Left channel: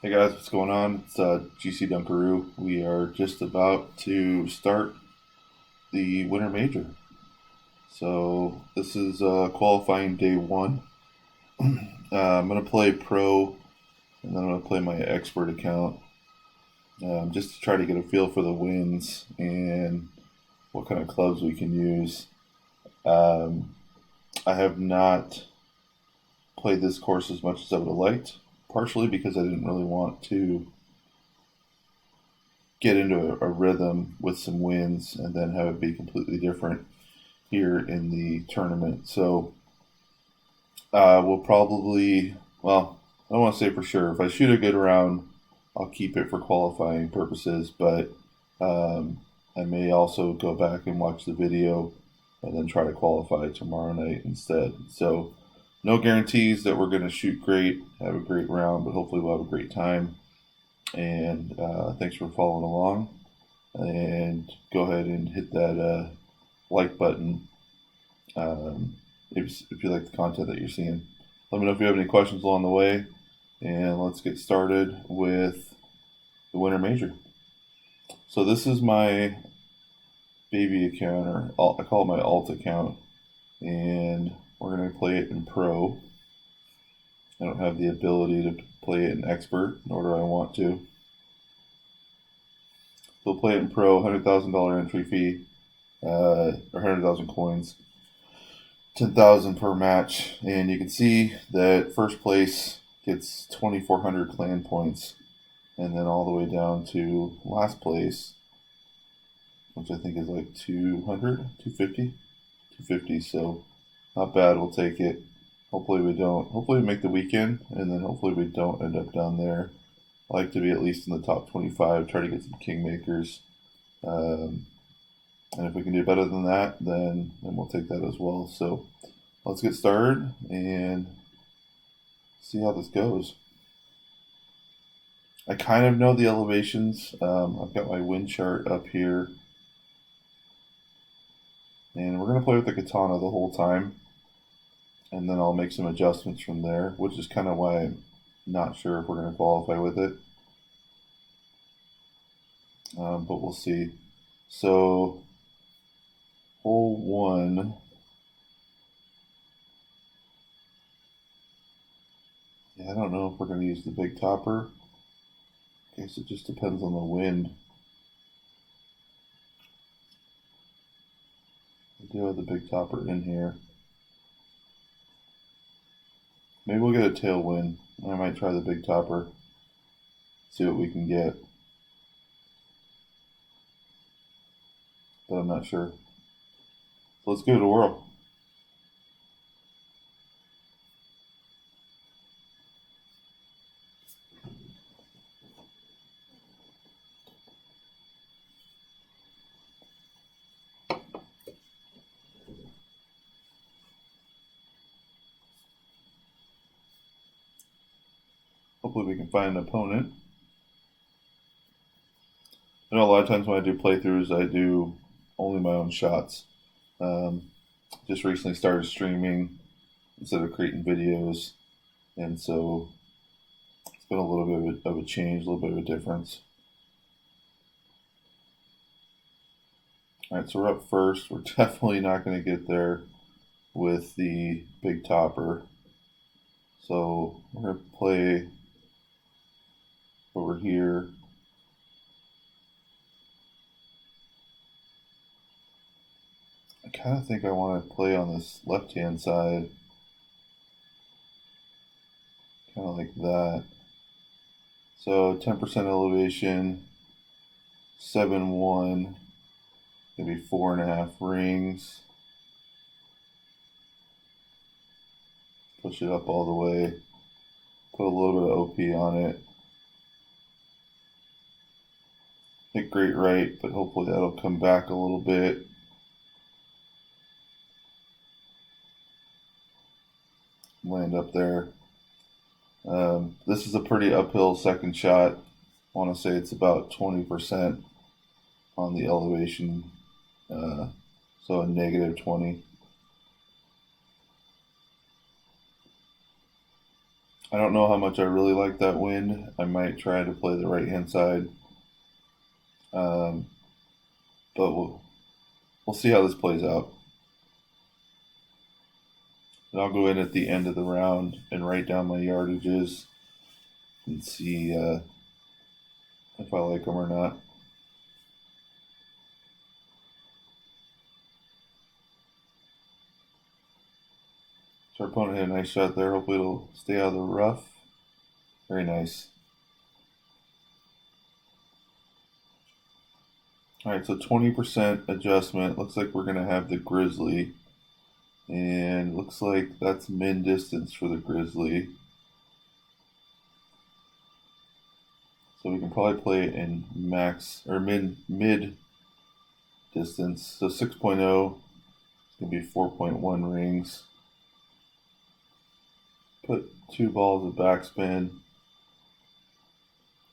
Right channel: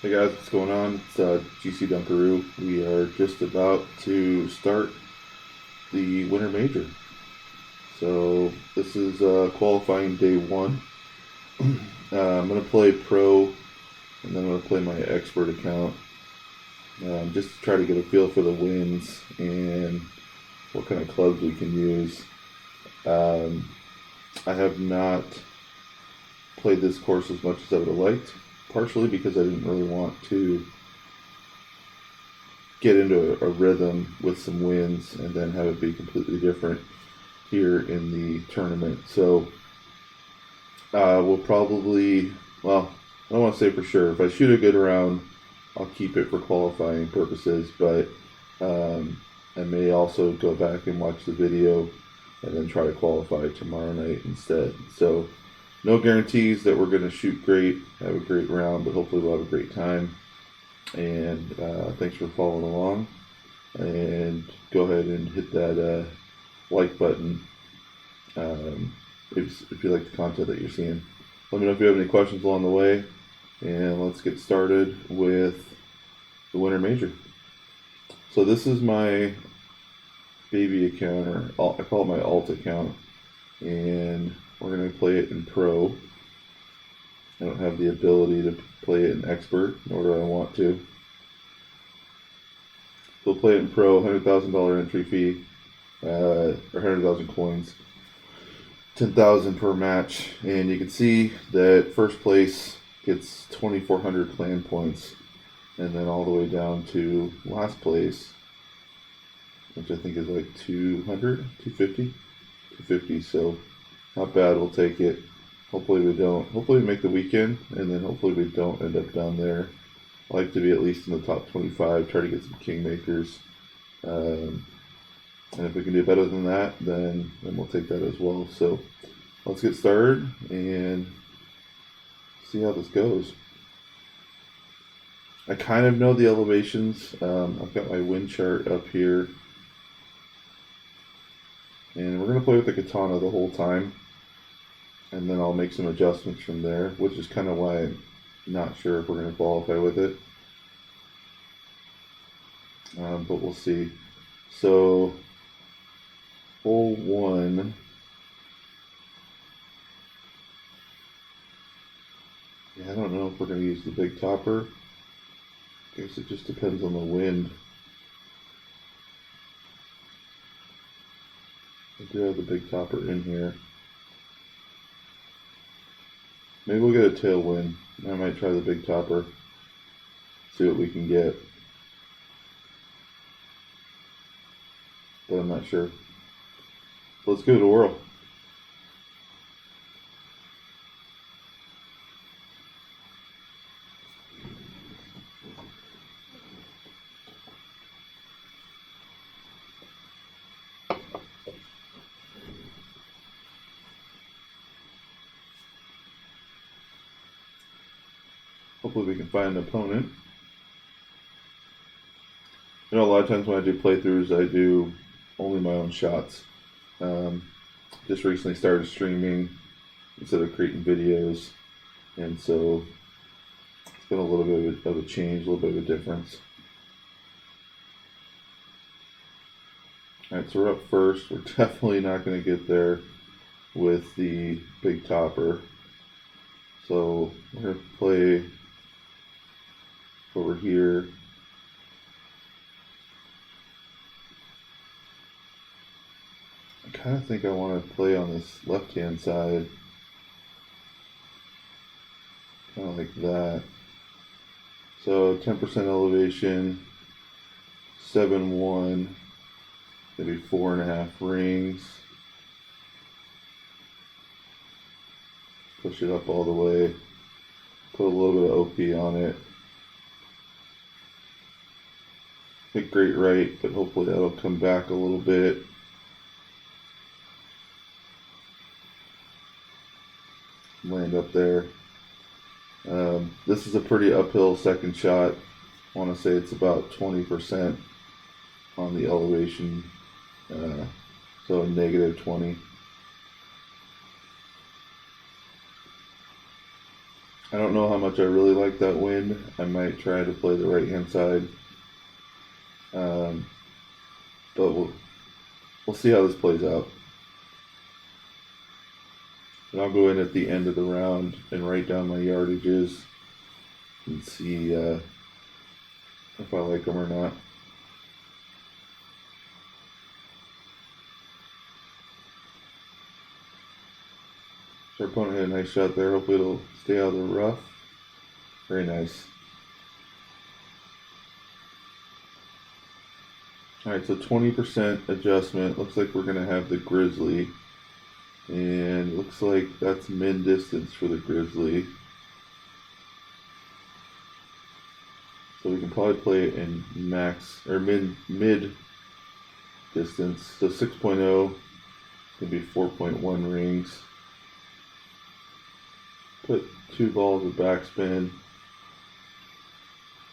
Hey guys, what's going on? It's GC Dunkaroo. We are just about to start the Winter Major. So this is qualifying day one. I'm going to play pro and then I'm going to play my expert account just to try to get a feel for the winds and what kind of clubs we can use. Um, I have not played this course as much as I would have liked, partially because I didn't really want to get into a rhythm with some wins and then have it be completely different here in the tournament. So we'll probably, well, I don't want to say for sure. If I shoot a good round, I'll keep it for qualifying purposes, but I may also go back and watch the video and then try to qualify tomorrow night instead. So no guarantees that we're going to shoot great, have a great round, but hopefully we'll have a great time. And thanks for following along. And go ahead and hit that like button if you like the content that you're seeing. Let me know if you have any questions along the way, and let's get started with the Winter Major. So this is my baby account, or I call it my alt account, and we're going to play it in pro. I don't have the ability to play it in expert, nor do I want to. So we'll play it in pro, $100,000 entry fee, or 100,000 coins. 10,000 per match, and you can see that first place gets 2,400 clan points, and then all the way down to last place, which I think is like 200, 250, 250. So not bad. We'll take it. Hopefully we don't. Hopefully we make the weekend, and then hopefully we don't end up down there. I like to be at least in the top 25. Try to get some kingmakers. And if we can do better than that, then we'll take that as well. So let's get started and see how this goes. I kind of know the elevations. I've got my wind chart up here. And we're going to play with the katana the whole time. And then I'll make some adjustments from there, which is kind of why I'm not sure if we're going to qualify with it. But we'll see. So hole one. Yeah, I don't know if we're going to use the big topper. I guess it just depends on the wind. I do have the big topper in here. Maybe we'll get a tailwind. I might try the big topper. See what we can get. But I'm not sure. So let's give it a whirl. Hopefully we can find an opponent. I know a lot of times when I do playthroughs, I do only my own shots. Just recently started streaming instead of creating videos, and so it's been a little bit of a change, a little bit of a difference. All right, so we're up first. We're definitely not going to get there with the big topper. So we're going to play over here. I kind of think I want to play on this left-hand side. Kind of like that. So 10% elevation, 7-1, maybe 4.5 rings. Push it up all the way. Put a little bit of OP on it. Hit great right, but hopefully that'll come back a little bit. Land up there. This is a pretty uphill second shot. I want to say it's about 20% on the elevation, so a negative 20. I don't know how much I really like that wind. I might try to play the right hand side, um, but we'll see how this plays out. And I'll go in at the end of the round and write down my yardages and see if I like them or not. So our opponent had a nice shot there. Hopefully it'll stay out of the rough. Very nice. Alright, so 20% adjustment. Looks like we're going to have the Grizzly. And looks like that's min distance for the Grizzly. So we can probably play it in max or mid distance. So 6.0 is going to be 4.1 rings. Put 2 balls of backspin.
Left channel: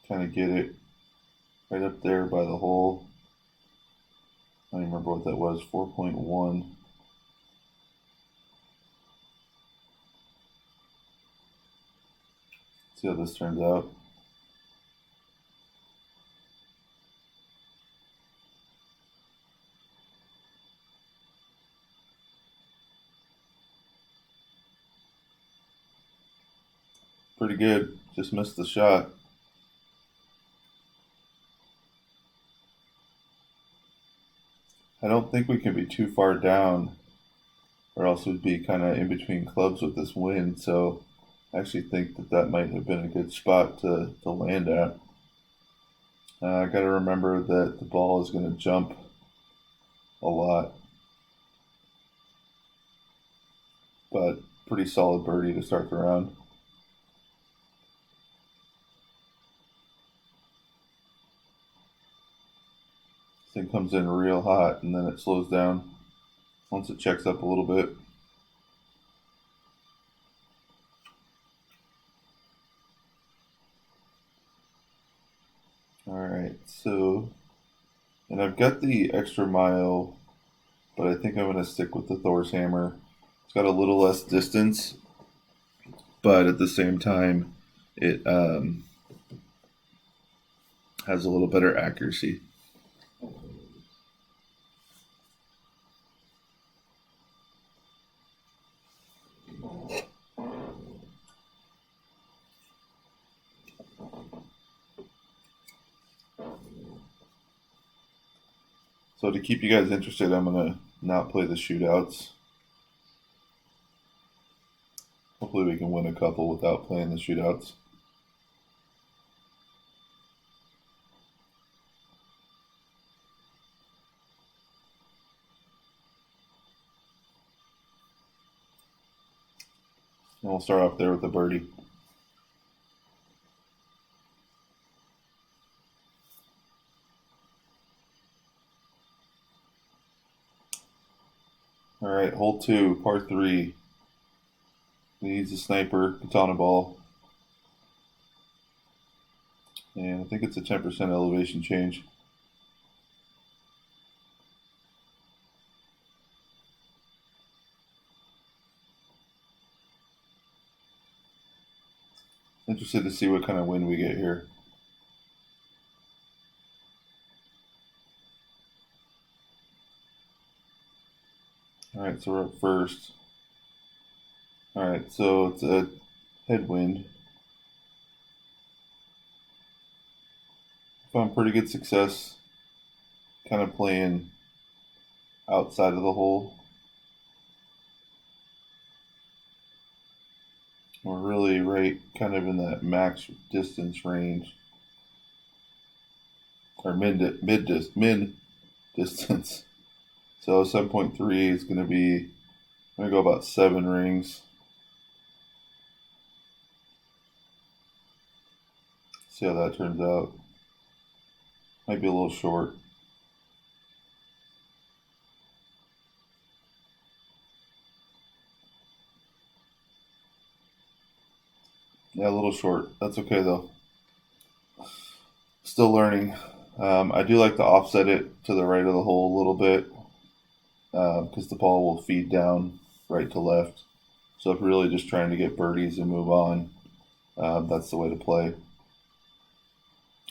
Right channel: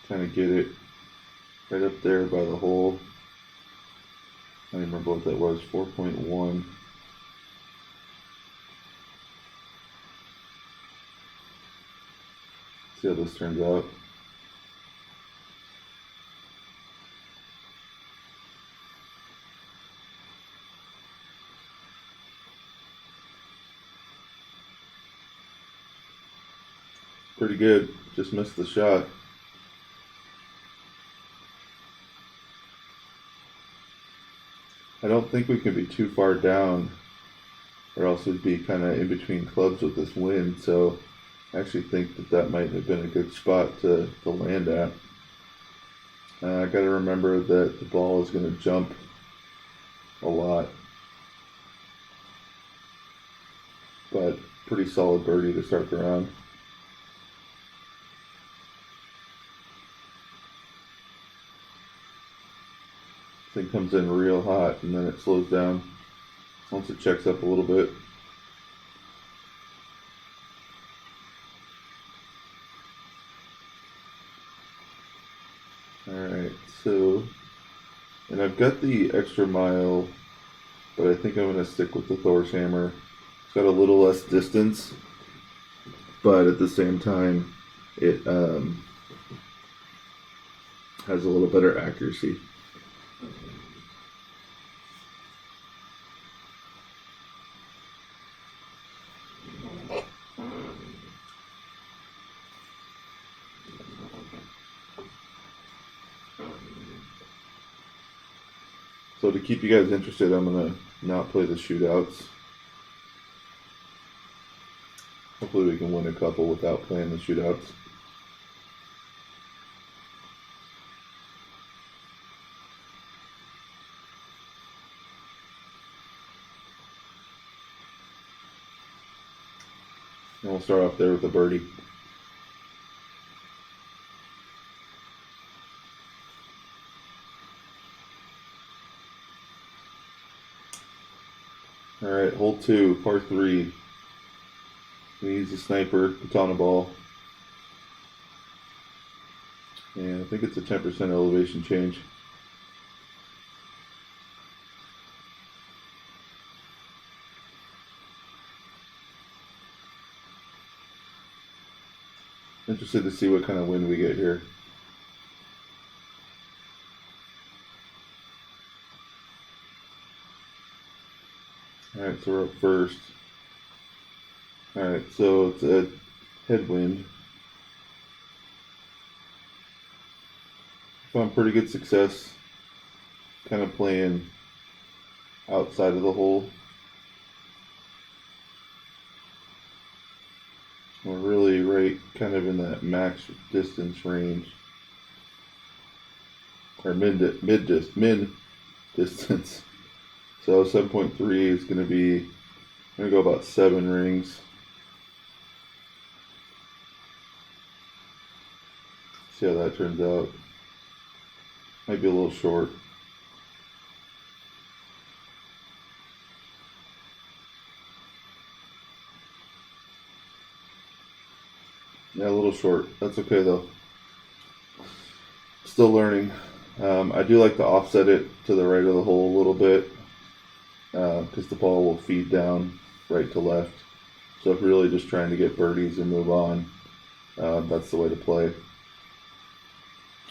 Kind of get it right up there by the hole. I don't remember what that was, 4.1. See how this turns out. Pretty good, just missed the shot. I don't think we can be too far down, or else we'd be kind of in between clubs with this wind. So I actually think that might have been a good spot to land at. I got to remember that the ball is going to jump a lot, but pretty solid birdie to start the round. Thing comes in real hot and then it slows down once it checks up a little bit. Alright, so, and I've got the extra mile, but I think I'm going to stick with the Thor's hammer. It's got a little less distance, but at the same time, it has a little better accuracy. So to keep you guys interested, I'm going to not play the shootouts. Hopefully we can win a couple without playing the shootouts. And we'll start off there with a birdie. Alright, hole 2, par 3. Needs a sniper, katana ball. And I think it's a 10% elevation change. Interested to see what kind of wind we get here. Alright, so we're up first. Alright, so it's a headwind. Found pretty good success kind of playing outside of the hole. We're really right kind of in that max distance range. Or min distance. So 7.3 is going to be, I'm going to go about 7 rings. See how that turns out. Might be a little short. Yeah, a little short. That's okay though. Still learning. I do like to offset it to the right of the hole a little bit because the ball will feed down right to left. So if really just trying to get birdies and move on, that's the way to play.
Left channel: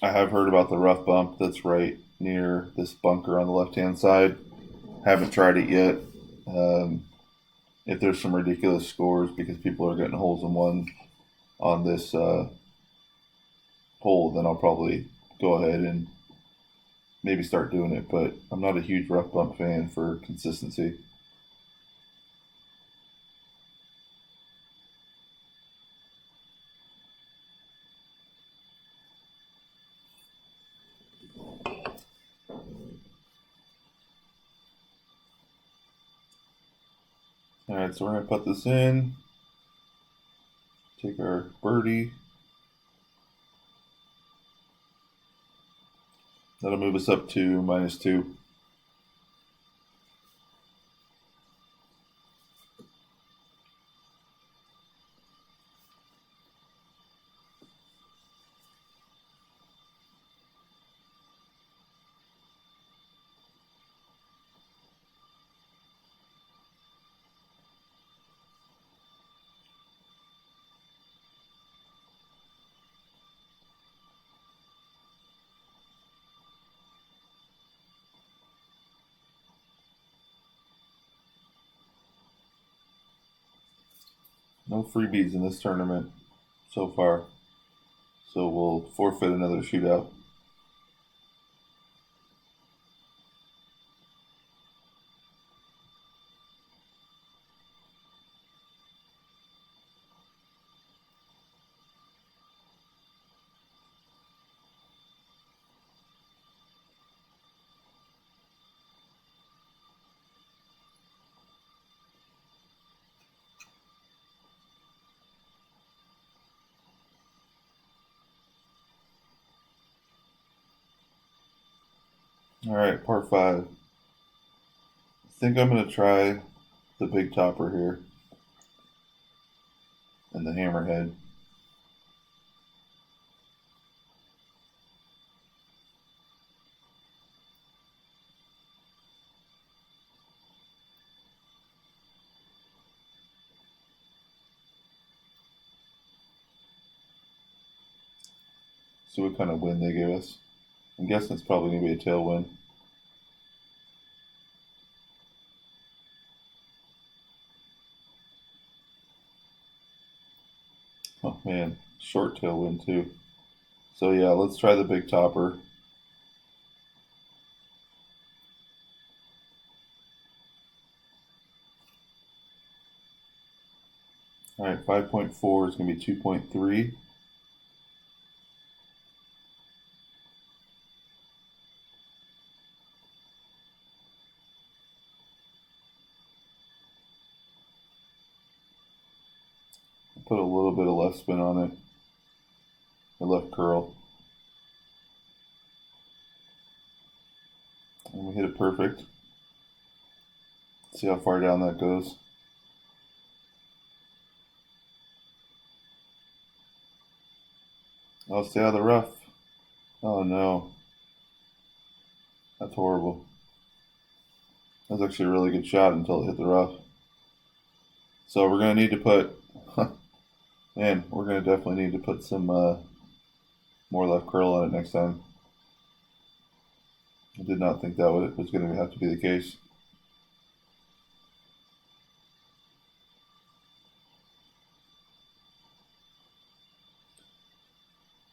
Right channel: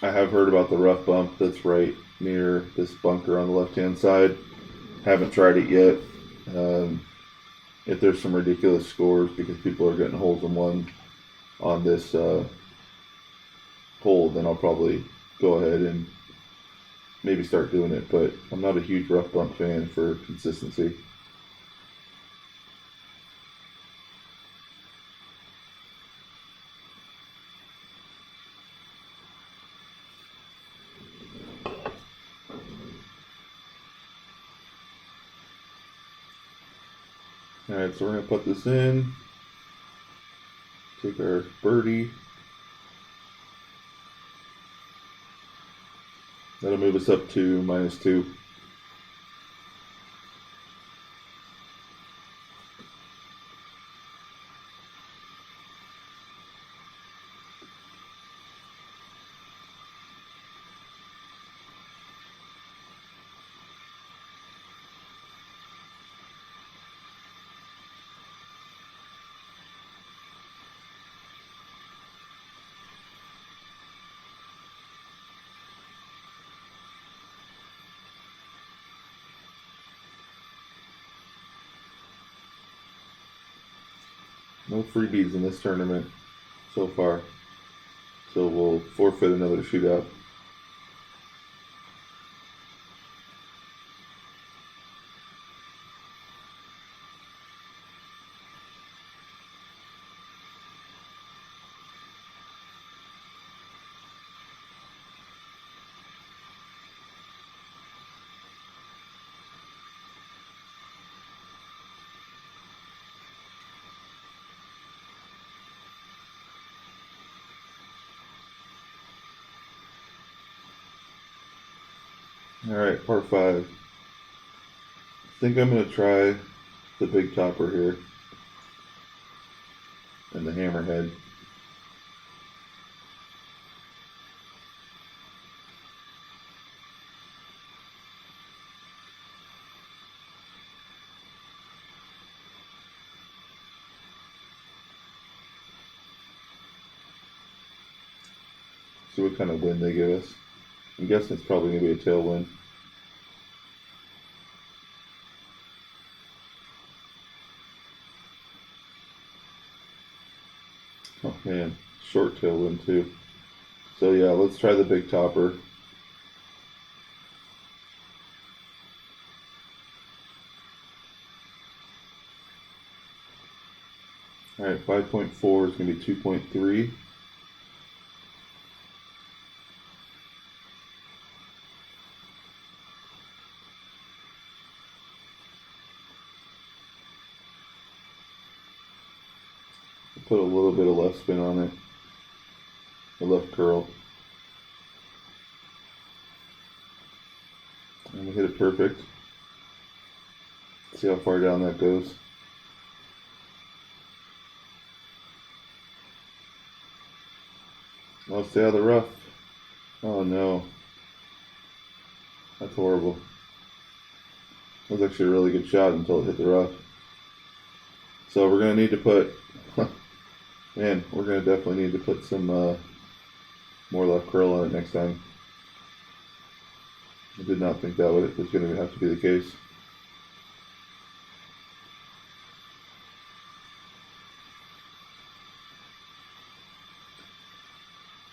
I have heard about the rough bump that's right near this bunker on the left hand side. Haven't tried it yet. Um, if there's some ridiculous scores because people are getting holes in one on this hole, then I'll probably go ahead and maybe start doing it. But I'm not a huge rough bump fan for consistency. Alright, so we're going to put this in. Take our birdie. That'll move us up to -2. No freebies in this tournament so far. So we'll forfeit another shootout. Alright, par 5. I think I'm going to try the big topper here and the hammerhead. See what kind of wind they give us. I'm guessing it's probably going to be a tailwind. Oh man, short tailwind too. So yeah, let's try the big topper. Alright, 5.4 is going to be 2.3. Put a little bit of left spin on it, a left curl. And we hit it perfect. See how far down that goes. Oh, stay out of the rough. Oh no. That's horrible. That was actually a really good shot until it hit the rough. So we're going to need to put, man, we're going to definitely need to put some more left curl on it next time. I did not think that was going to have to be the case.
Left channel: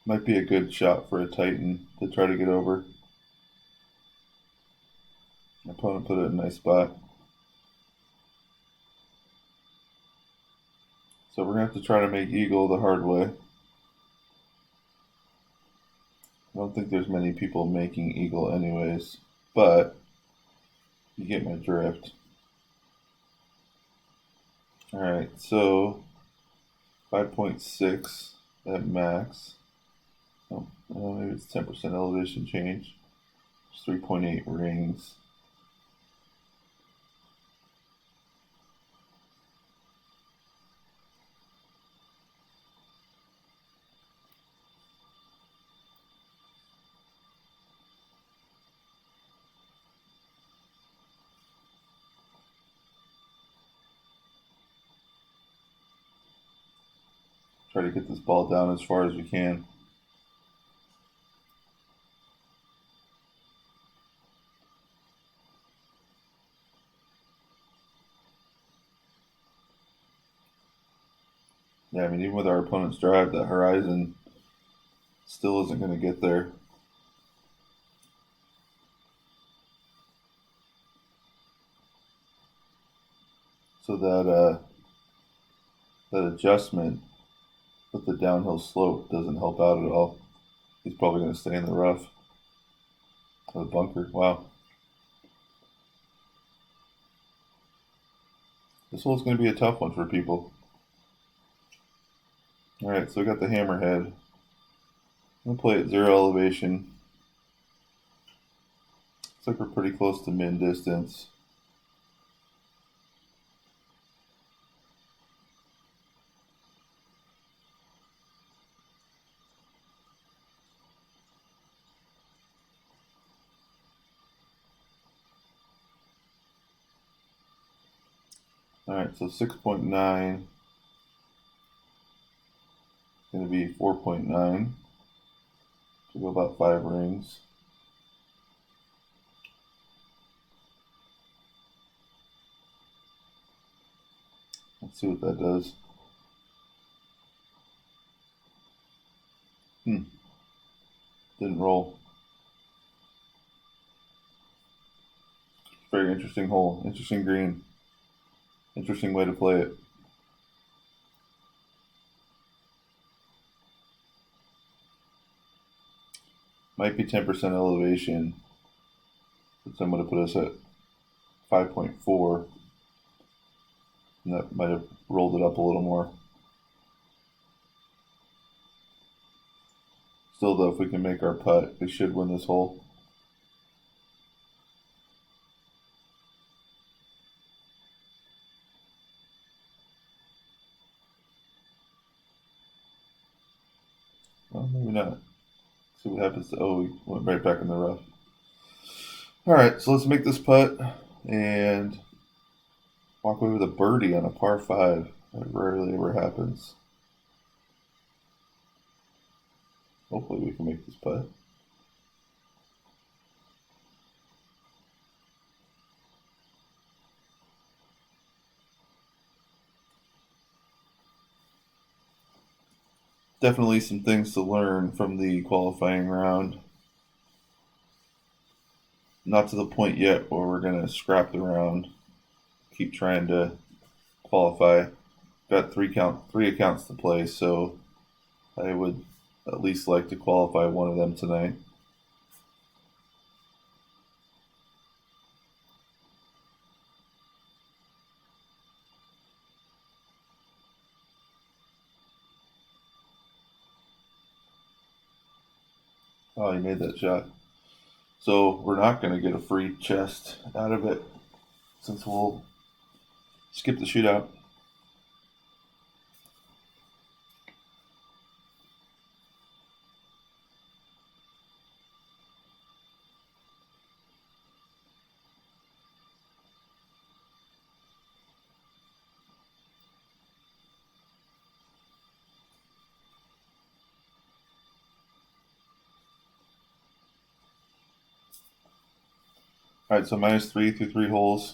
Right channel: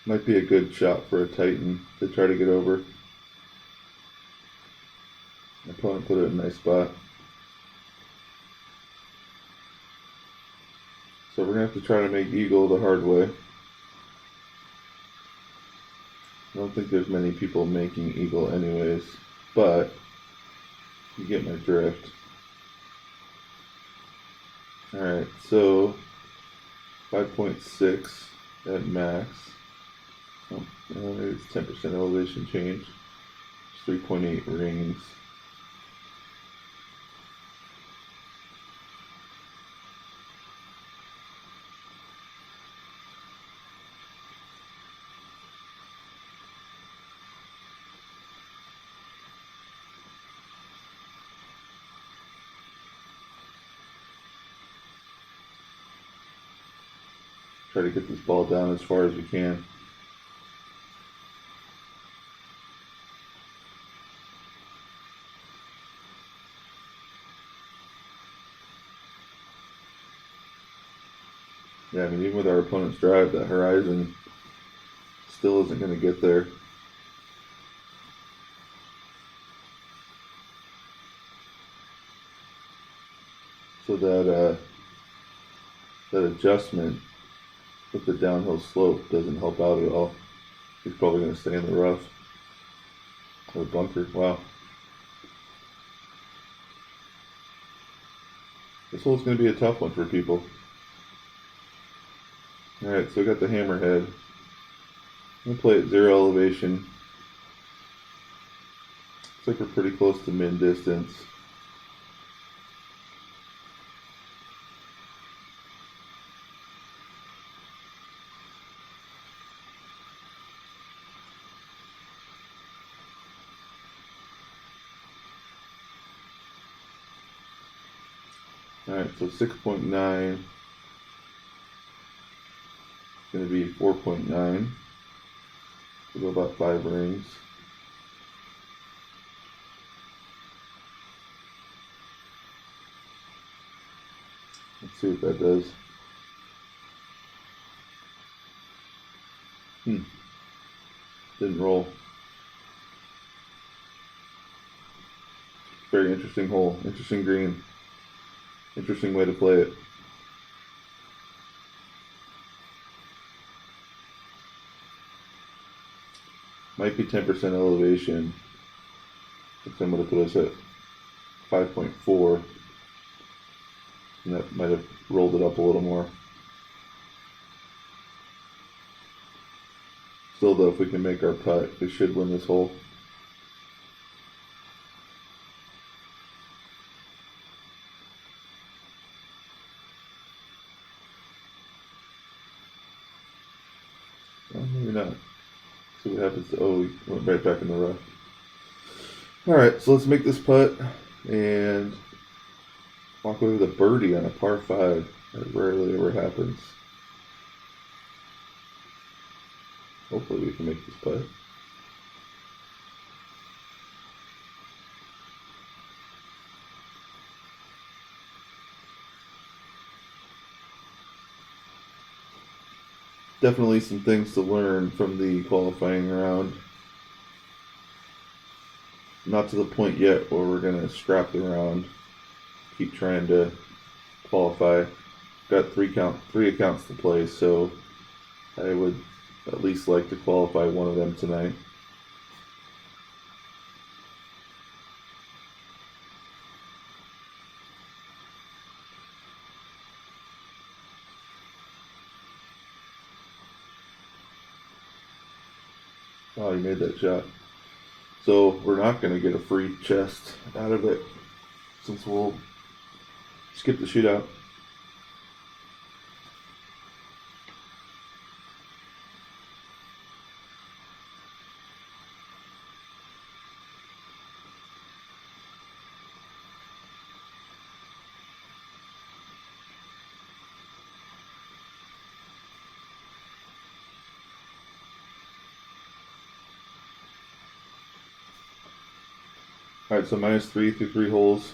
Might be a good shot for a Titan to try to get over. My opponent put it in a nice spot. So we're going to have to try to make eagle the hard way. I don't think there's many people making eagle anyways, but you get my drift. Alright, so 5.6 at max. Oh, maybe it's 10% elevation change. It's 3.8 rings. Try to get this ball down as far as we can. Yeah, I mean, even with our opponent's drive, that horizon still isn't going to get there. So that adjustment with the downhill slope doesn't help out at all. He's probably going to stay in the rough or bunker. Wow. This hole's going to be a tough one for people. Alright, so we got the hammerhead. I'm going to play at 0 elevation. Looks like we're pretty close to min distance. Alright, so 6.9 is going to be 4.9. We'll go about 5 rings. Let's see what that does. Didn't roll. Very interesting hole. Interesting green. Interesting way to play it. Might be 10% elevation. I'm going to put us at 5.4. And that might have rolled it up a little more. Still though, if we can make our putt, we should win this hole. Well, maybe not. See what happens to, oh, we went right back in the rough. Alright, so let's make this putt and walk away with a birdie on a par 5. That rarely ever happens. Hopefully we can make this putt. Definitely some things to learn from the qualifying round. Not to the point yet where we're going to scrap the round. Keep trying to qualify. Got three accounts to play, so I would at least like to qualify one of them tonight. Oh, he made that shot. So we're not going to get a free chest out of it since we'll skip the shootout. Alright, so -3 through 3 holes.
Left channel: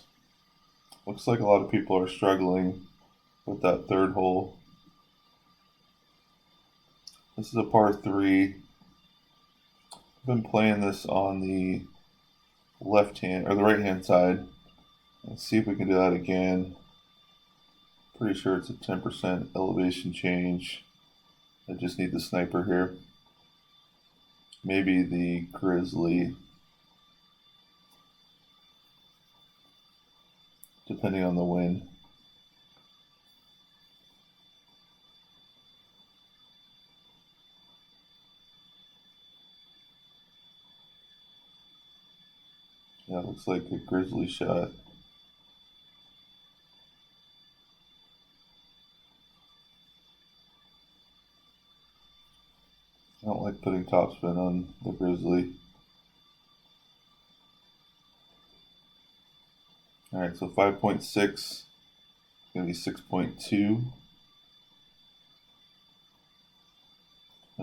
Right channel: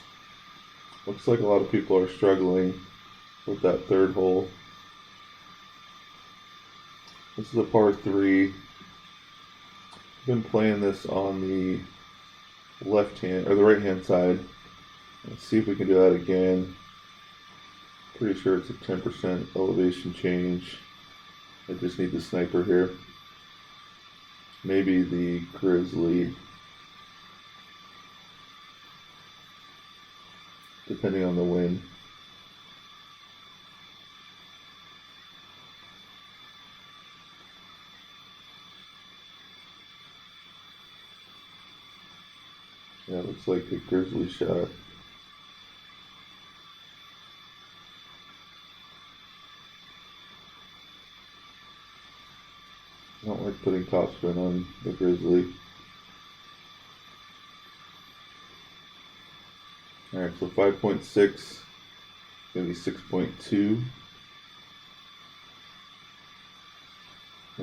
Looks like a lot of people are struggling with that third hole. This is a par 3. I've been playing this on the left hand or the right hand side. Let's see if we can do that again. Pretty sure it's a 10% elevation change. I just need the sniper here. Maybe the grizzly. Depending on the wind. Yeah, looks like a grizzly shot. I don't like putting topspin on the grizzly. Alright, so 5.6, maybe 6.2.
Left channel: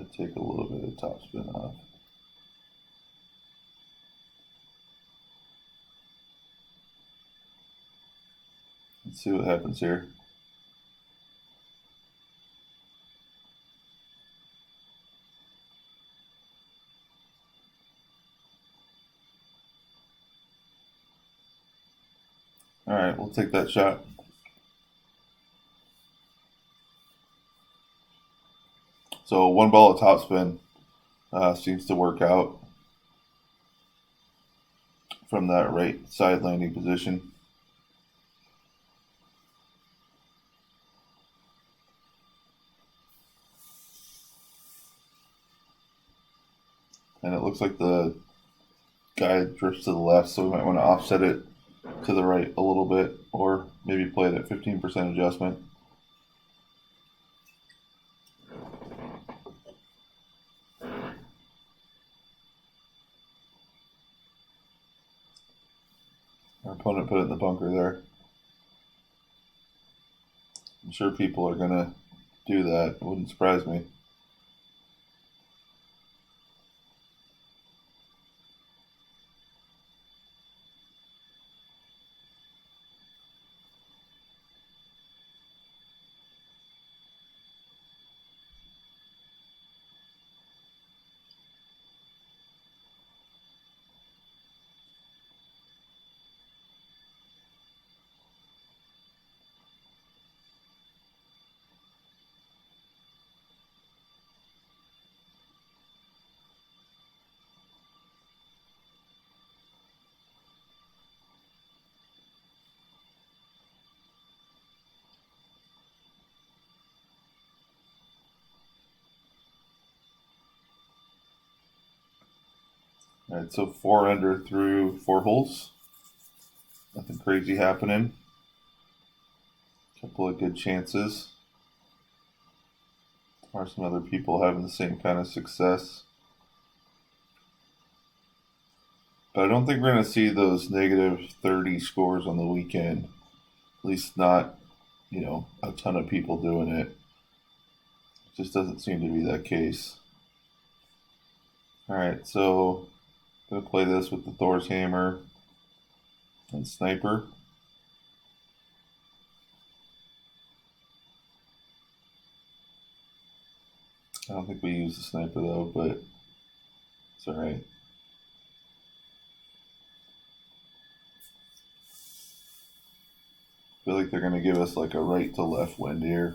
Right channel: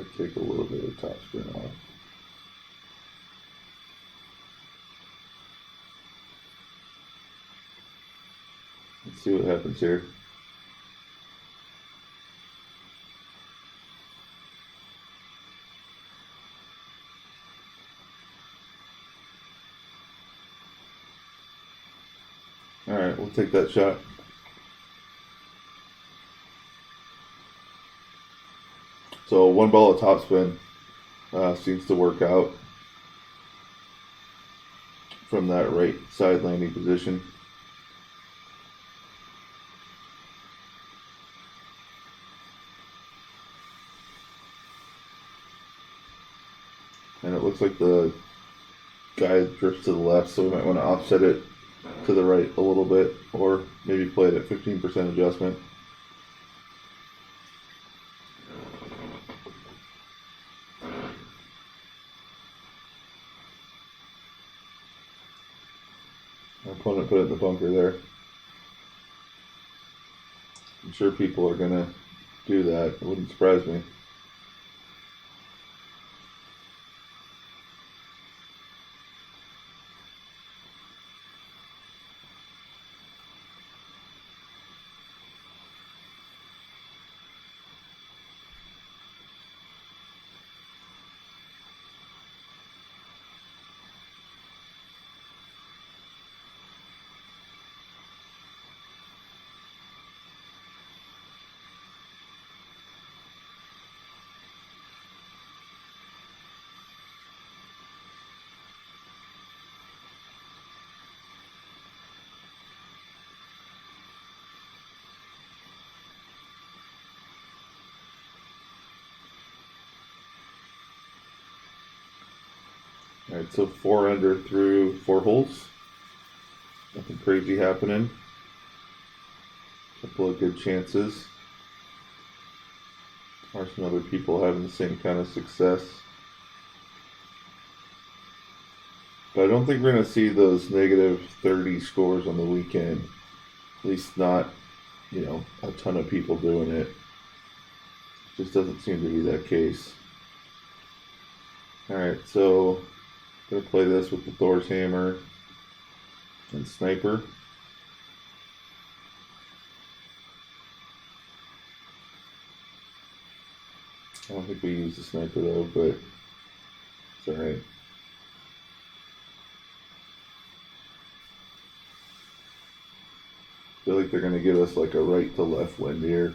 Might take a little bit of topspin off. Let's see what happens here. All right, we'll take that shot. So 1 ball of topspin seems to work out from that right side landing position. And it looks like the guy drifts to the left, so we might want to offset it to the right a little bit, or maybe play it at 15% adjustment. Our opponent put it in the bunker there. I'm sure people are going to do that. It wouldn't surprise me. All right, so 4 under through 4 holes. Nothing crazy happening. Couple of good chances. Are some other people having the same kind of success? But I don't think we're going to see those -30 scores on the weekend. At least not, a ton of people doing it. It just doesn't seem to be that case. All right, so I'm going to play this with the Thor's Hammer and Sniper. I don't think we use the Sniper though, but it's alright. I feel like they're going to give us like a right to left wind here.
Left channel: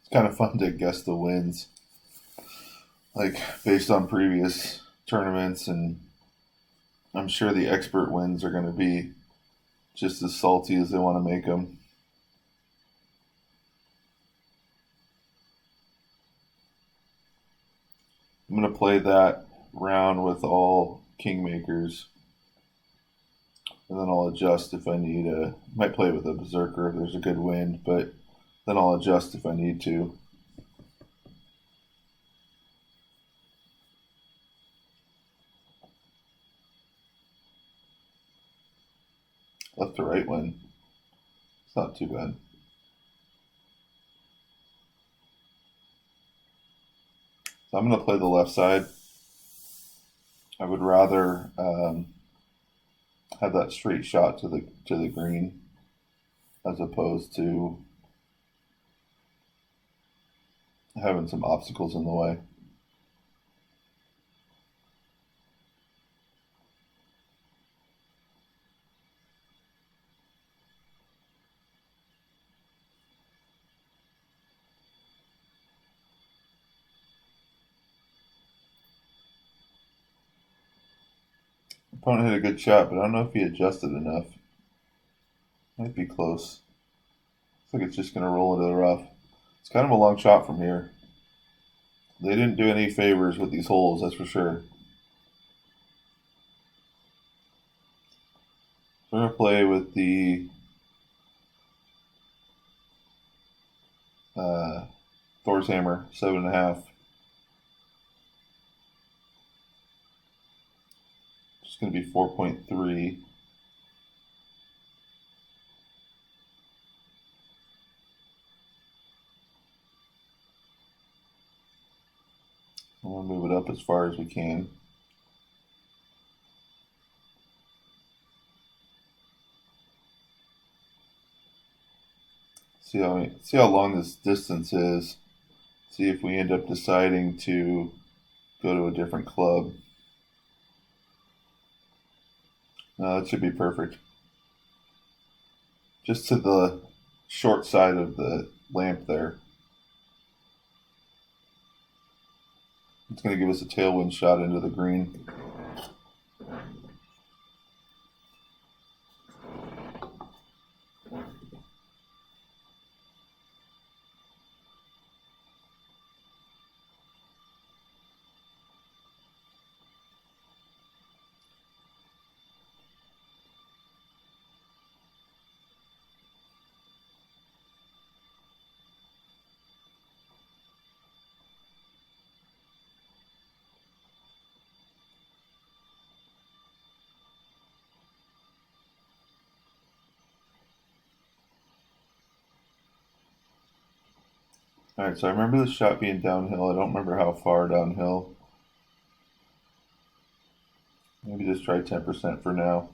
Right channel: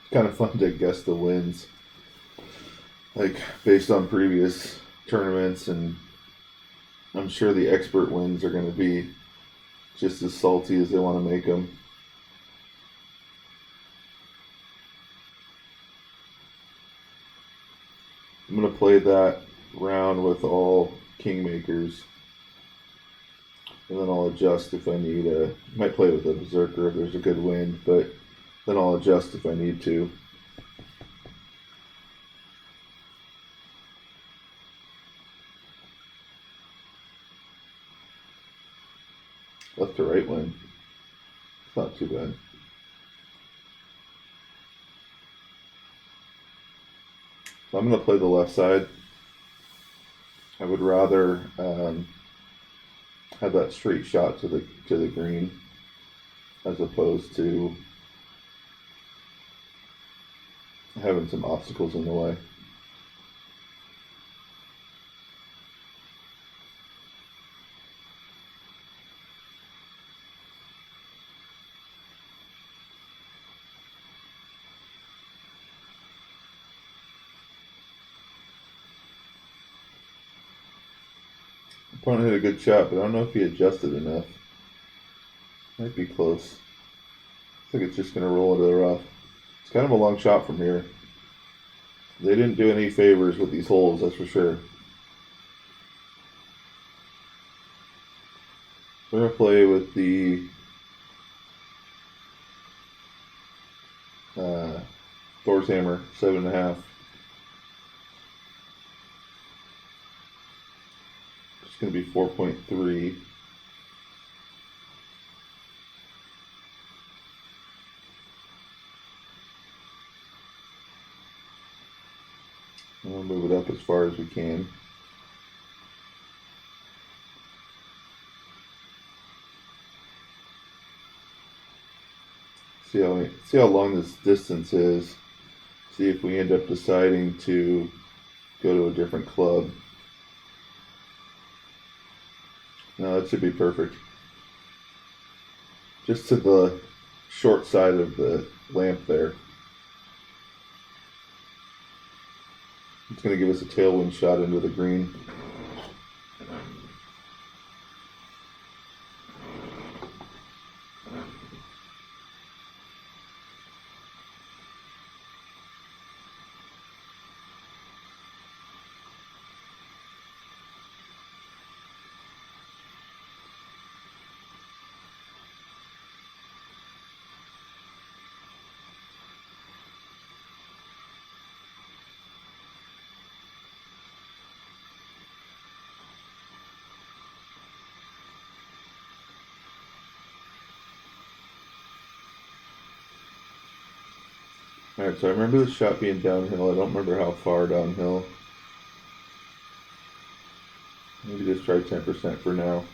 It's kind of fun to guess the winds, like based on previous tournaments, and I'm sure the expert winds are going to be just as salty as they want to make them. I'm going to play that round with all kingmakers, and then I'll adjust if I need a. Might play with a berserker if there's a good wind, but then I'll adjust if I need to. Left to right wind. It's not too bad. So I'm going to play the left side. I would rather have that straight shot to the green as opposed to having some obstacles in the way. Opponent hit a good shot, but I don't know if he adjusted enough. Might be close. I think it's just going to roll into the rough. It's kind of a long shot from here. They didn't do any favors with these holes, that's for sure. We're going to play with the Thor's Hammer, 7.5. It's going to be 4.3. We'll move it up as far as we can. See how long this distance is. See if we end up deciding to go to a different club. No, that should be perfect. Just to the short side of the lamp there. It's going to give us a tailwind shot into the green. Alright, so I remember the shot being downhill. I don't remember how far downhill. Maybe just try 10% for now.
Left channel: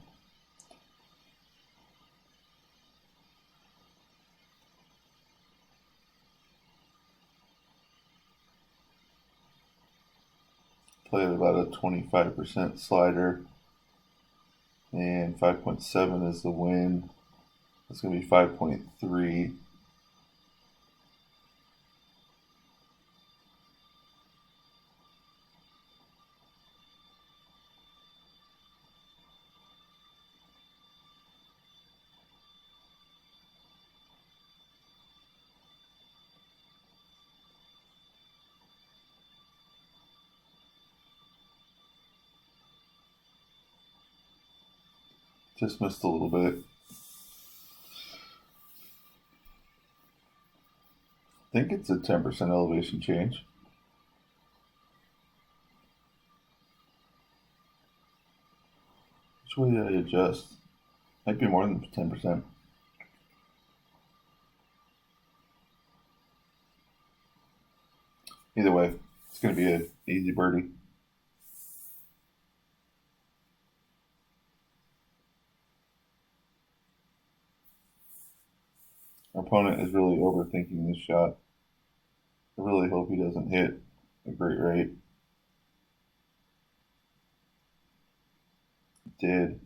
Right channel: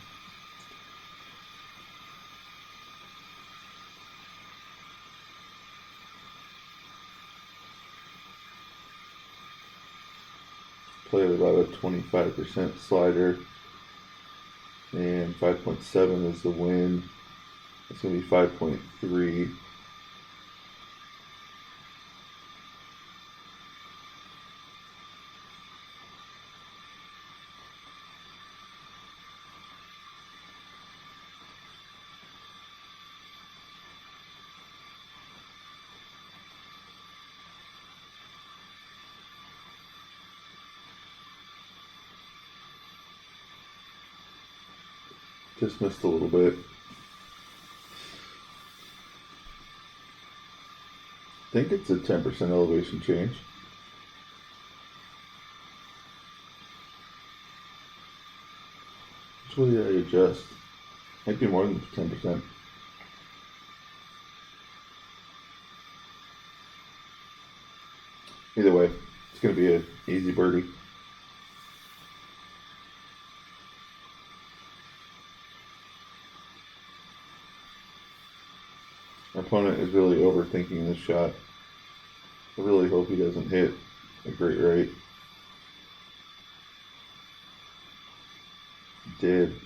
Play with about a 25% slider. And 5.7 is the wind. It's going to be 5.3. Just missed a little bit. I think it's a 10% elevation change. Which way did I adjust? Might be more than 10%. Either way, it's going to be an easy birdie. Our opponent is really overthinking this shot. I really hope he doesn't hit a great right. He did.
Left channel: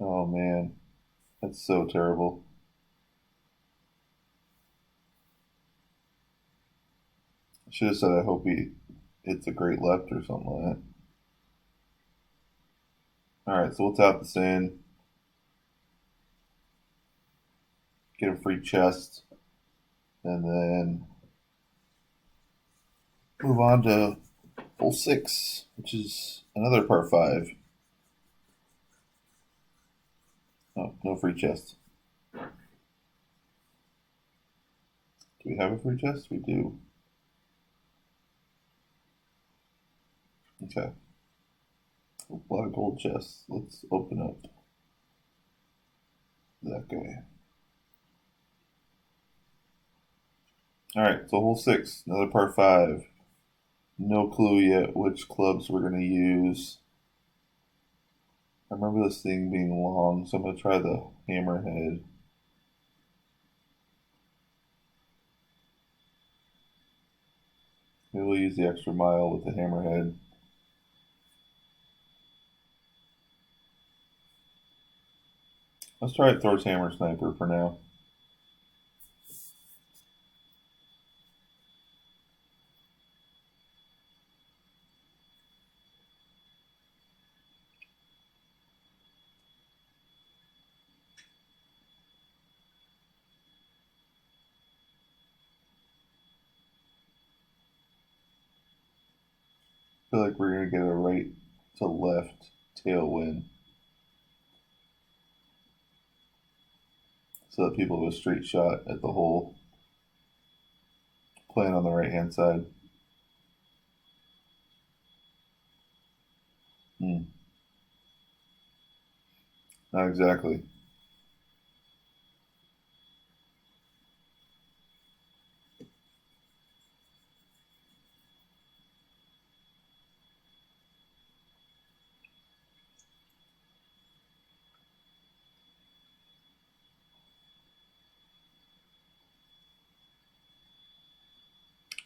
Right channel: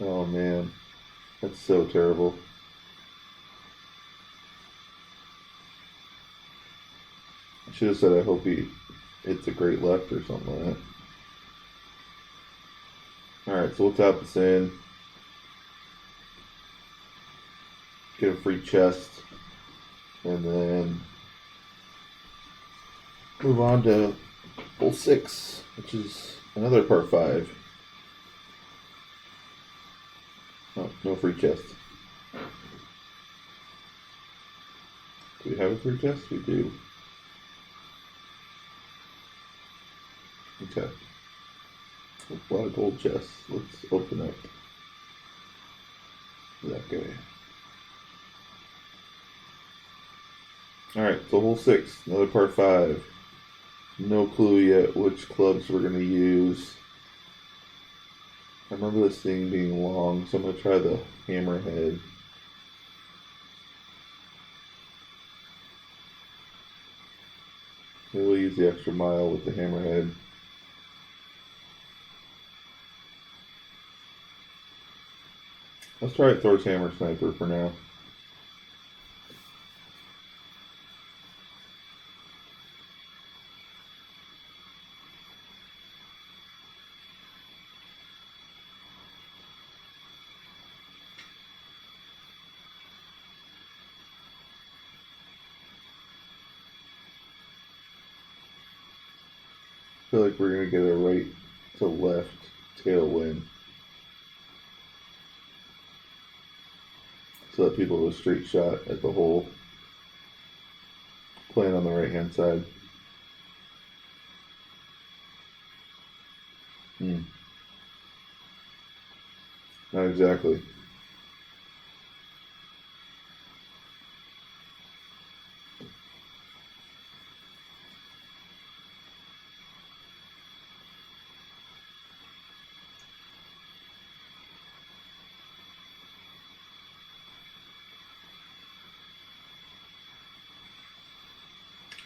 Oh man, that's so terrible. I should have said I hope he hits a great left or something like that. Alright, so we'll tap this in. Get a free chest. And then move on to hole 6, which is another par 5. Oh, no free chest. Do we have a free chest? We do. Okay. A lot of gold chests. Let's open up that guy. Alright, so hole 6, another par 5. No clue yet which clubs we're going to use. I remember this thing being long, so I'm going to try the hammerhead. Maybe we'll use the extra mile with the hammerhead. Let's try it Thor's Hammer Sniper for now. I feel like we're going to get a right to left tailwind. So that people have a straight shot at the hole. Playing on the right hand side. Not exactly.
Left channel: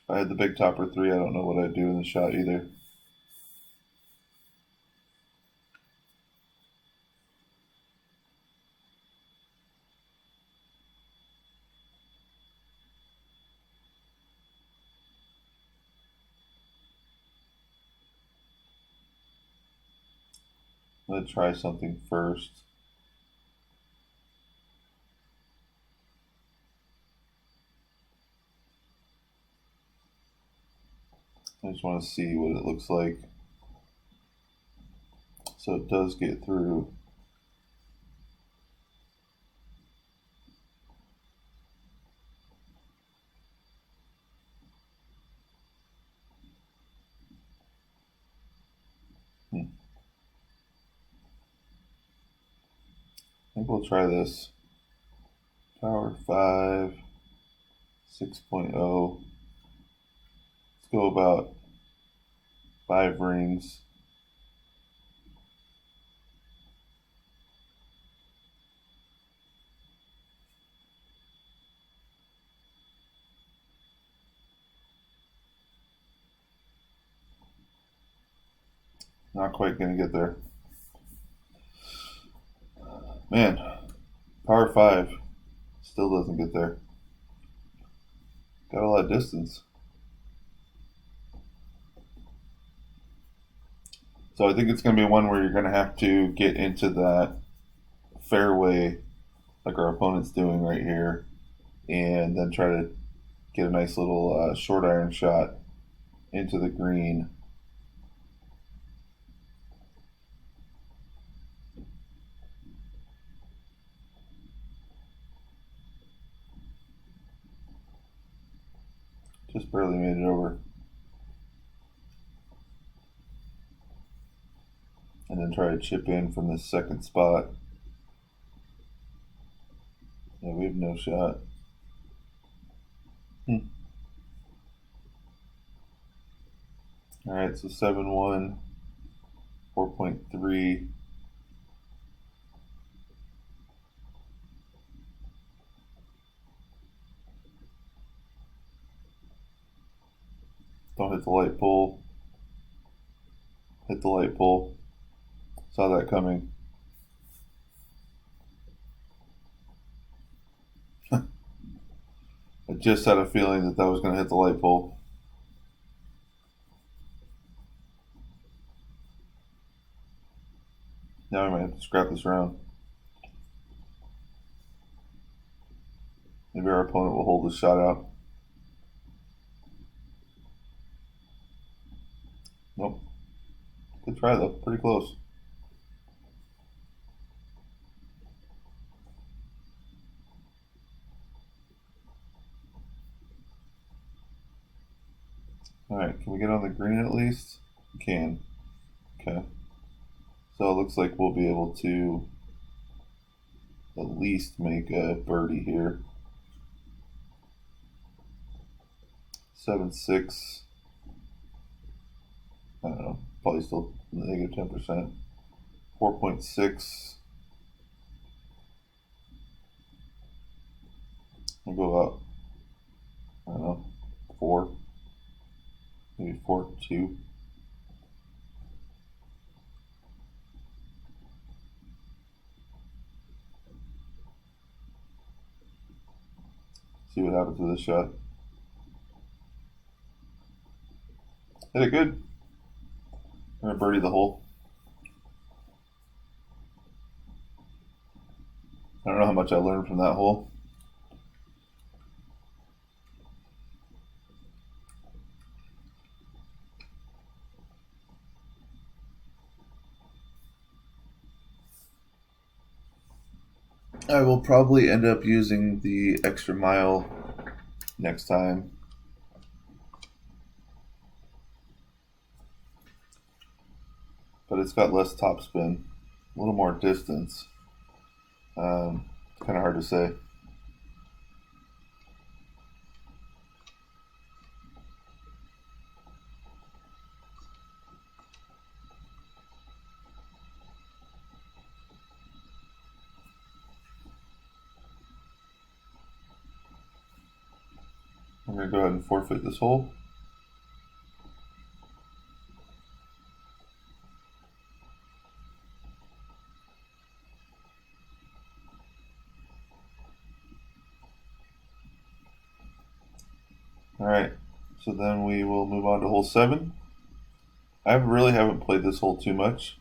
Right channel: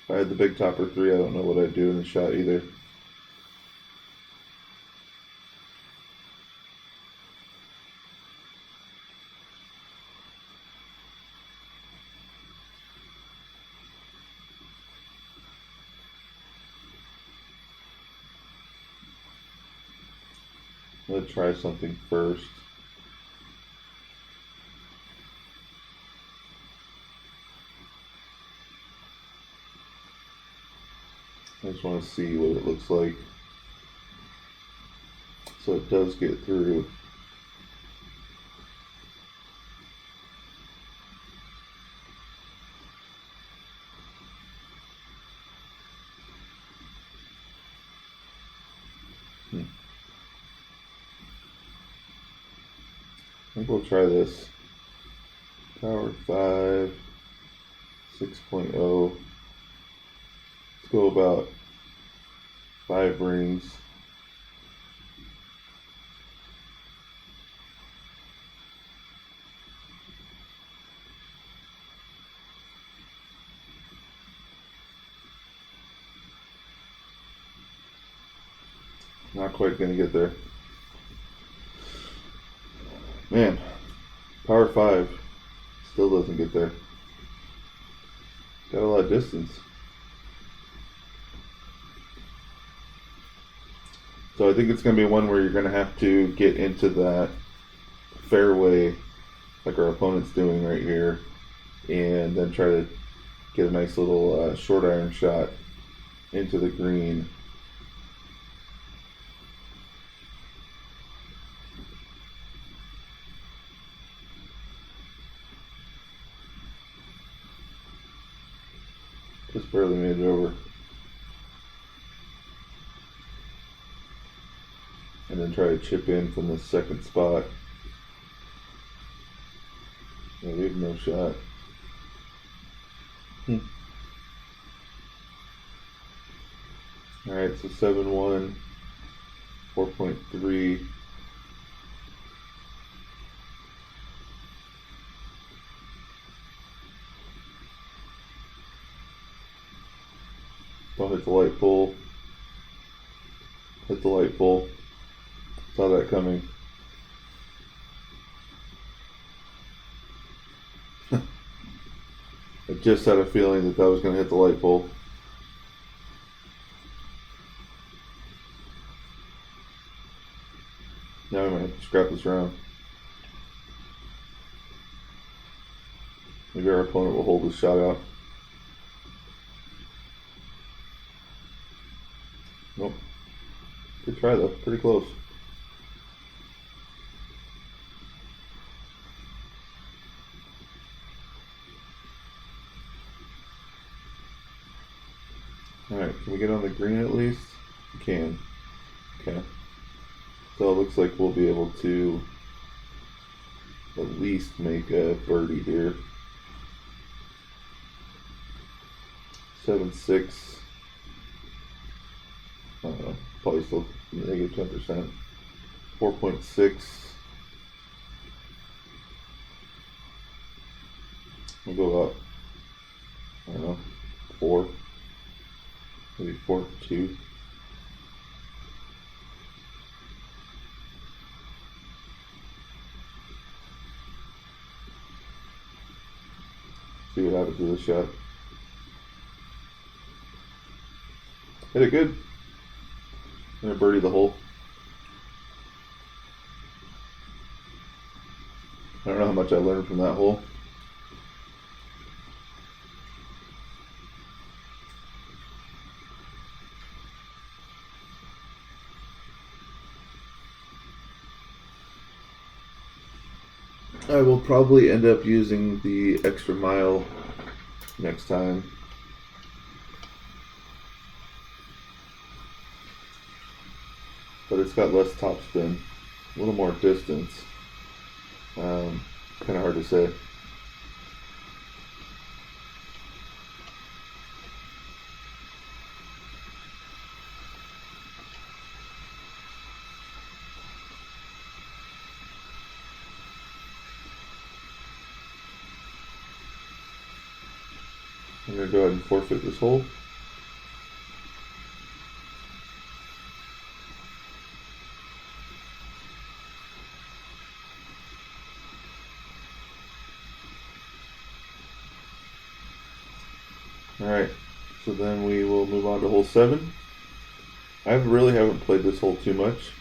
If I had the big topper 3, I don't know what I'd do in the shot either. I'm going to try something first. I just want to see what it looks like. So it does get through. I think we'll try this. Power 5, 6.0. Let's go about 5 rings. Not quite gonna get there. Man, power 5 still doesn't get there. Got a lot of distance. So I think it's going to be one where you're going to have to get into that fairway like our opponent's doing right here, and then try to get a nice little short iron shot into the green. Just barely made it over. And then try to chip in from this second spot. Yeah, we have no shot. Alright, so 7-1, 4.3. Don't hit the light pole. Hit the light pole. Saw that coming. I just had a feeling that was going to hit the light pole. Now I might have to scrap this round. Maybe our opponent will hold his shot out. Nope. Good try though. Pretty close. Alright, can we get on the green at least? We can. Okay. So it looks like we'll be able to at least make a birdie here. 7-6. I don't know. Probably still negative 10%. 4.6. We'll go up. I don't know. 4. Maybe 4-2. See what happens with this shot. Hit it good. I'm gonna birdie the hole. I don't know how much I learned from that hole. I will probably end up using the extra mile next time. But it's got less topspin, a little more distance. Kind of hard to say. I'm going to go ahead and forfeit this hole. Alright, so then we will move on to hole 7. I really haven't played this hole too much.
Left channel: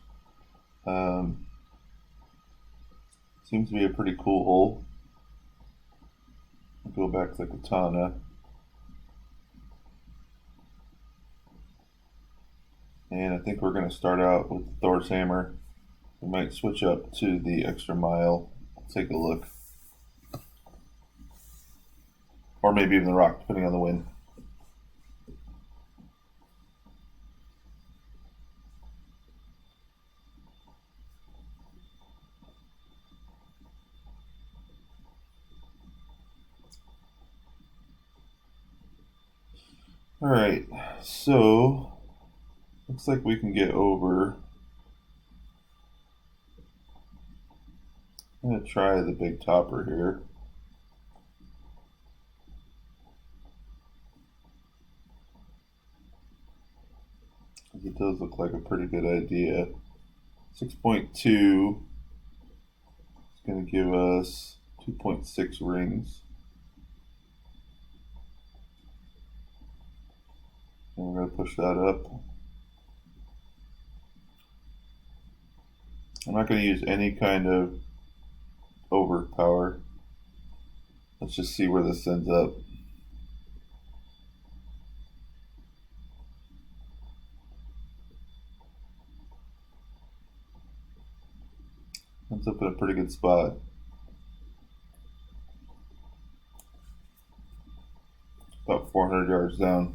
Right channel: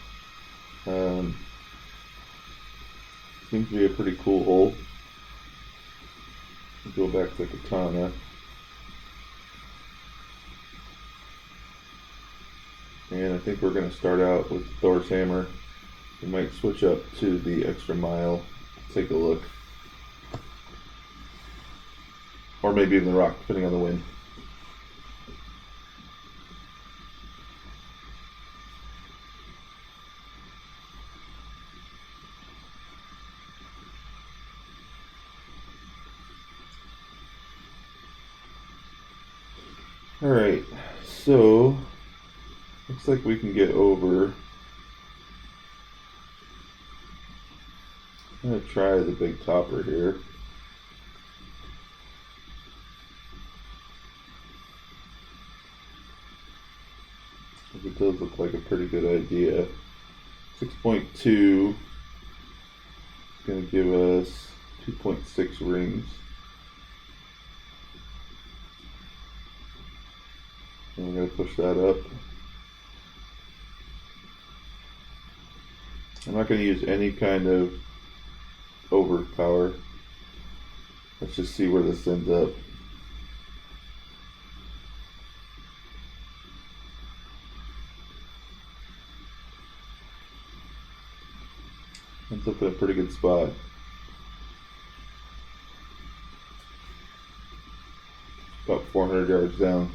Seems to be a pretty cool hole. I'll go back to the Katana. And I think we're going to start out with Thor's Hammer. We might switch up to the Extra Mile. Take a look. Or maybe even the Rock, depending on the wind. Alright, so looks like we can get over. I'm going to try the big topper here. It does look like a pretty good idea. 6.2 is going to give us 2.6 rings. And we're going to push that up. I'm not going to use any kind of overpower. Let's just see where this ends up. Ends up in a pretty good spot. About 400 yards down.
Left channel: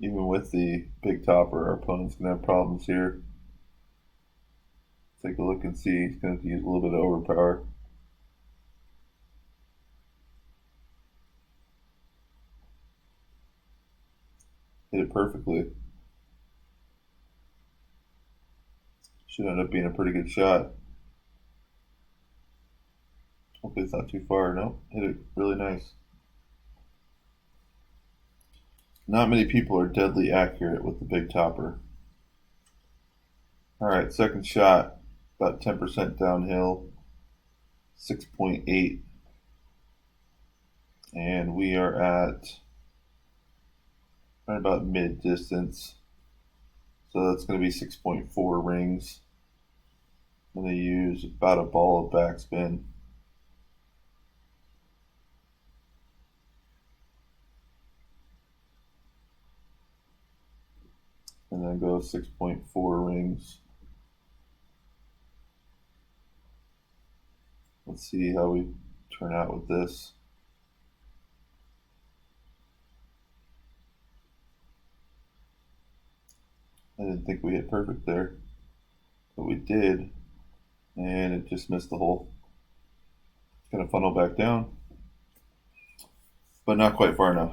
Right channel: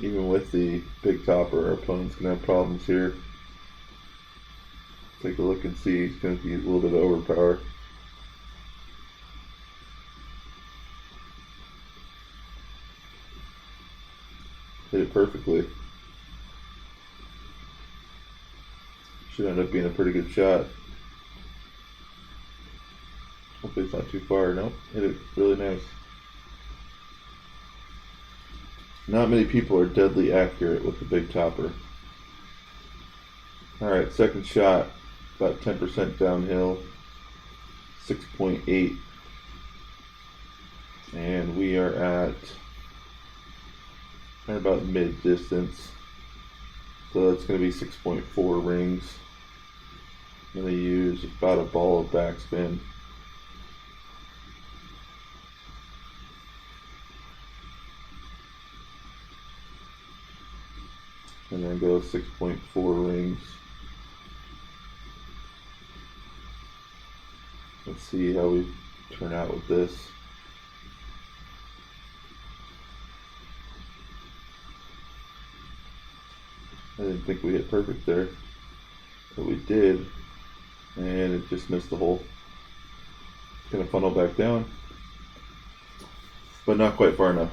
Even with the big topper, our opponent's going to have problems here. Take a look and see. He's going to be a little bit of overpower. Hit it perfectly. Should end up being a pretty good shot. Hopefully it's not too far. Nope, hit it really nice. Not many people are deadly accurate with the big topper. Alright, second shot, about 10% downhill, 6.8. And we are at right about mid distance. So that's going to be 6.4 rings. I'm going to use about a ball of backspin. And then go 6.4 rings. Let's see how we turn out with this. I didn't think we hit perfect there, but we did, and it just missed the hole. It's going to funnel back down, but not quite far enough.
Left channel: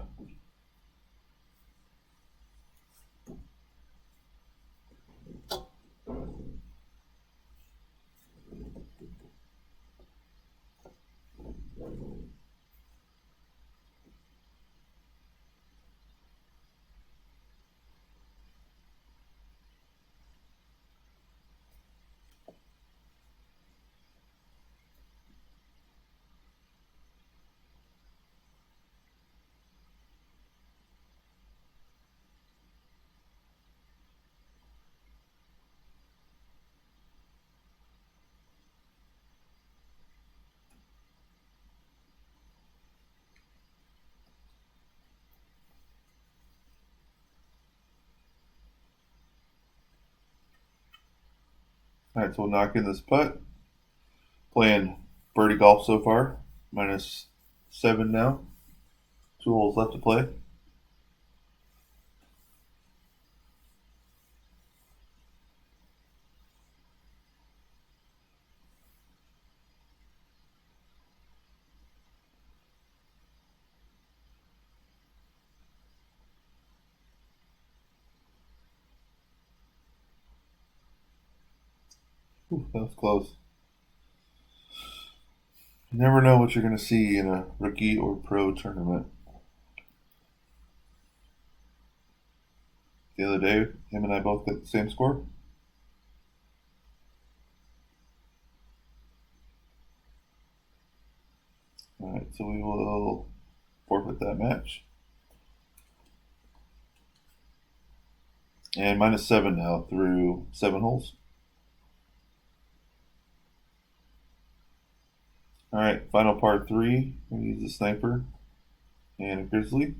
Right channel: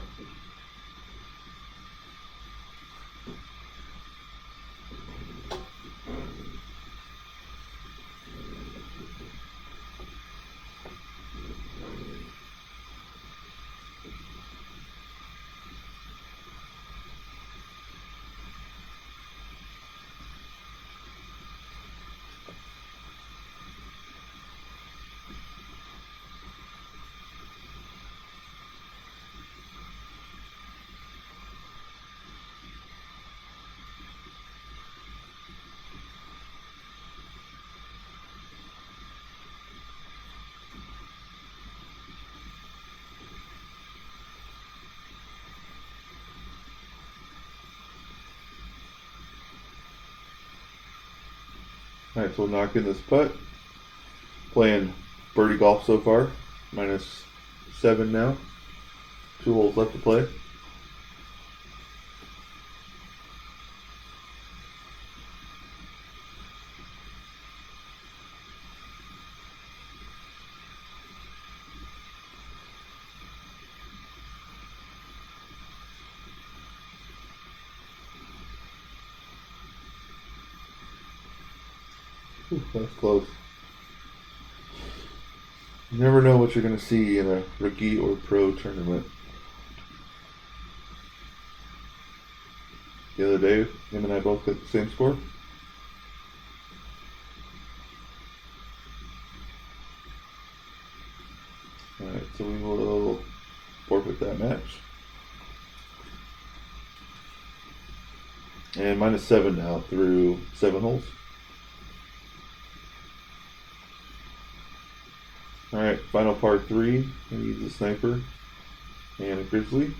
Alright, so we'll knock in this putt. Playing birdie golf so far. -7 now. 2 holes left to play. Ooh, that's close. You never know what you're going to see in a rookie or pro tournament. The other day, him and I both got the same score. Alright, so we will forfeit that match. And -7 now through 7 holes. Alright, final par 3. We use a sniper and a grizzly.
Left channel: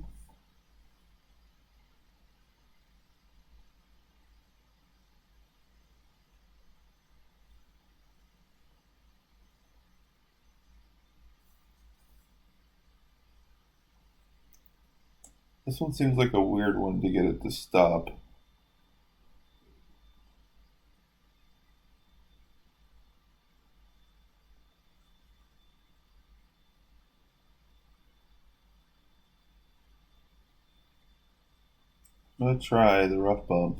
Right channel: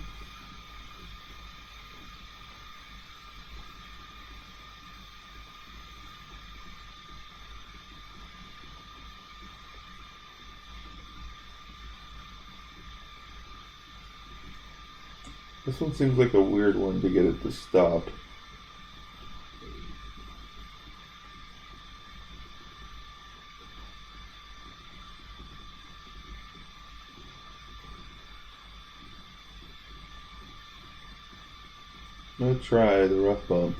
This one seems like a weird one to get it to stop. I'm going to try the rough bump.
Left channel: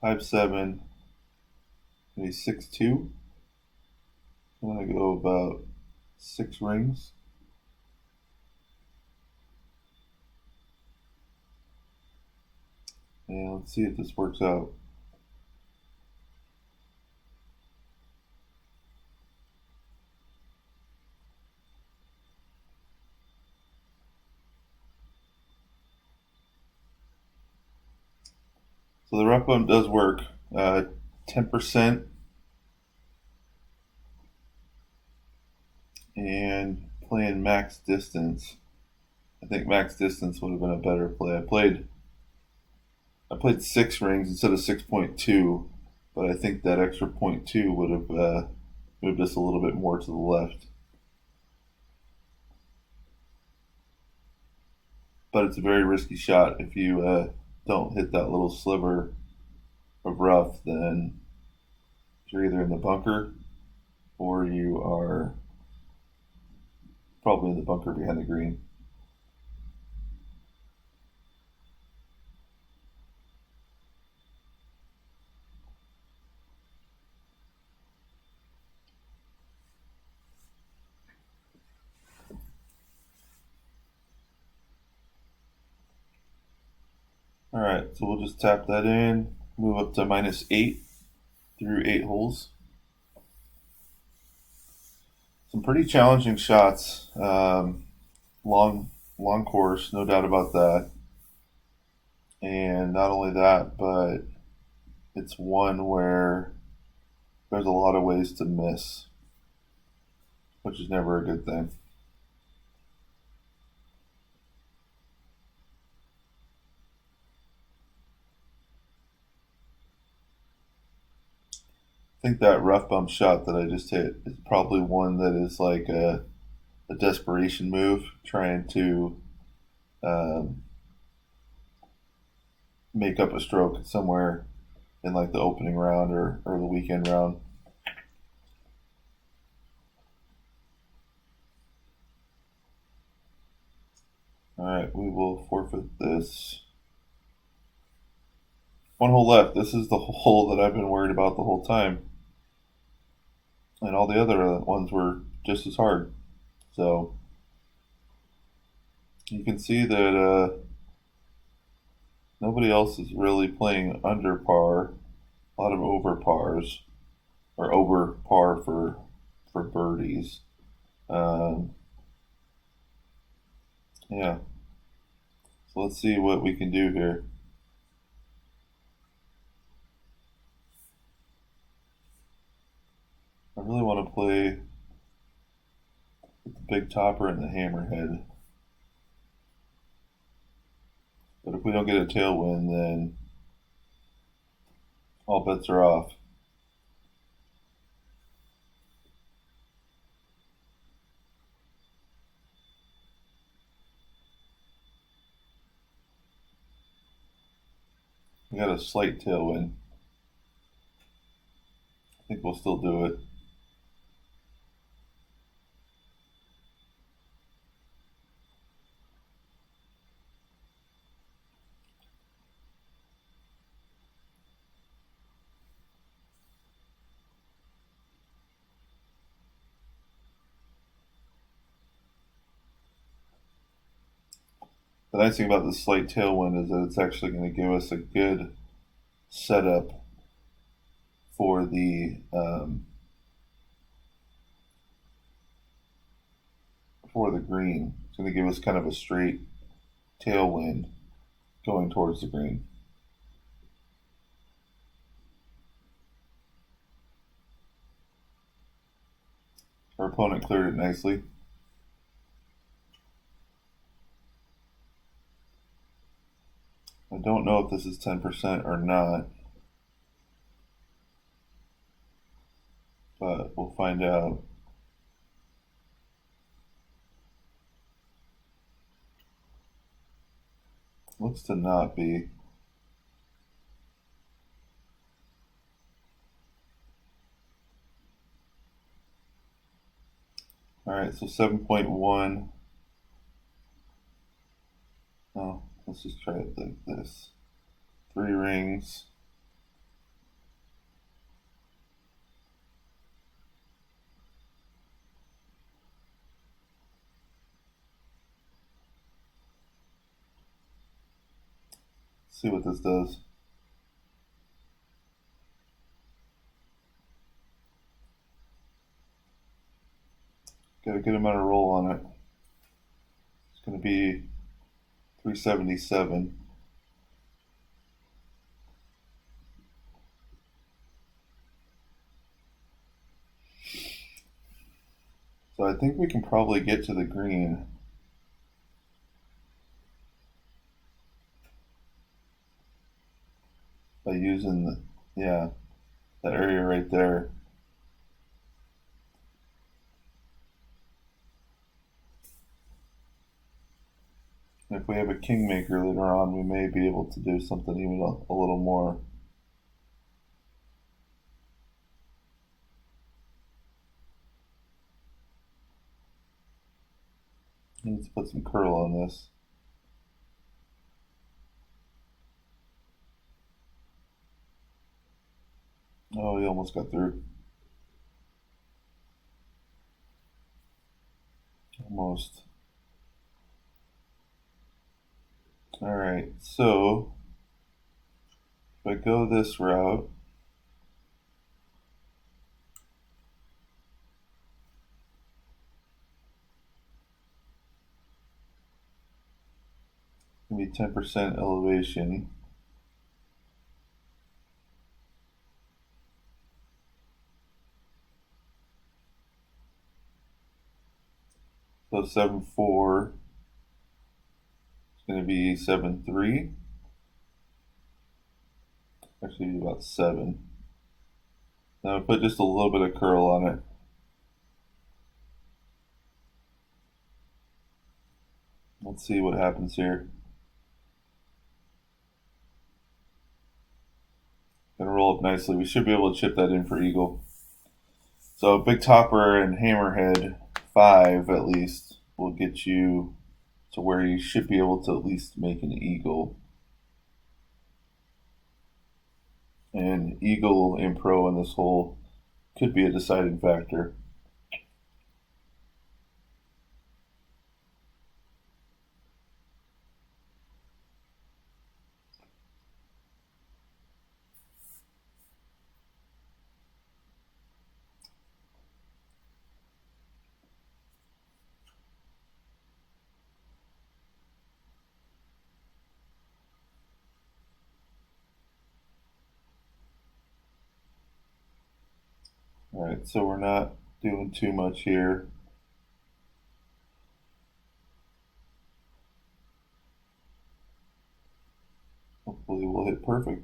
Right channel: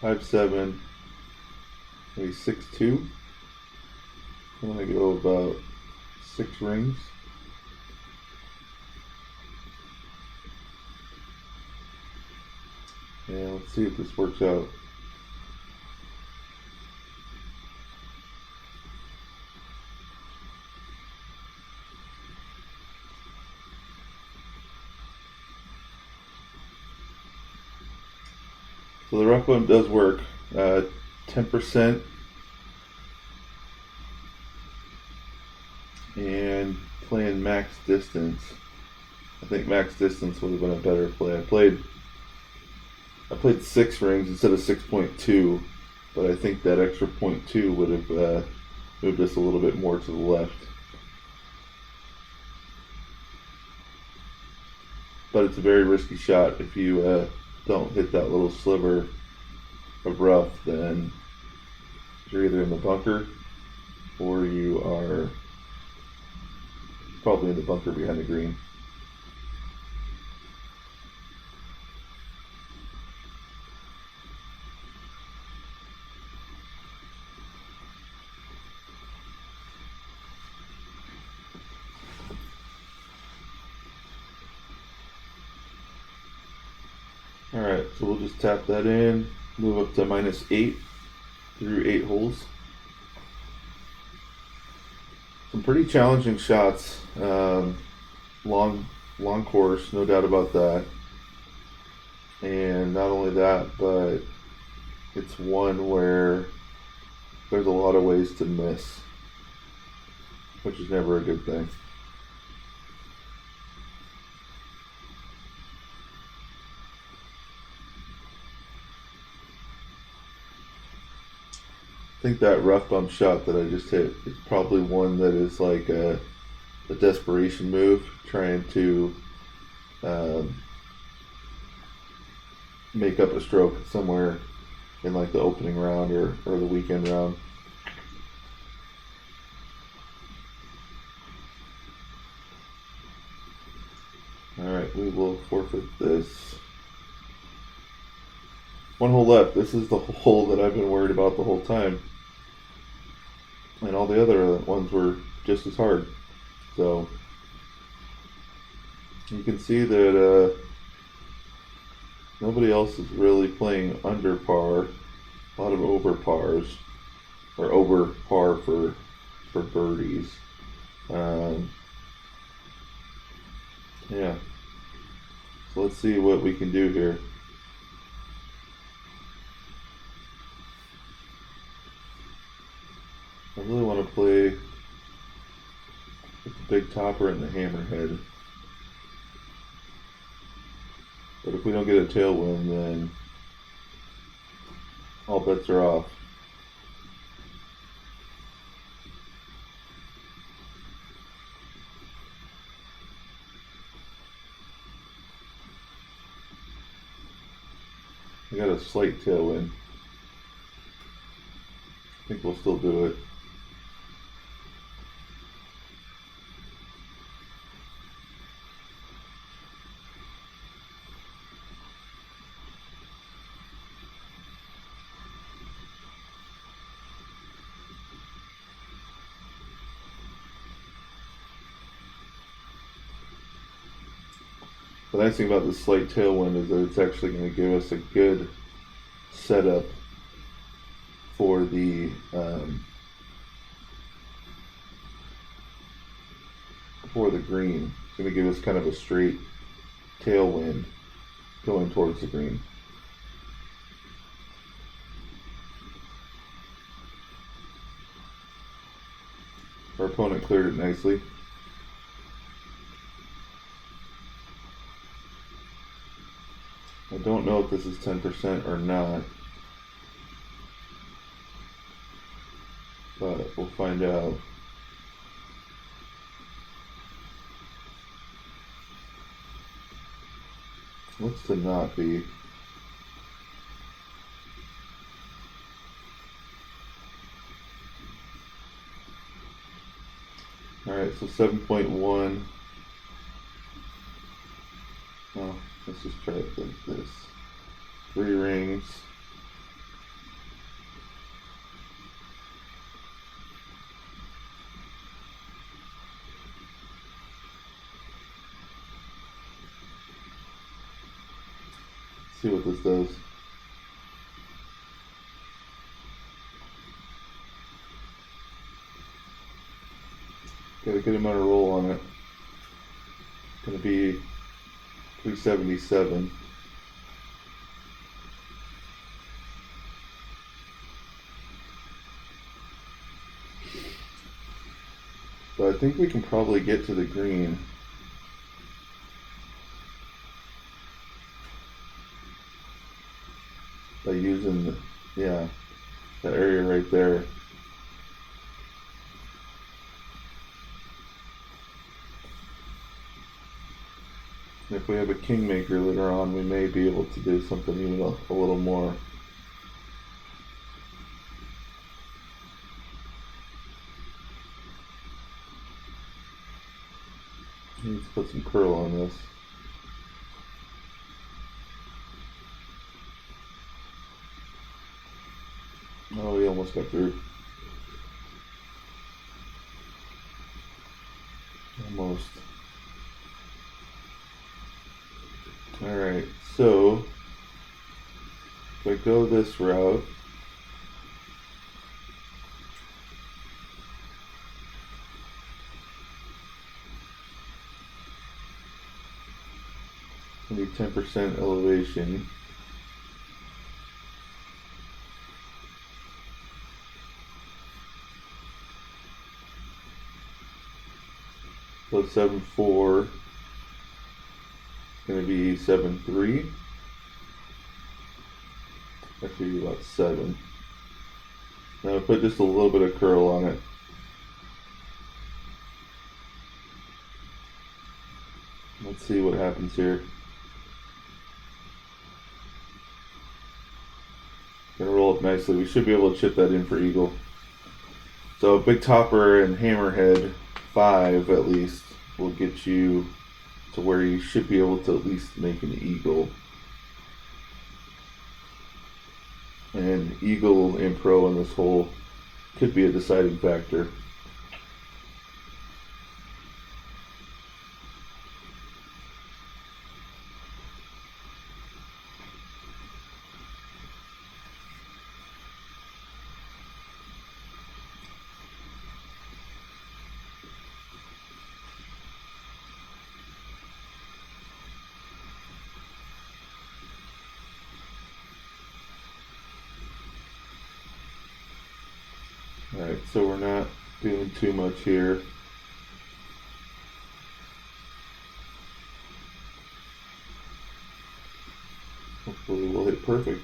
Five, 7, maybe 6-2. I'm going to go about 6 rings. Yeah, let's see if this works out. So the rough bump does work. 10% and playing max distance. I think max distance would have been a better play. I played 6 rings instead of 6.2, but I think that extra 0.2 would have moved us a little bit more to the left. But it's a very risky shot. If you don't hit that little sliver of rough, then you're either in the bunker or you are probably in the bunker behind the green. Alright, so we'll just tap that in, move up to -8 through 8 holes. Some pretty challenging shots. Long course, no doubt about that. And not only that, but it's one where there's a lot of ways to miss, which is never a good thing. I think that rough bump shot that I just hit is probably one that is like a desperation move, trying to make up a stroke somewhere in like the opening round or the weekend round. Alright, we will forfeit this. 1 hole left. This is the hole that I've been worried about the whole time. And all the other ones were just as hard. So you can see that nobody else is really playing under par. A lot of over pars, or over par for birdies. Yeah. So let's see what we can do here. I really want to play with the big topper and the hammerhead. But if we don't get a tailwind, then all bets are off. We got a slight tailwind. I think we'll still do it. nice thing about this slight tailwind is that it's actually going to give us a good setup for the green. It's going to give us kind of a straight tailwind going towards the green. Our opponent cleared it nicely. I don't know if this is 10% or not, but we'll find out. Looks to not be. Alright, so 7.1. Oh, let's just try it like this. 3 rings. See what this does. Got a good amount of roll on it. It's going to be 377. So I think we can probably get to the green. By using that area right there. And if we have a kingmaker later on, we may be able to do something even a little more. Let's put some curl on this. Oh, he almost got through. Almost. Alright, so if I go this route, it's going to be 10% elevation. So 7.4 is going to be 7.3. Actually, about 7. Now I put just a little bit of curl on it. Let's see what happens here. Gonna roll up nicely. We should be able to chip that in for eagle. So big topper and hammerhead 5 at least will get you to where you should be able to at least make an eagle. And eagle in pro in this hole could be a deciding factor. Alright, so we're not doing too much here. Hopefully we'll hit perfect.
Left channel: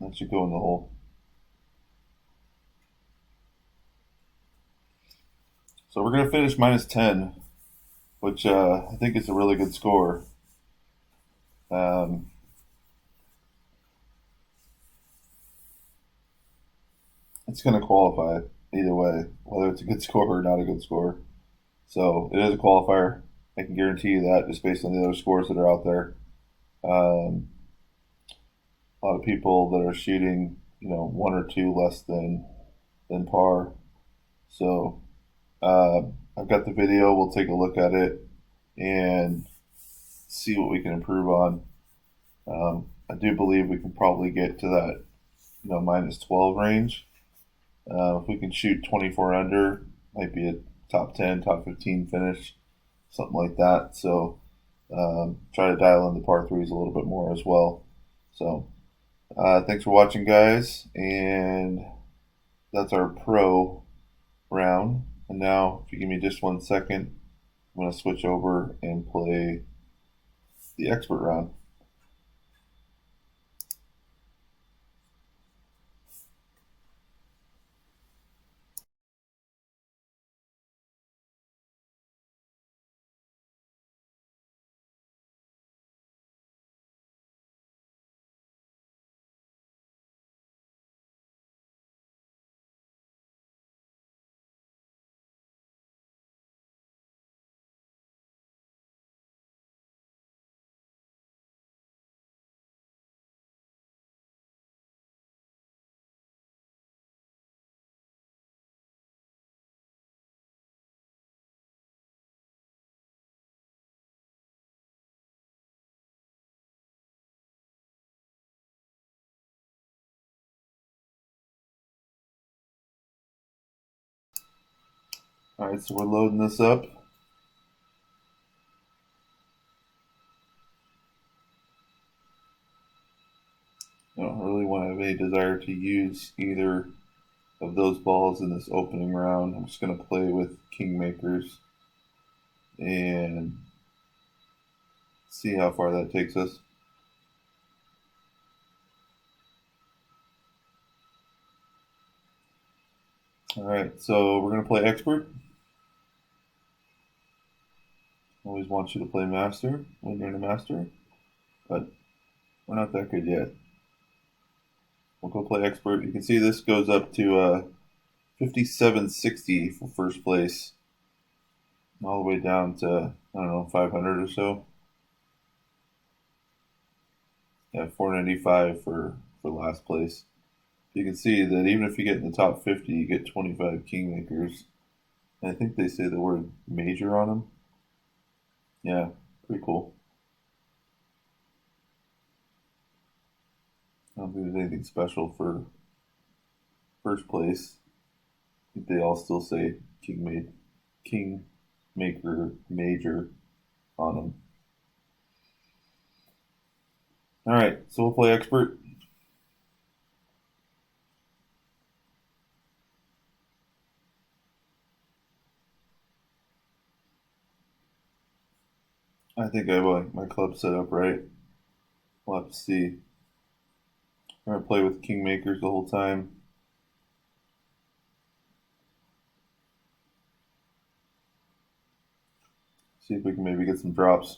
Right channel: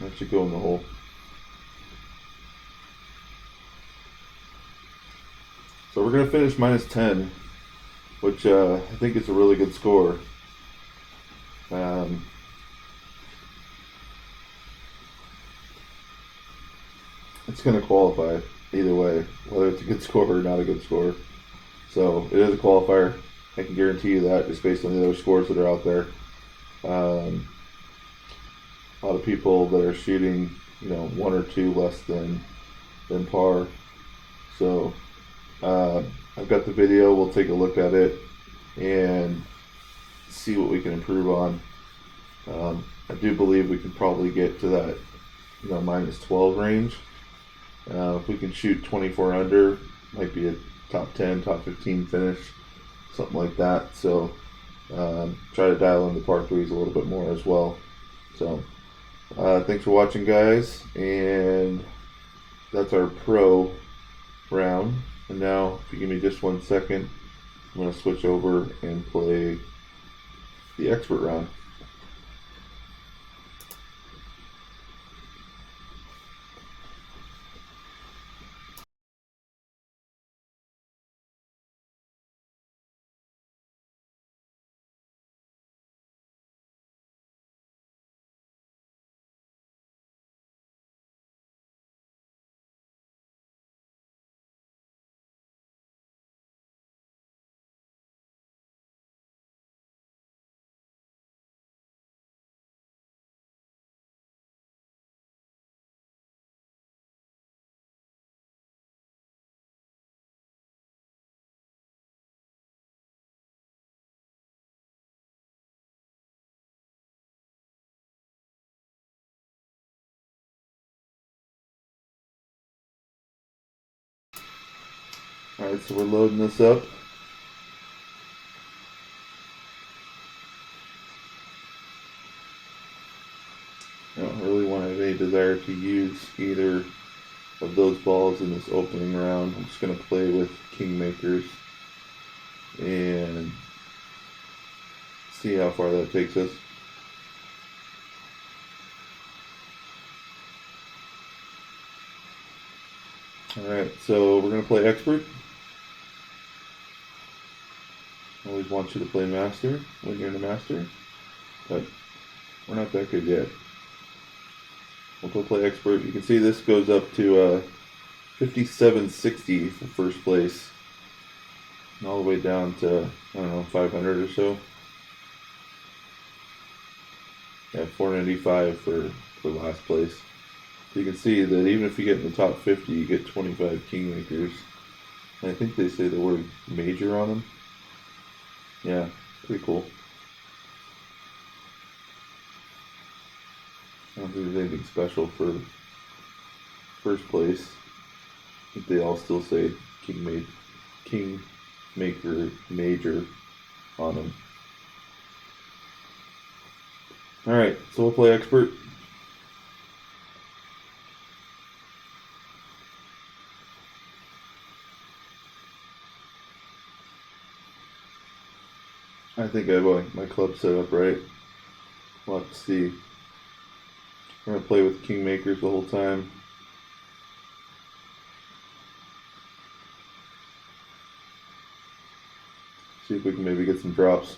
That should go in the hole. So we're going to finish minus 10, which I think is a really good score. It's going to qualify either way, whether it's a good score or not a good score. So it is a qualifier. I can guarantee you that just based on the other scores that are out there. A lot of people that are shooting, 1 or 2 less than par. So I've got the video. We'll take a look at it and see what we can improve on. I do believe we can probably get to that, minus 12 range. If we can shoot 24 under, might be a top 10, top 15 finish, something like that. So try to dial in the par threes a little bit more as well. So thanks for watching, guys, and that's our pro round. And now, if you give me just 1 second, I'm going to switch over and play the expert round. Alright, so we're loading this up. I don't really want to have any desire to use either of those balls in this opening round. I'm just going to play with Kingmakers and see how far that takes us. Alright, so we're going to play Expert. Always want you to play Master when you're in a Master, but we're not that good yet. We'll go play Expert. You can see this goes up to 5760 for first place, and all the way down to, I don't know, 500 or so. Yeah, 495 for last place. So you can see that even if you get in the top 50, you get 25 Kingmakers. And I think they say the word major on them. Yeah, pretty cool. I don't think there's anything special for first place. I think they all still say Kingmaker major on them. Alright, so we'll play Expert. I think I have my club set up right. We'll have to see. We're going to play with Kingmakers the whole time. See if we can maybe get some drops.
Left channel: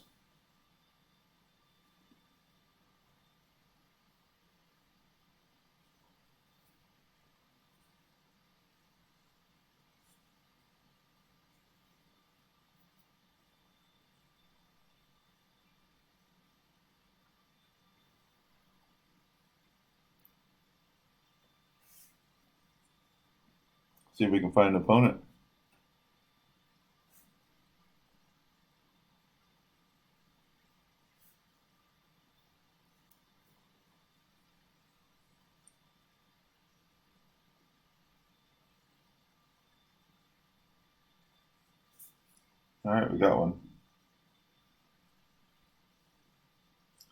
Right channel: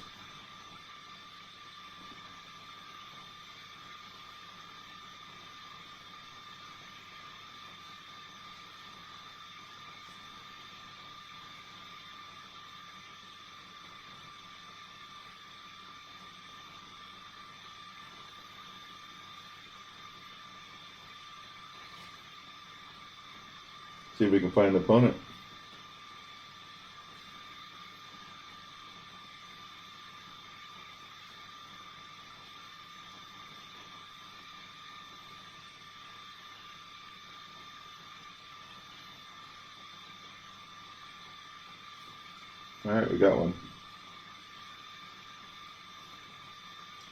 See if we can find an opponent. Alright, we got one.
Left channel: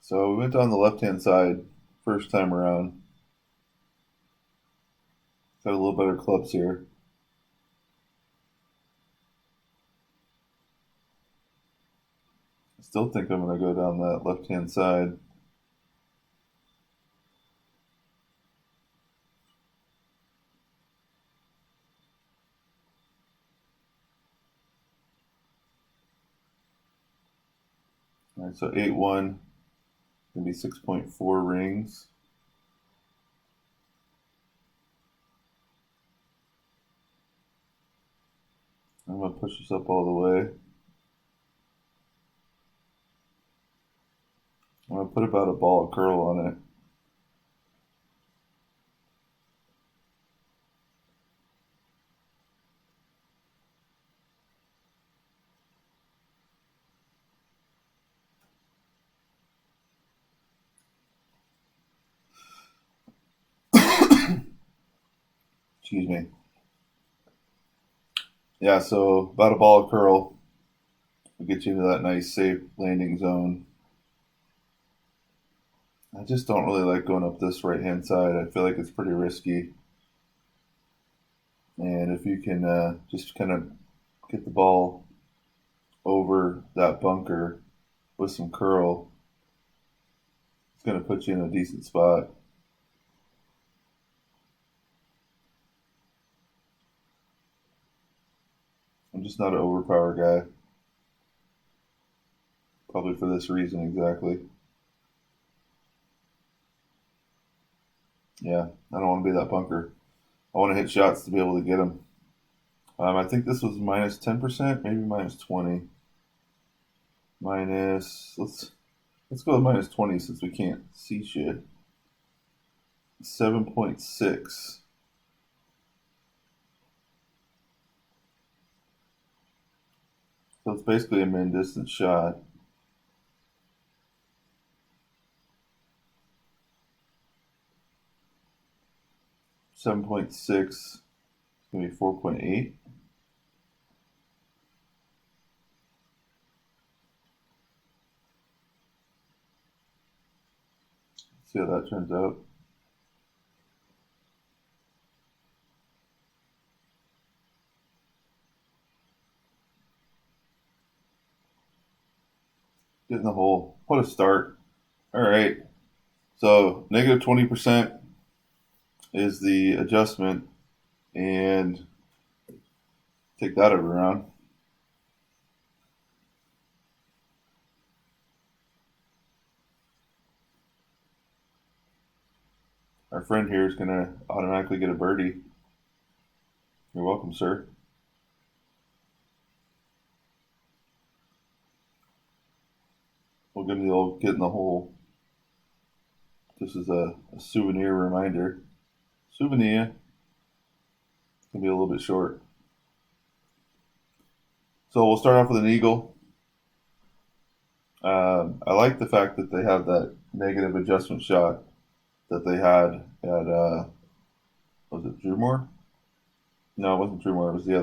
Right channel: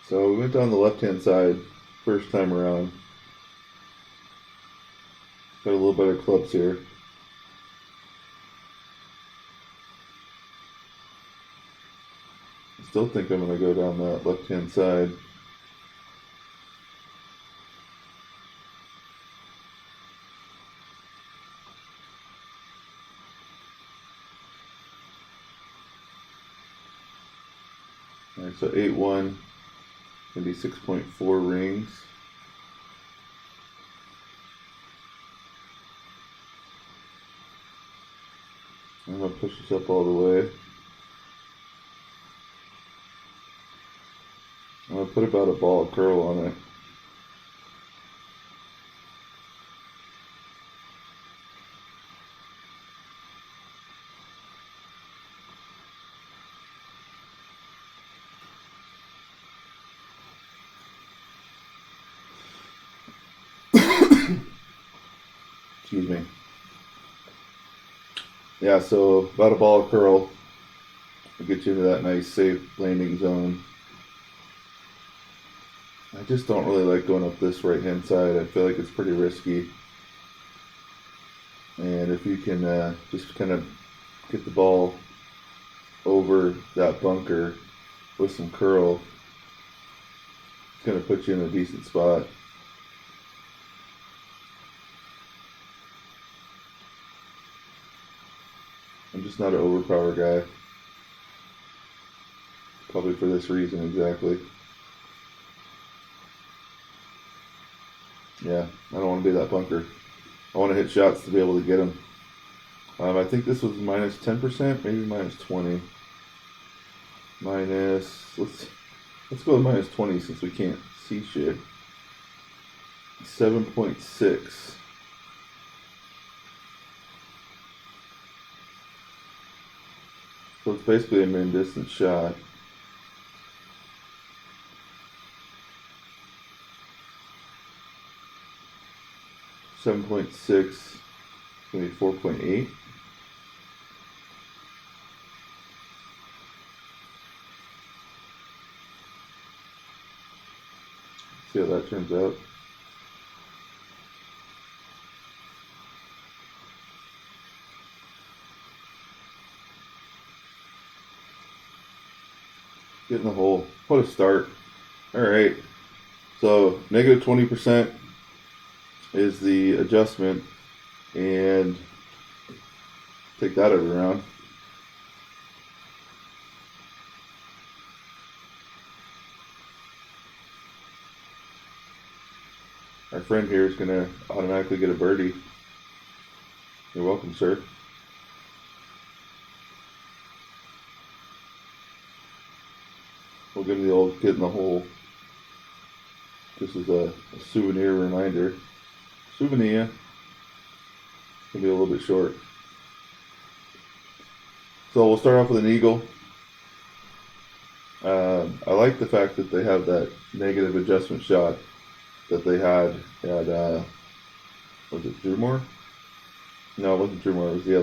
So we went down the left-hand side first time around. Got a little better clubs here. I still think I'm going to go down that left-hand side. Alright, so 8-1, maybe 6.4 rings. I'm going to push this up all the way. I'm going to put about a ball of curl on it. Excuse me. Yeah, so about a ball of curl will get you into that nice safe landing zone. I just don't really like going up this right hand side. I feel like it's pretty risky. And if you can just kind of get the ball over that bunker with some curl, it's going to put you in a decent spot. I'm just not an overpower guy. Probably for this reason exactly. Yeah, I don't want to be that bunker. I want to hit shots to be able to get them. I think this was minus 10%, maybe minus 20. Let's go with minus 20 since we can't see shit. 7.6. So it's basically a mid-distance shot. .6, maybe 4.8. See how that turns out. Get in the hole. What a start. All right. So negative 20% is the adjustment, and take that every round. Our friend here is going to automatically get a birdie. You're welcome, sir. We'll give him the old get in the hole. This is a souvenir reminder. Souvenir. It's going to be a little bit short. So we'll start off with an eagle. I like the fact that they have that negative adjustment shot that they had at, was it Drewmore? No, it wasn't Drewmore. It was the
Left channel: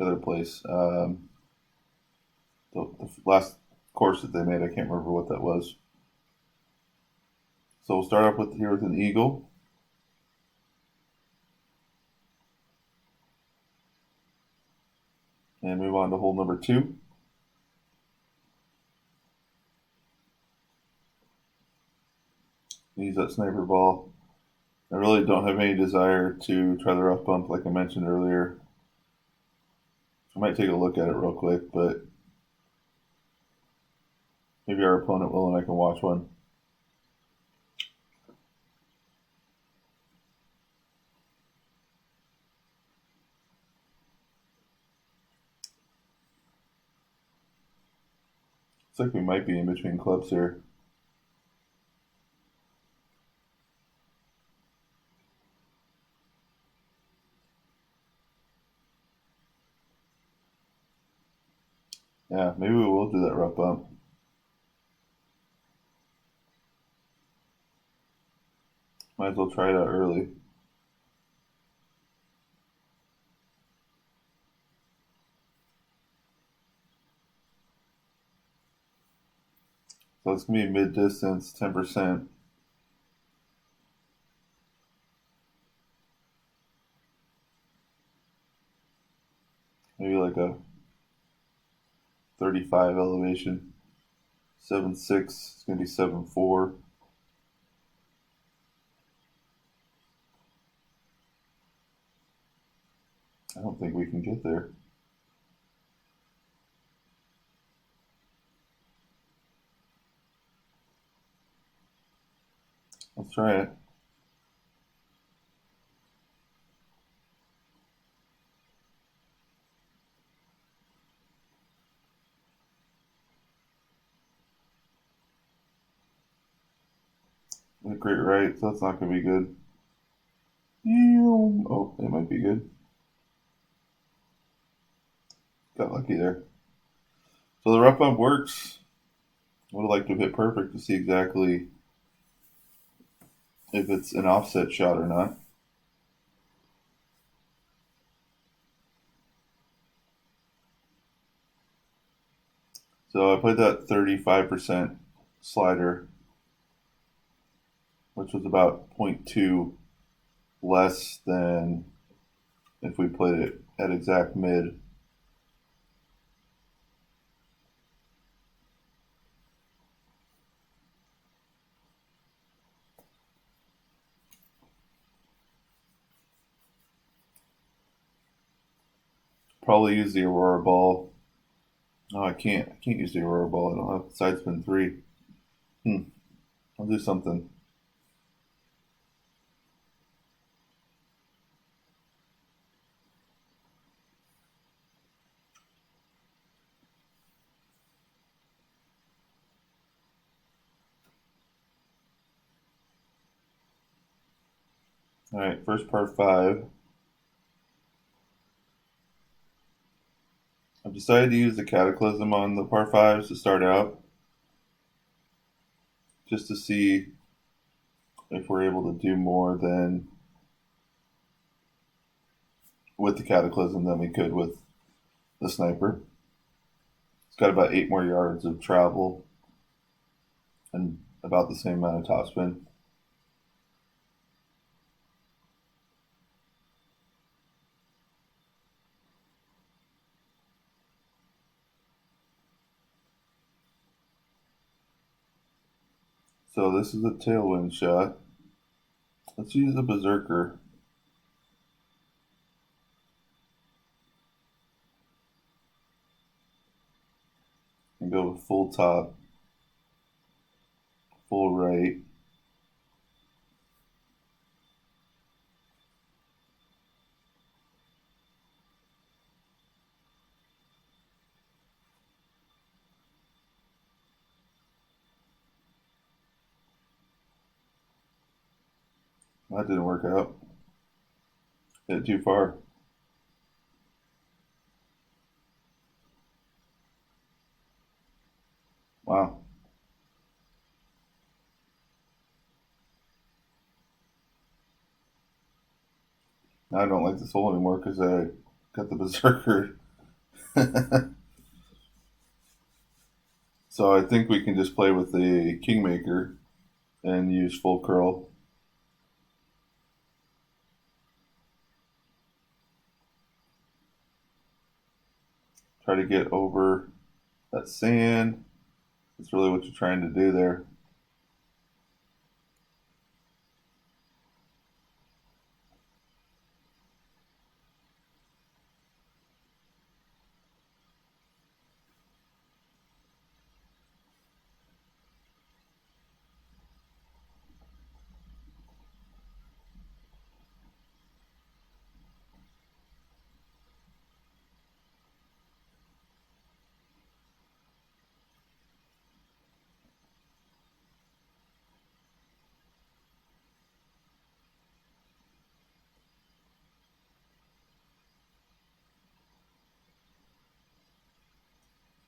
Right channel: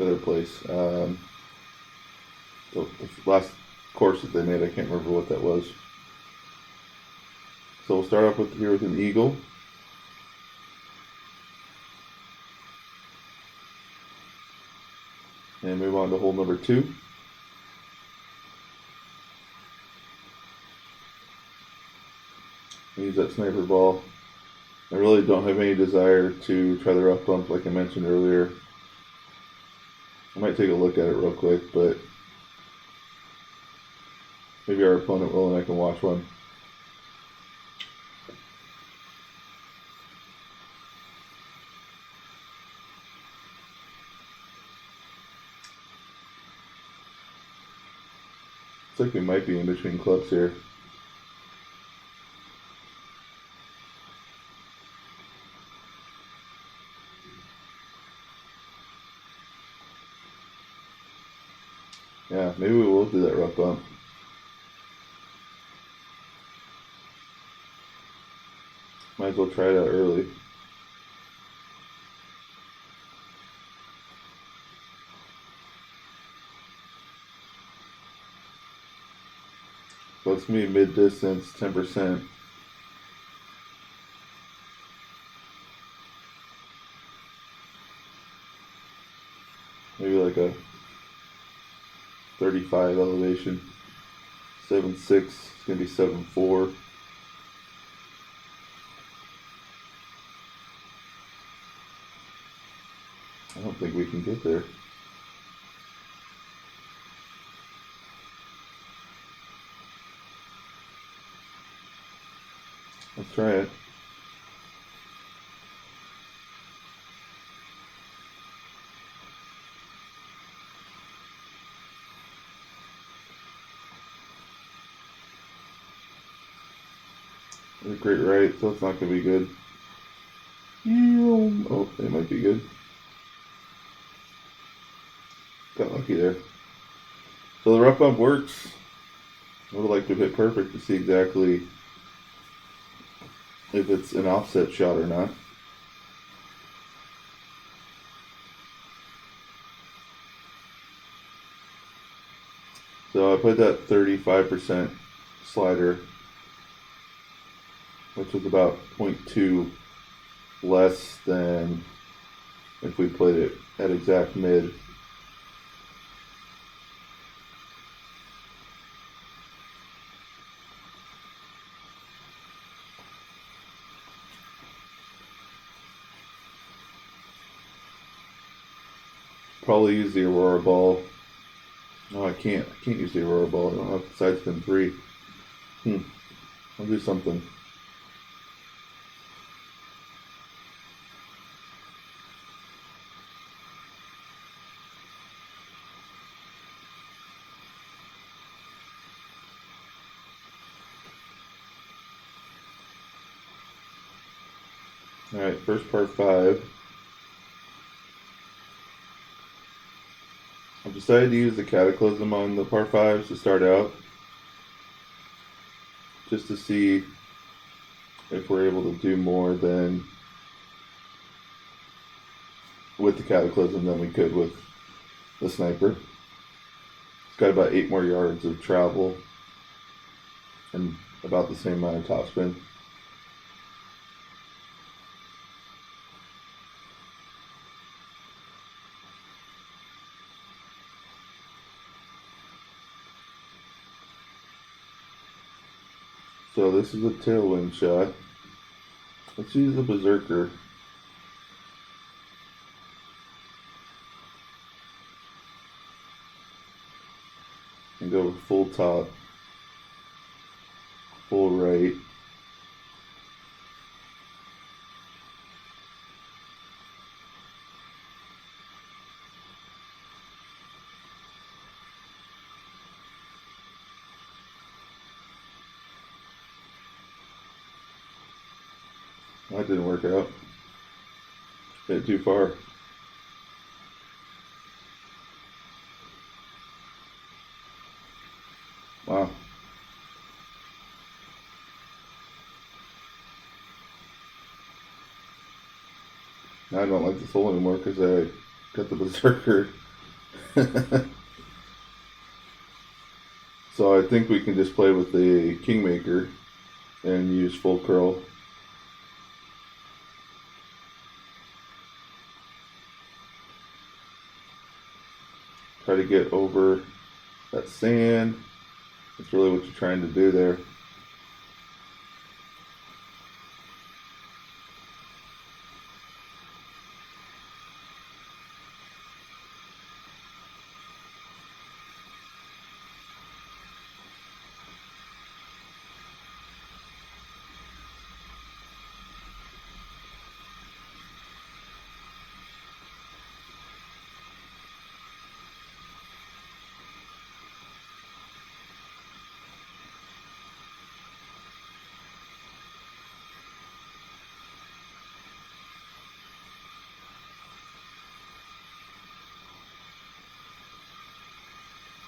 other place. The last course that they made, I can't remember what that was. So we'll start off with an eagle. And move on to hole number 2. Use that sniper ball. I really don't have any desire to try the rough bump like I mentioned earlier. I might take a look at it real quick, but maybe our opponent will and I can watch one. Looks like we might be in between clubs here. Yeah, maybe we will do that rough bump. Might as well try it out early. So it's going to be mid-distance, 10%. Maybe like a 35 elevation. 7.6, it's going to be 7.4. I don't think we can get there. Let's try it. A great right, so that's not going to be good. Oh, it might be good. Got lucky there. So the rough bump works. I would like to hit perfect to see exactly if it's an offset shot or not. So I put that 35% slider, which was about 0.2 less than if we put it at exact mid. Probably use the Aurora ball. No, I can't. I can't use the Aurora ball. I don't have side spin 3. I'll do something. Alright, first par 5. I've decided to use the Cataclysm on the par 5s to start out, just to see if we're able to do more than with the Cataclysm than we could with the Sniper. It's got about 8 more yards of travel and about the same amount of topspin. So this is a tailwind shot. Let's use the Berserker. And go full top, full right. That didn't work out. Hit it too far. Wow. Now I don't like this hole anymore because I got the Berserker. So I think we can just play with the Kingmaker and use full curl. Try to get over that sand. That's really what you're trying to do there.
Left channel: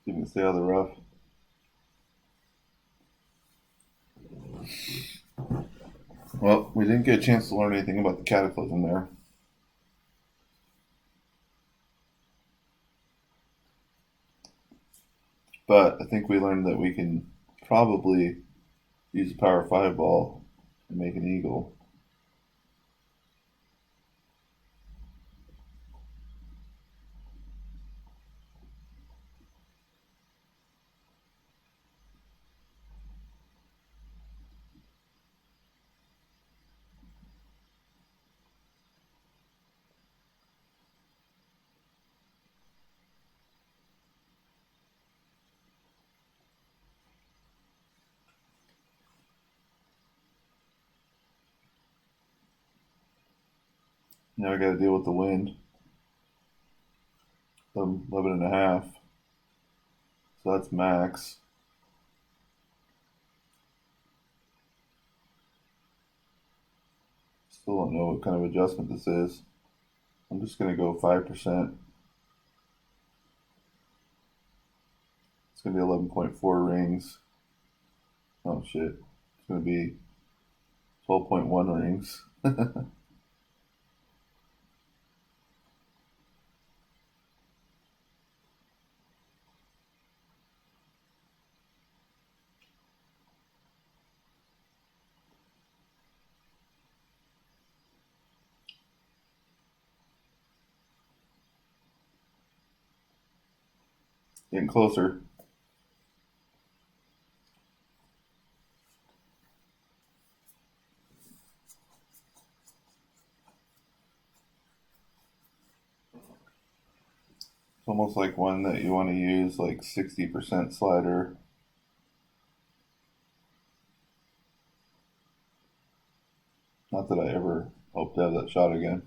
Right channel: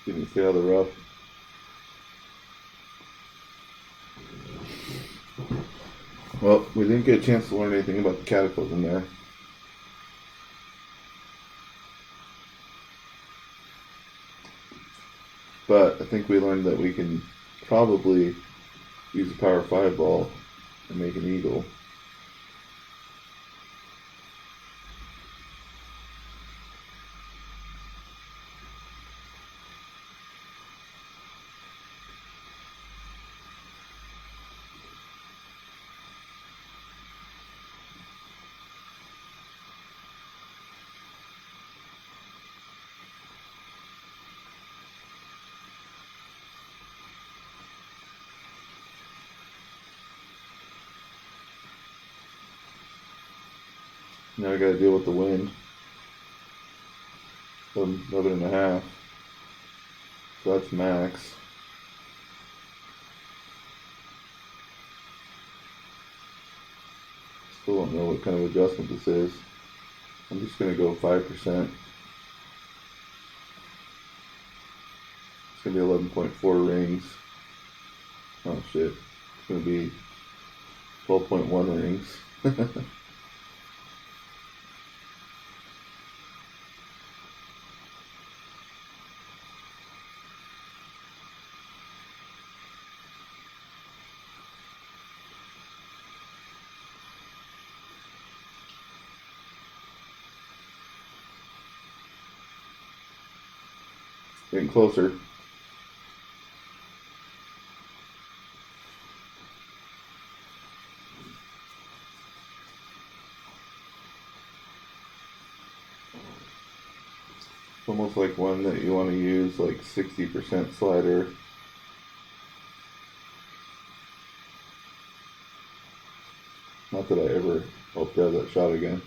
You can stay out of the rough. Well, we didn't get a chance to learn anything about the Cataclysm there. But I think we learned that we can probably use a power 5 ball and make an eagle. Now I gotta deal with the wind. 11.5. So that's max. Still don't know what kind of adjustment this is. I'm just gonna go 5%. It's gonna be 11.4 rings. Oh shit. It's gonna be 12.1 rings. Getting closer. It's almost like one that you want to use like 60% slider. Not that I ever hope to have that shot again.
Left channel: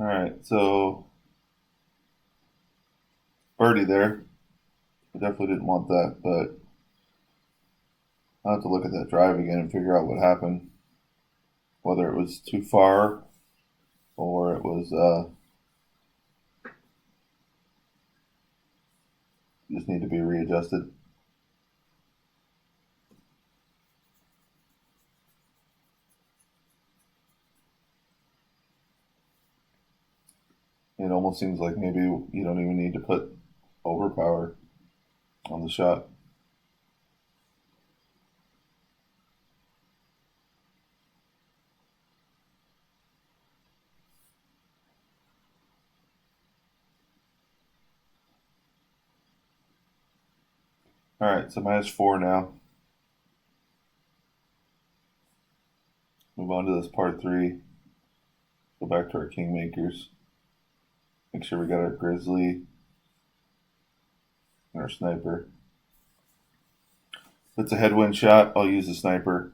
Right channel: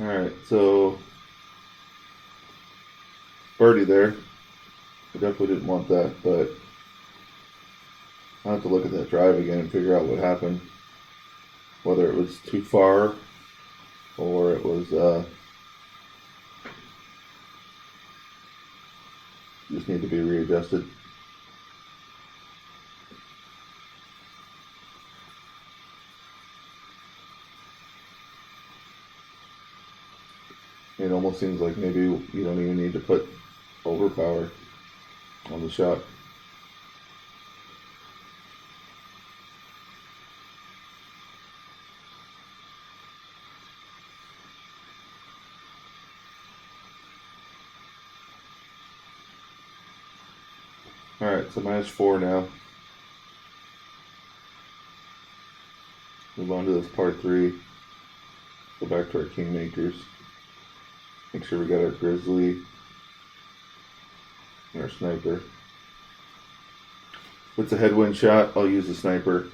Alright, so birdie there. I definitely didn't want that, but I'll have to look at that drive again and figure out what happened. Whether it was too far or it was just need to be readjusted. It almost seems like maybe you don't even need to put overpower on the shot. Alright, so -4 now. Move on to this par 3. Go back to our Kingmakers. Make sure we got our Grizzly and our Sniper. If it's a headwind shot, I'll use the Sniper.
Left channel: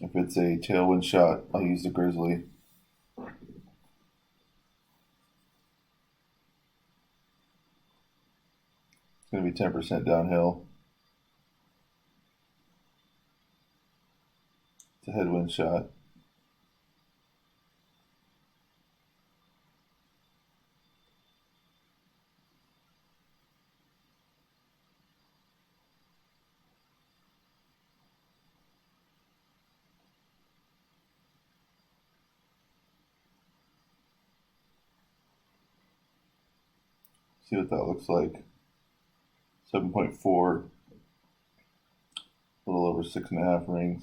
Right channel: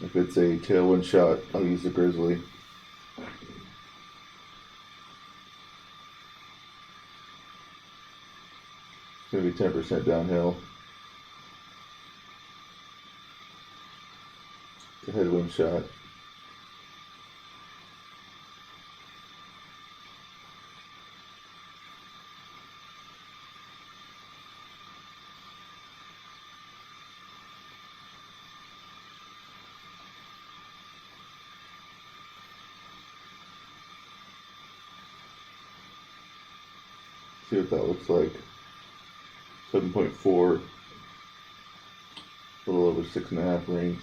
If it's a tailwind shot, I'll use the Grizzly. It's going to be 10% downhill. It's a headwind shot. See what that looks like. 7.4, a little over 6.5 rings.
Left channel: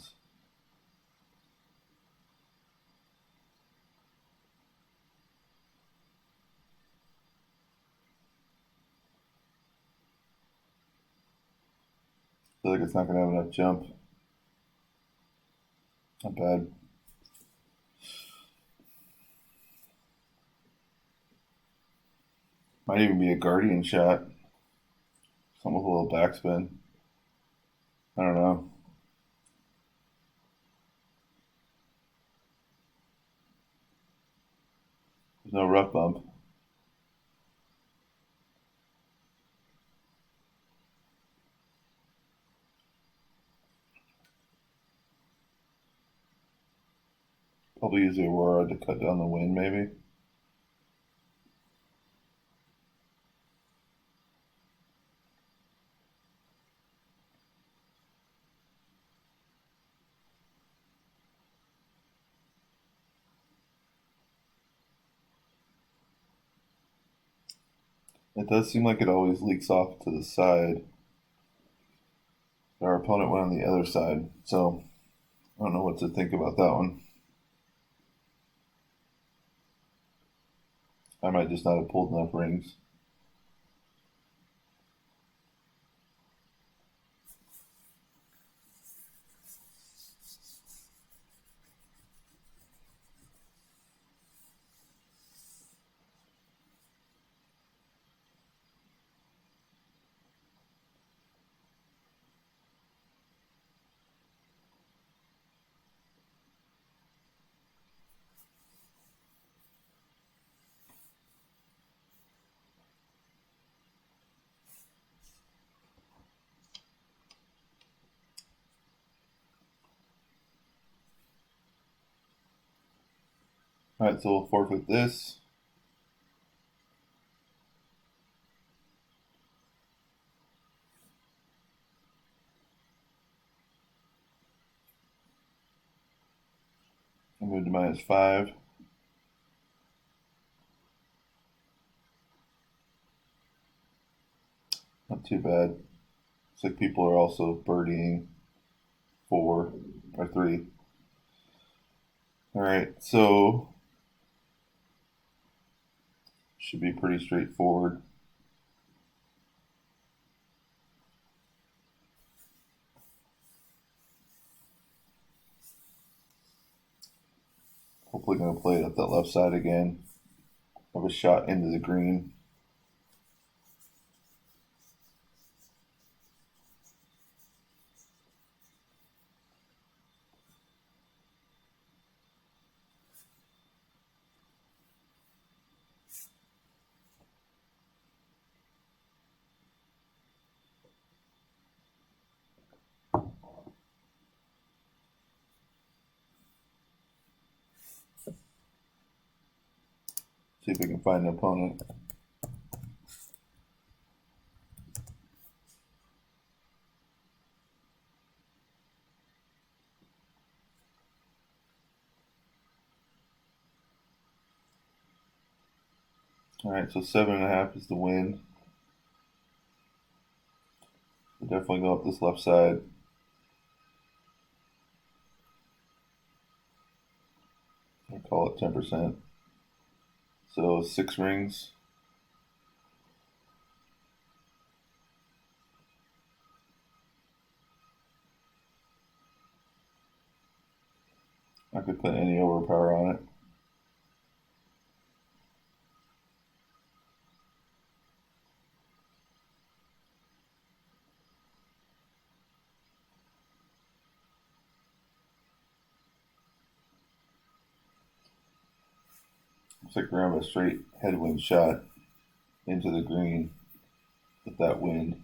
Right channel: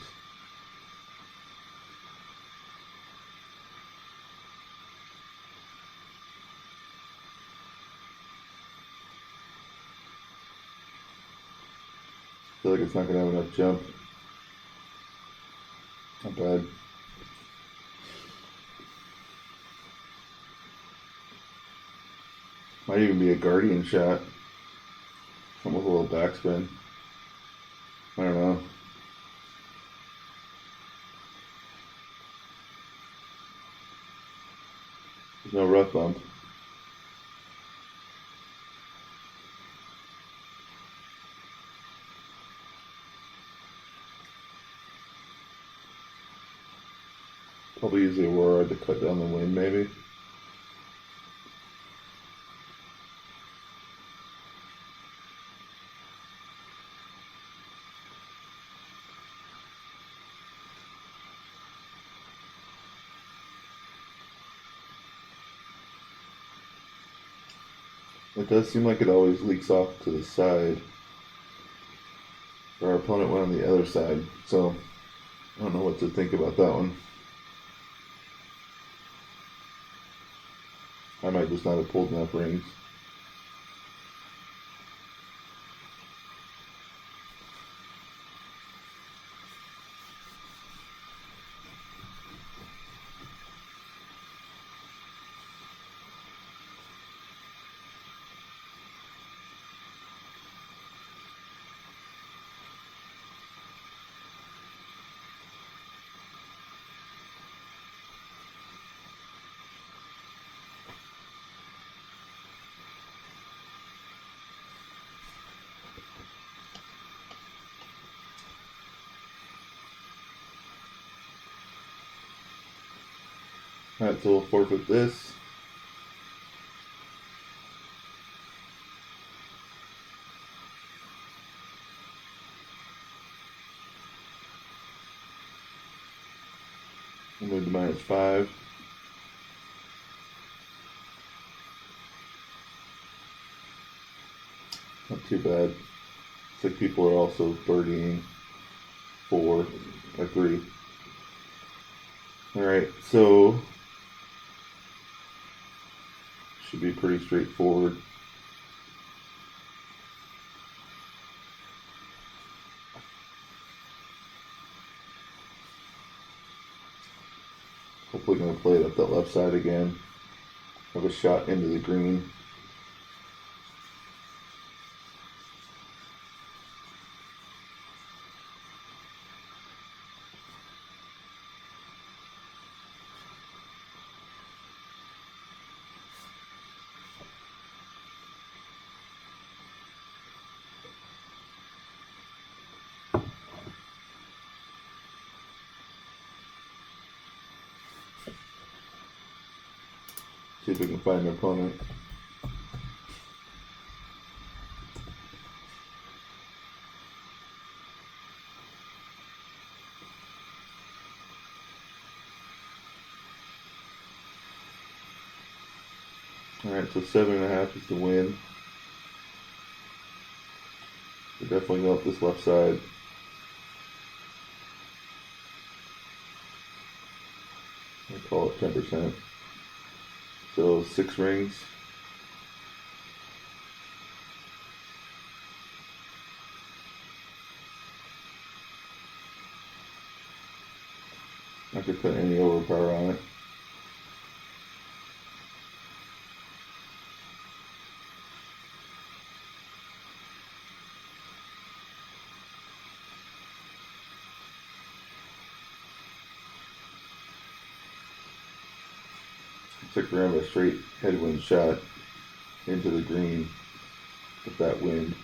I feel like it's not going to have enough jump. Not bad. Might even be a Guardian shot. Something with a little backspin. I don't know. There's no rough bump. Probably use the Aurora to cut down the wind, maybe. It does seem like it always leaks off to the side. Our opponent went on the other side, so I don't know what to think about that one. I might just not have pulled enough rings. Alright, so we'll forfeit this. We'll move to -5. Not too bad. It's like people are also birdieing 4 or 3. Alright, so should be pretty straightforward. Hopefully going to play it up that left side again. Have a shot into the green. See if we can find an opponent. Alright, so 7.5 is the win. We'll definitely go up this left side. I call it 10%. So 6 rings. I could put any overpower on it. Looks like we're having a straight headwind shot into the green with that wind.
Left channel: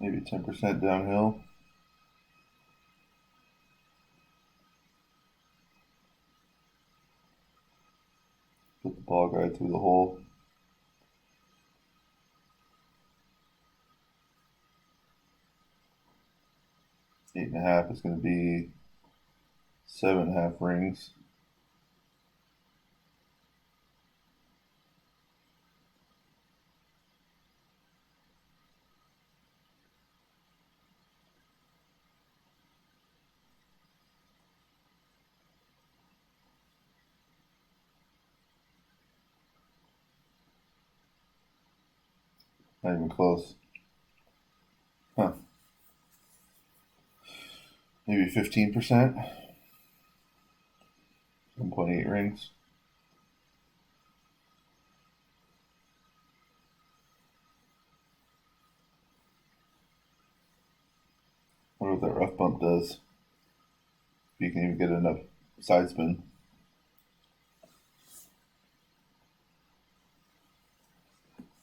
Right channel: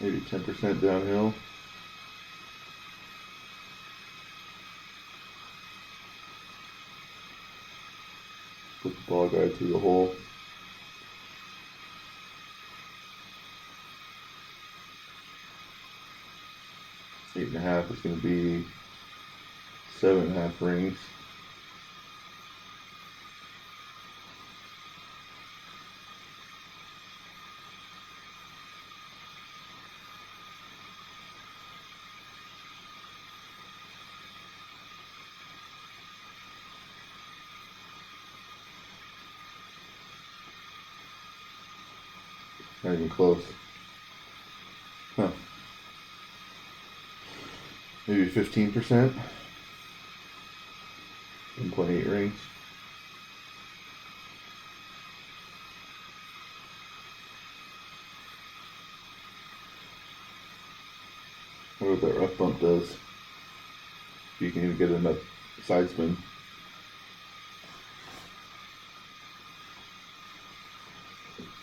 Maybe 10% downhill. Put the ball guide through the hole. Eight and a half is going to be 7.5 rings. Not even close. Huh. Maybe 15%. 1.8 rings. I wonder what that rough bump does. If you can even get enough side spin.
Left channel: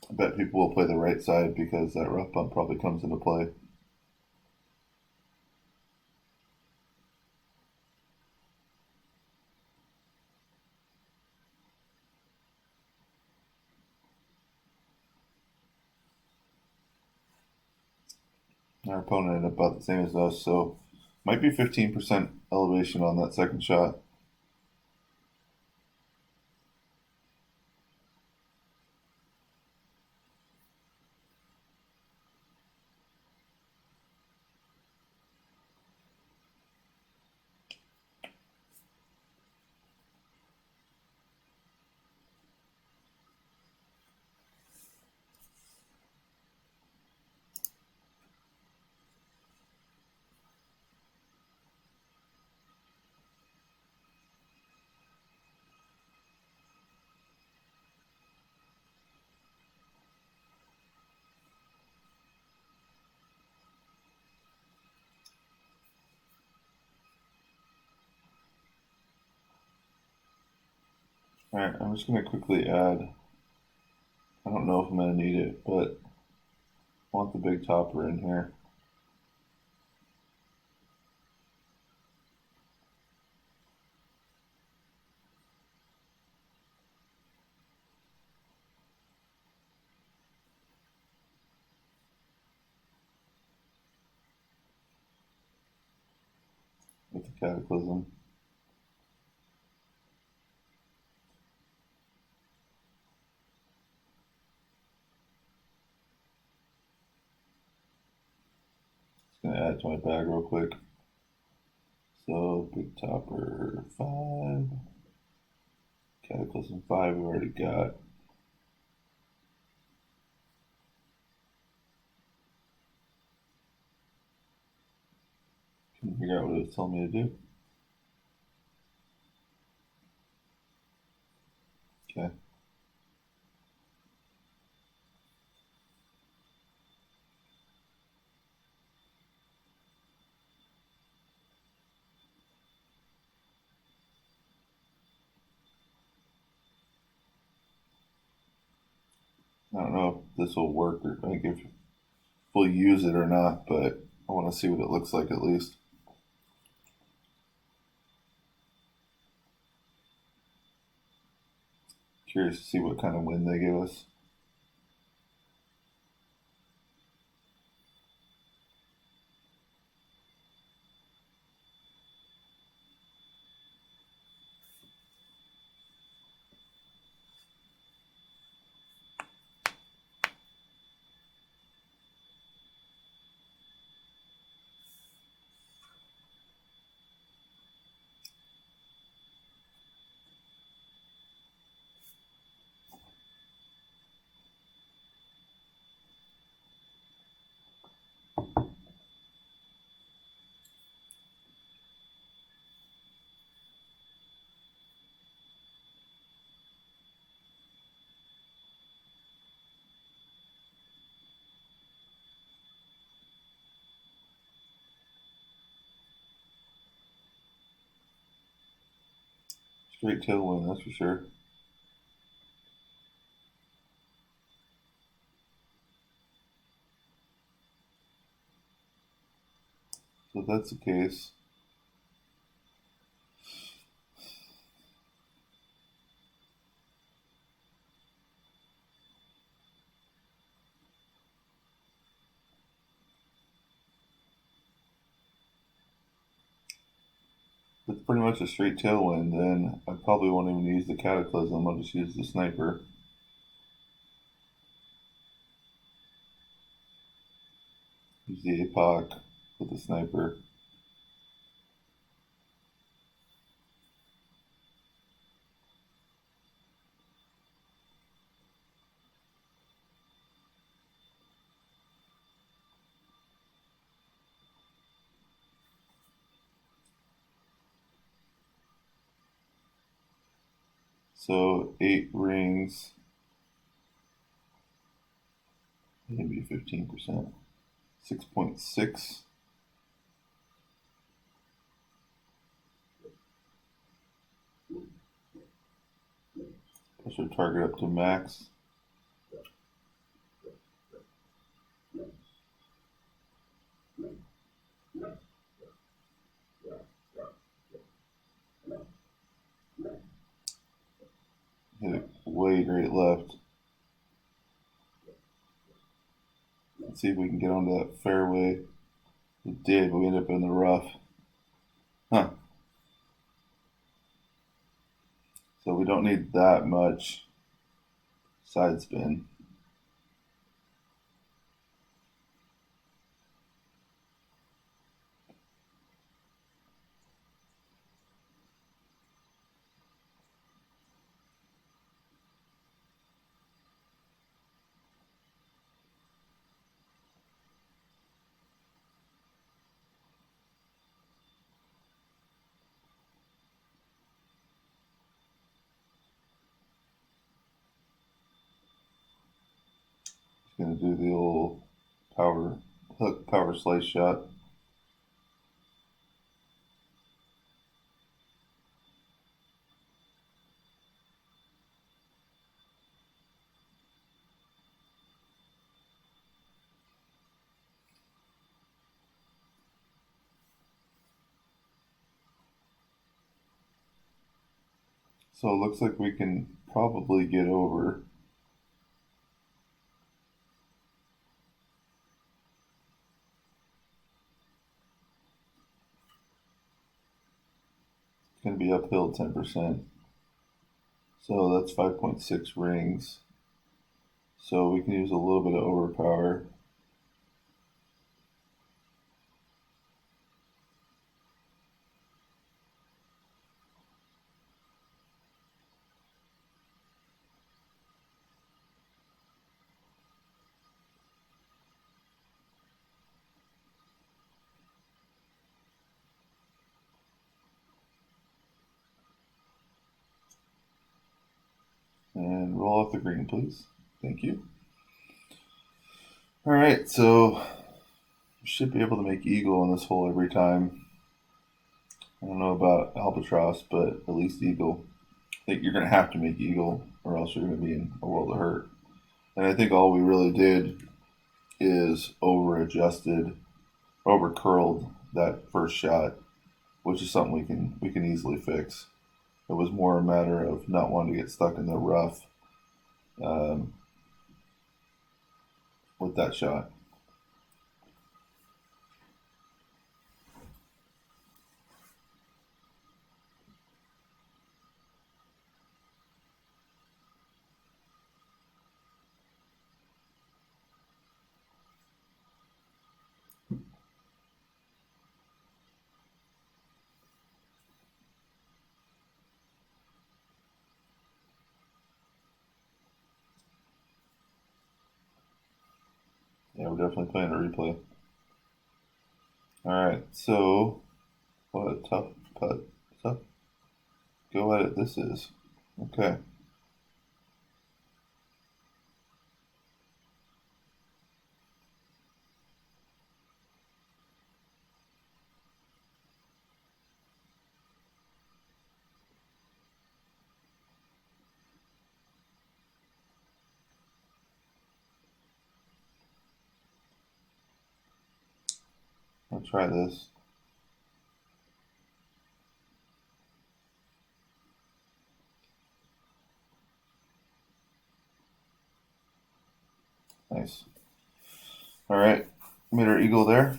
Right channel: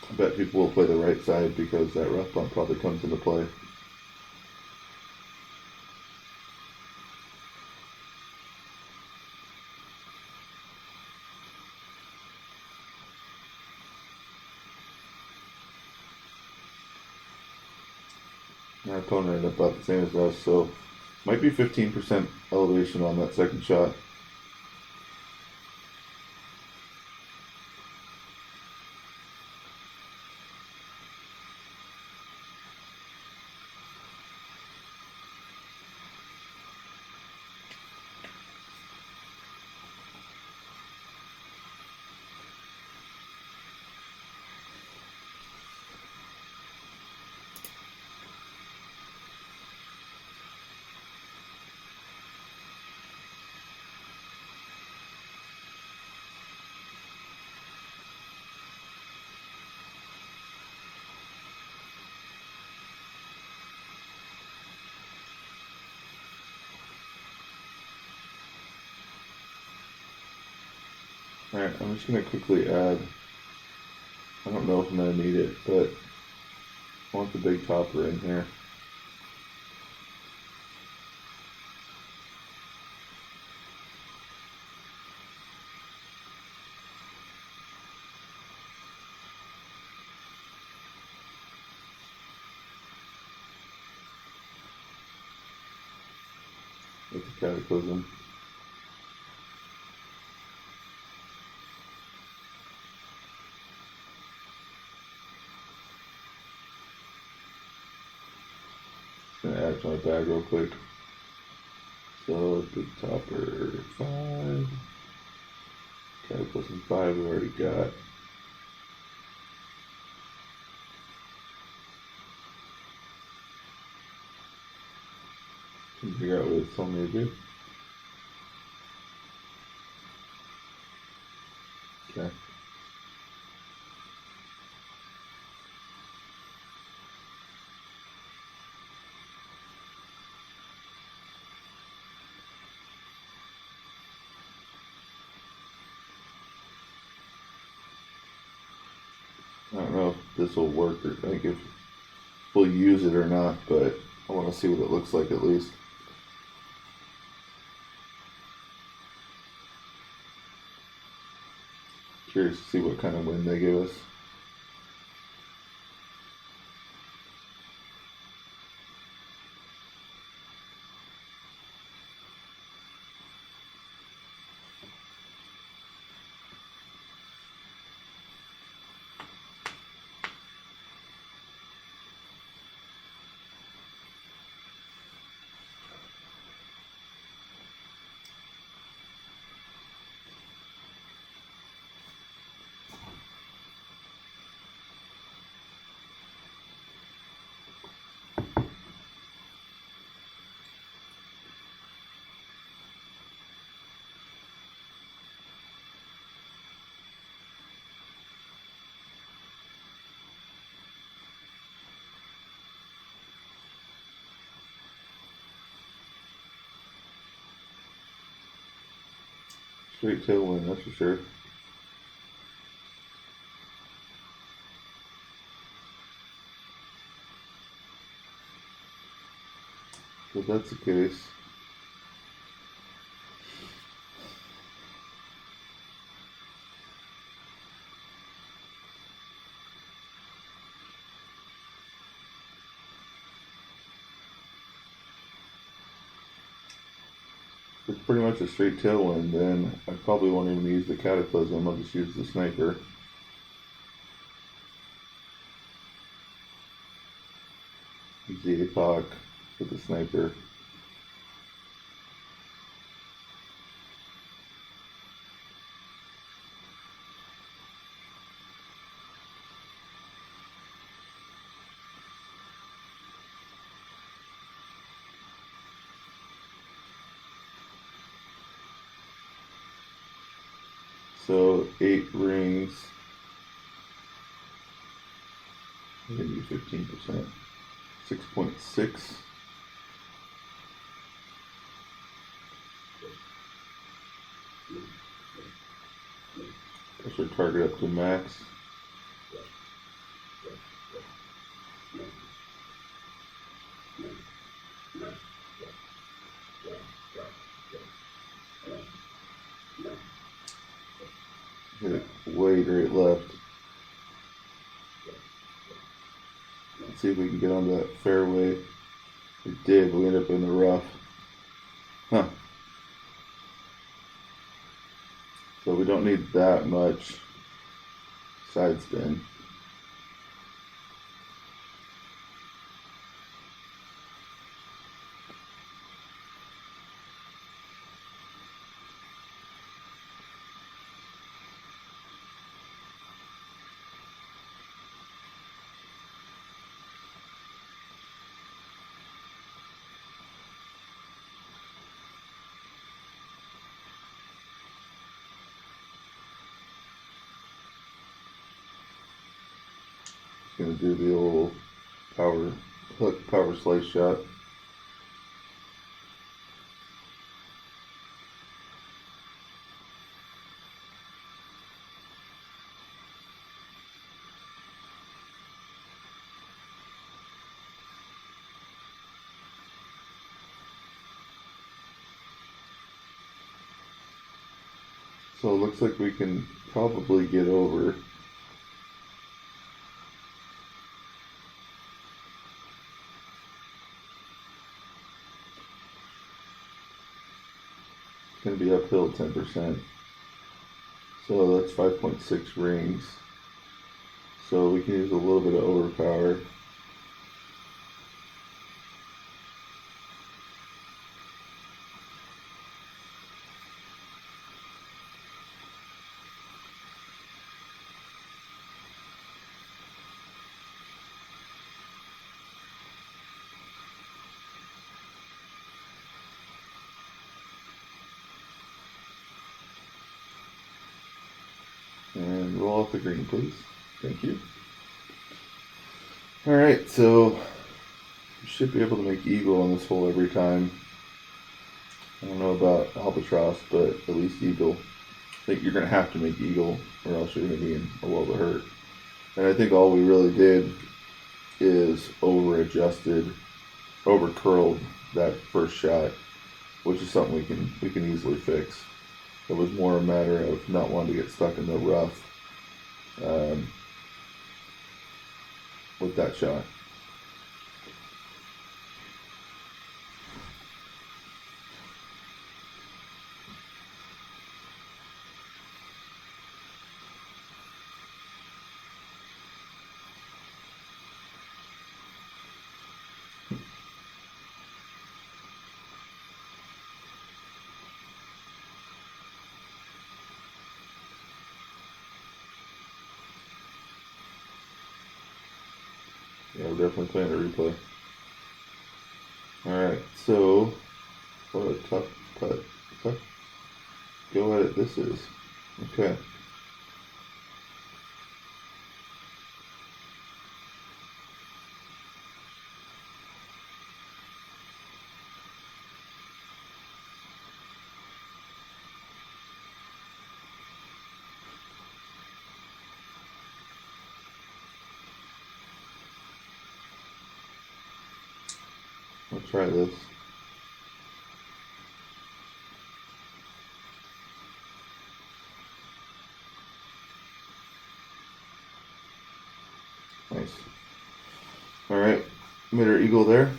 I bet people will play the right side because that rough bump probably comes into play. Our opponent ended up about the same as us, so might be 15% elevation on that second shot. Alright, I'm just going to quickly add, I don't know if I'm going to need it, but I want the big topper in here. With the Cataclysm. Just gonna add to my bag real quick. So big topper 5. Cataclysm 5 we already got. Can figure out what it's telling me to do. Okay. I don't know if this will work or like if we'll use it or not, but I want to see what it looks like at least. Curious to see what kind of wind they give us. Straight tailwind, that's for sure. So if that's the case, it's pretty much a straight tailwind, then I probably won't even use the Cataclysm, I'll just use the sniper. Use the APOC with the sniper. So 8 rings, maybe 15%, 6.6. Push our target up to max. Hit it way great left. Let's see if we can get onto that fairway. We did, we ended up in the rough. Huh. So we don't need that much side spin. Gonna do the old power hook, power slice shot. So it looks like we can probably get over. It's going to be uphill 10%. So that's 5.6 rings. So we can use a little bit of overpower. And roll off the green, please. Thank you. Alright, so we should be able to make eagle in this hole every time. I don't know about albatross, but at least eagle. I think you're going to have to make eagle, or else you're going to be in a world of hurt. And I think all we really did is over-adjusted, over-curled that first shot, which is something we can easily fix. It was more a matter of not wanting to get stuck in the rough with that shot. Yeah, we're definitely playing a replay. Alright, so what a tough go at it this is. Okay. I'll try this. Nice. Alright, made our eagle there.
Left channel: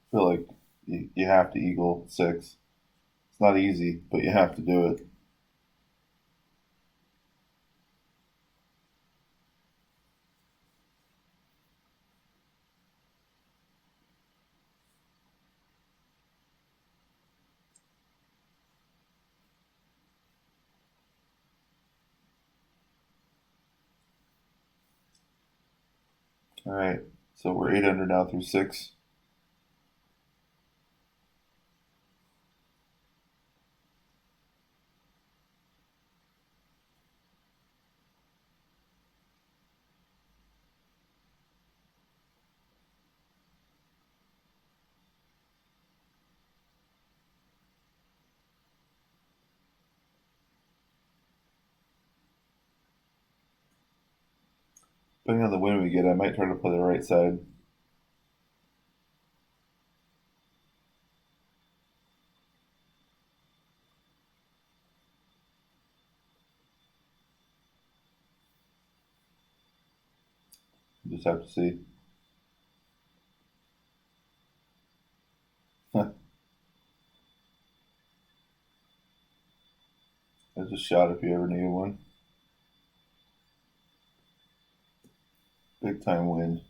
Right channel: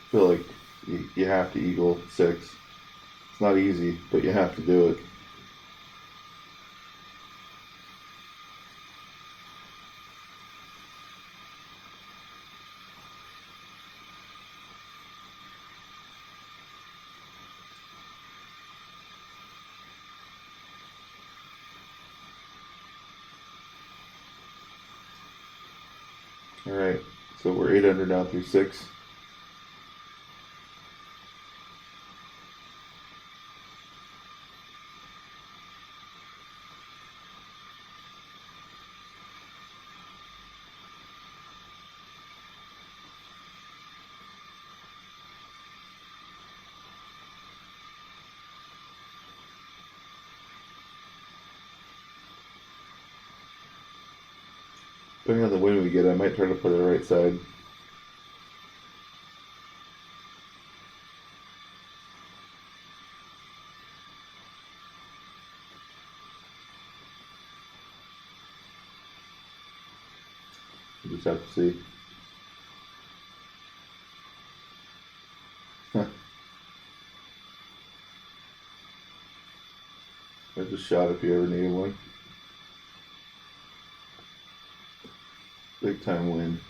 I feel like you have to eagle 6. It's not easy, but you have to do it. Alright, so we're 8 under now through 6. Depending on the wind we get, I might try to play the right side. You just have to see. There's a shot if you ever need one. Big time win.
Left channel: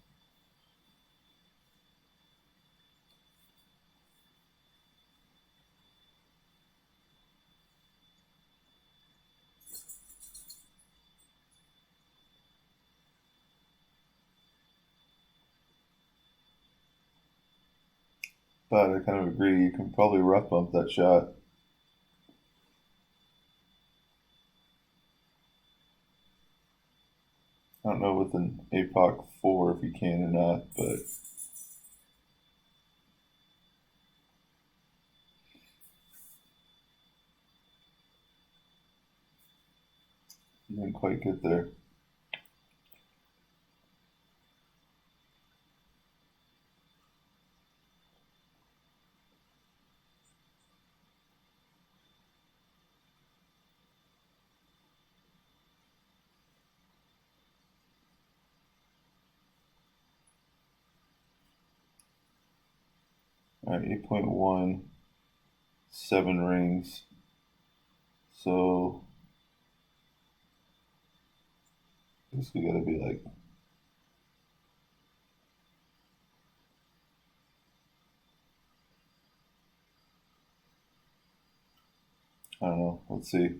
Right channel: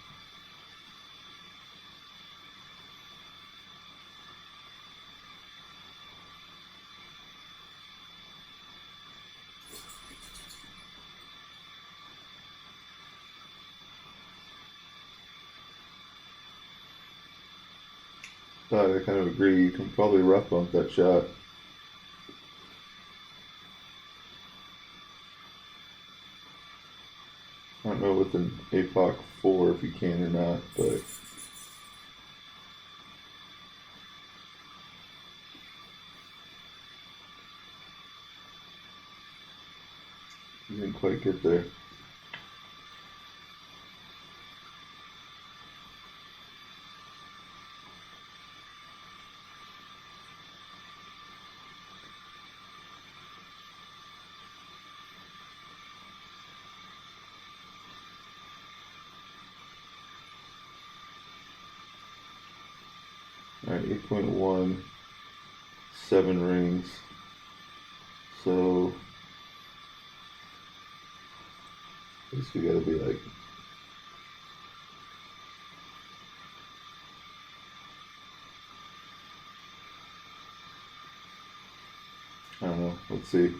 But I kind of agree, you can probably rough bump that shot. I don't know with an APOC 4 if you can or not, but you didn't quite get there. Alright, 8.1, 7 rings. So this we gotta be like, I don't know, let's see.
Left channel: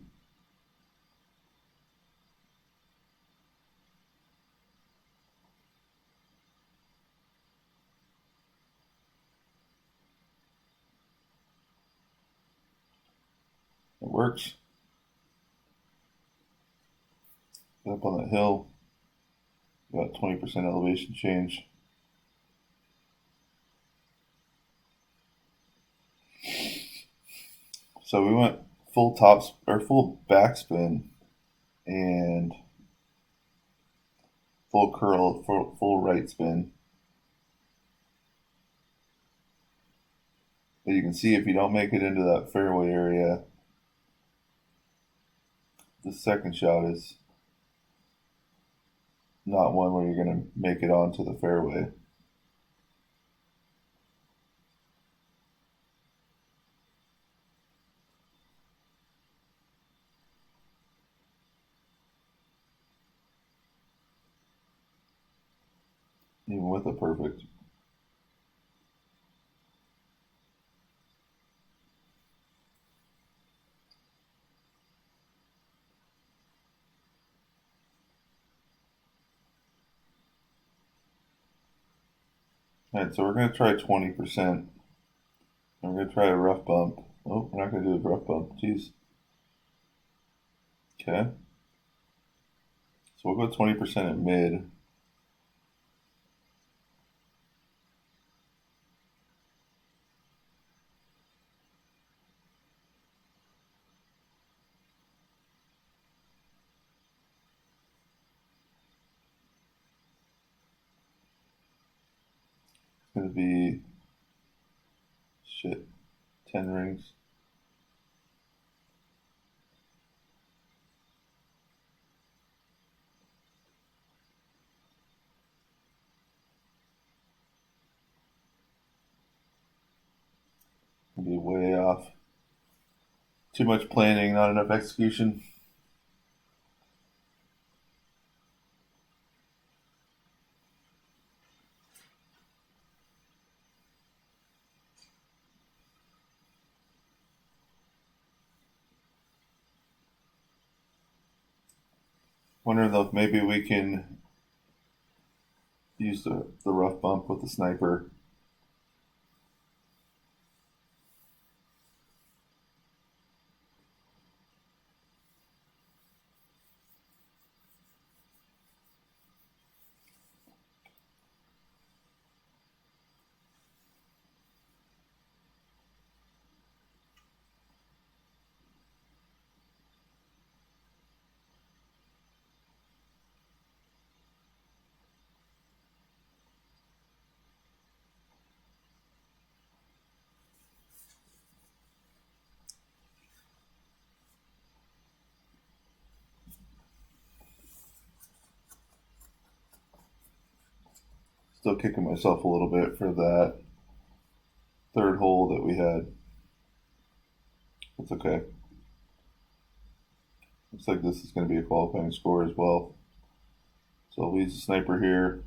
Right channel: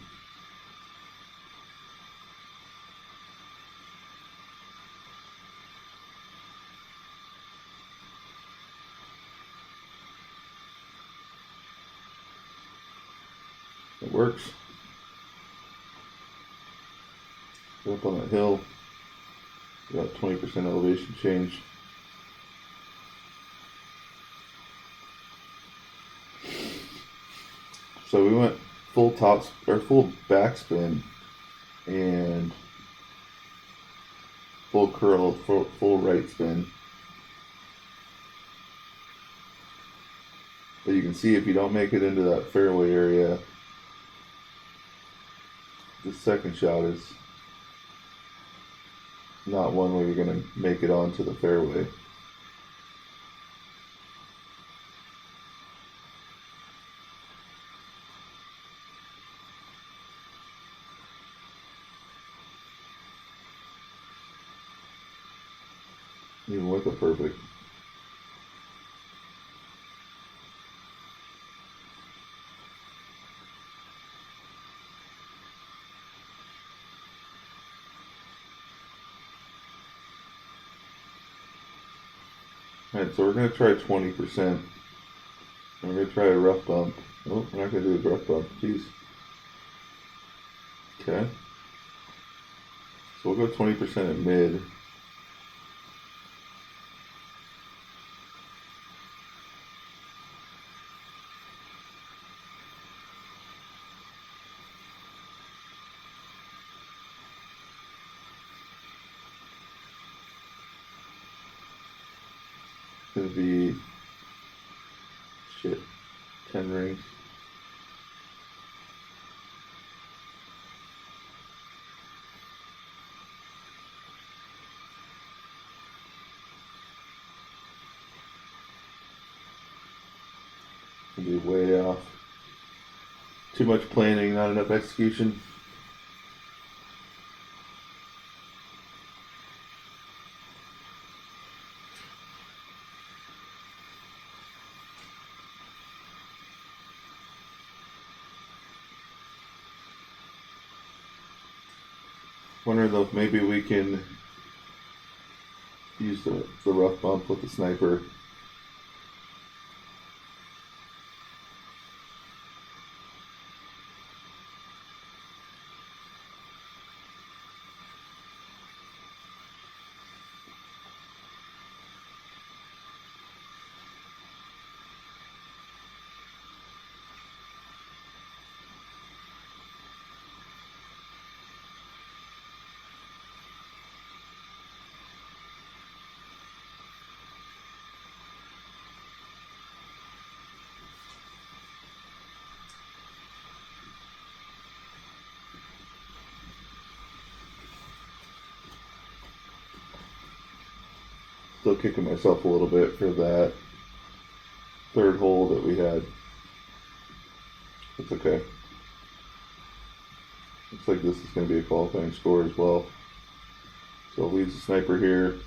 It works. Go up on that hill, about 20% elevation change. So we went full tops or full backspin and full curl, full right spin. But you can see if you don't make it into that fairway area, the second shot is not one where you're going to make it onto the fairway. Even with a perfect. Alright, so we're going to try 20%. And we're going to try a rough bump. Oh, we're not going to do a rough bump. Jeez. Okay. So we'll go 20% at mid. Gonna be 10 rings. Gonna be way off. Too much planning, not enough execution. Wondering though if maybe we can use the rough bump with the sniper. Still kicking myself a little bit for that third hole that we had. It's okay. Looks like this is going to be a qualifying score as well. So leads the sniper here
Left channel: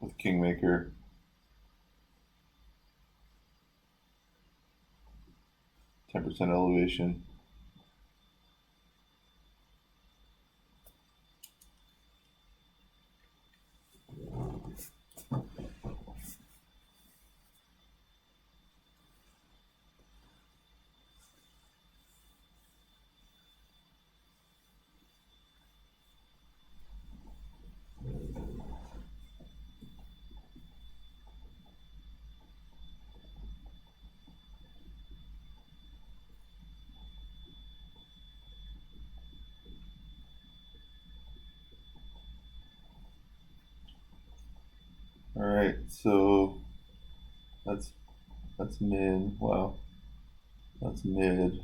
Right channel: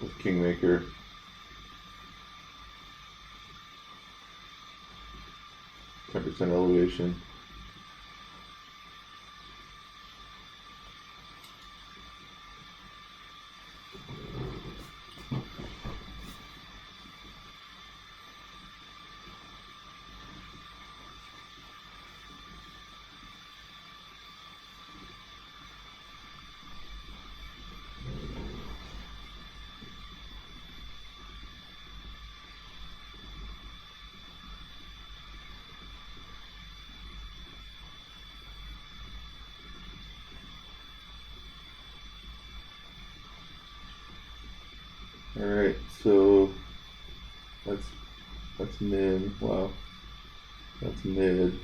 with Kingmaker. %, elevation. All right, so that's mid. Wow, that's mid.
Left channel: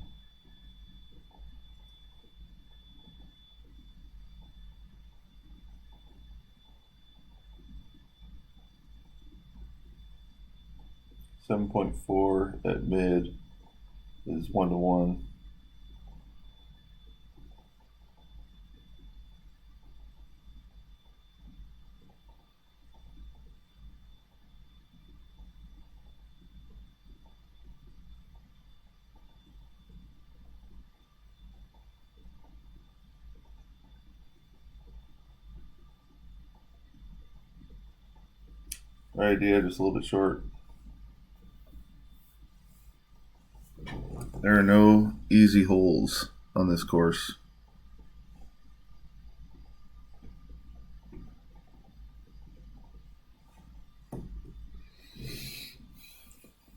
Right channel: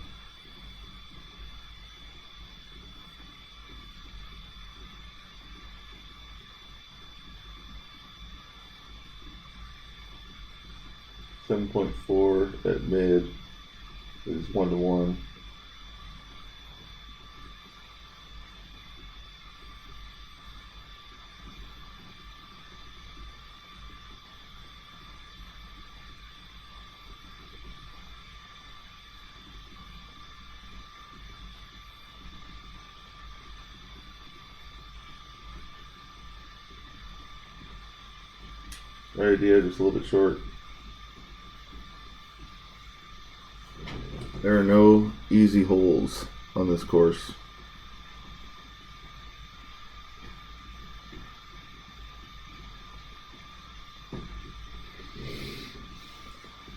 7.4 at mid is 1-to-1. Right idea, just a little bit short. There are no easy holes on this course.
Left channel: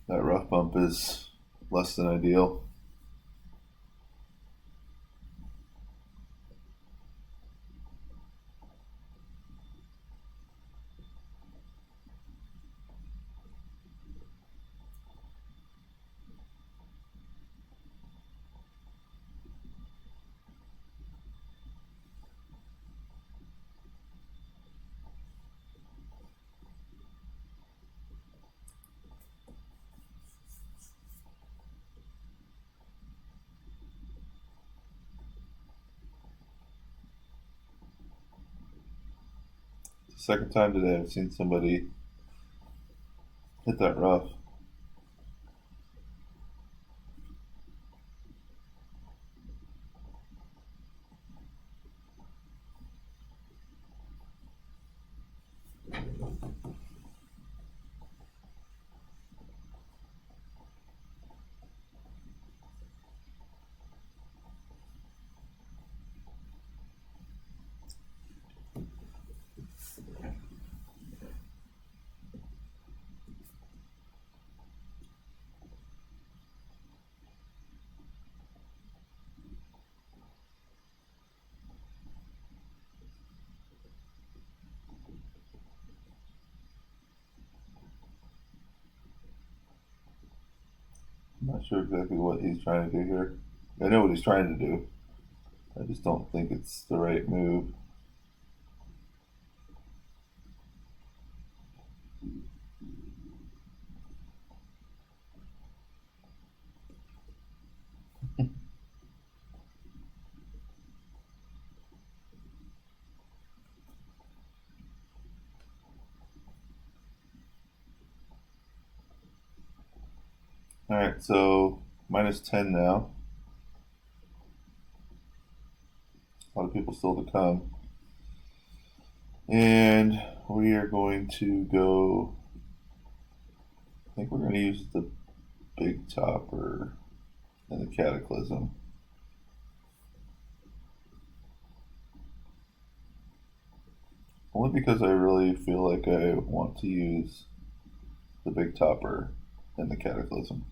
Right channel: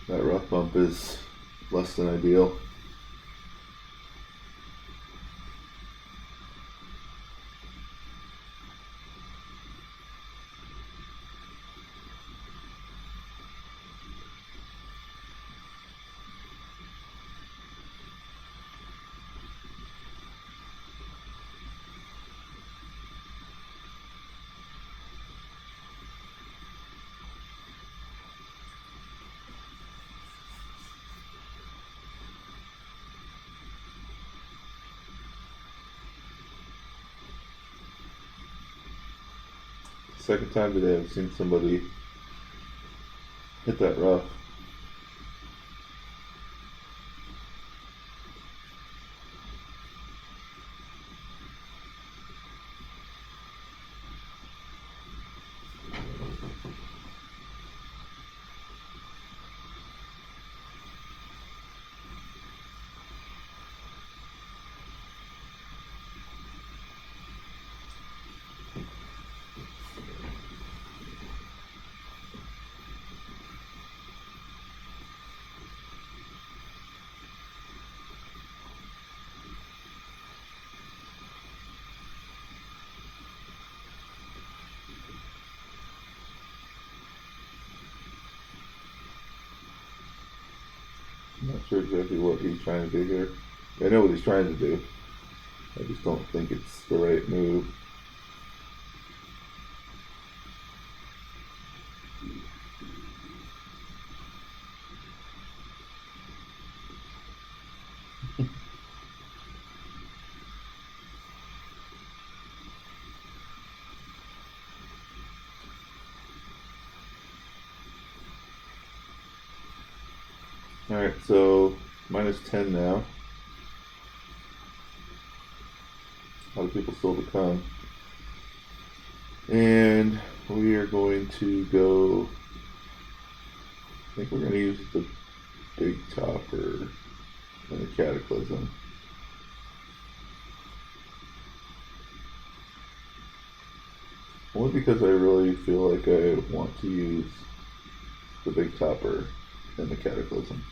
That rough bump is less than ideal. Second time today I've seen somebody hit that rough. I'm not sure exactly what he's trying to do here. I know what he's trying to do. I just don't think it's the right move. Alright, so -10 now. A lot of people still to come. And we are going to go. I think we're going to use the big topper and the cataclysm. Only because I really feel like I want to use the big topper and the cataclysm.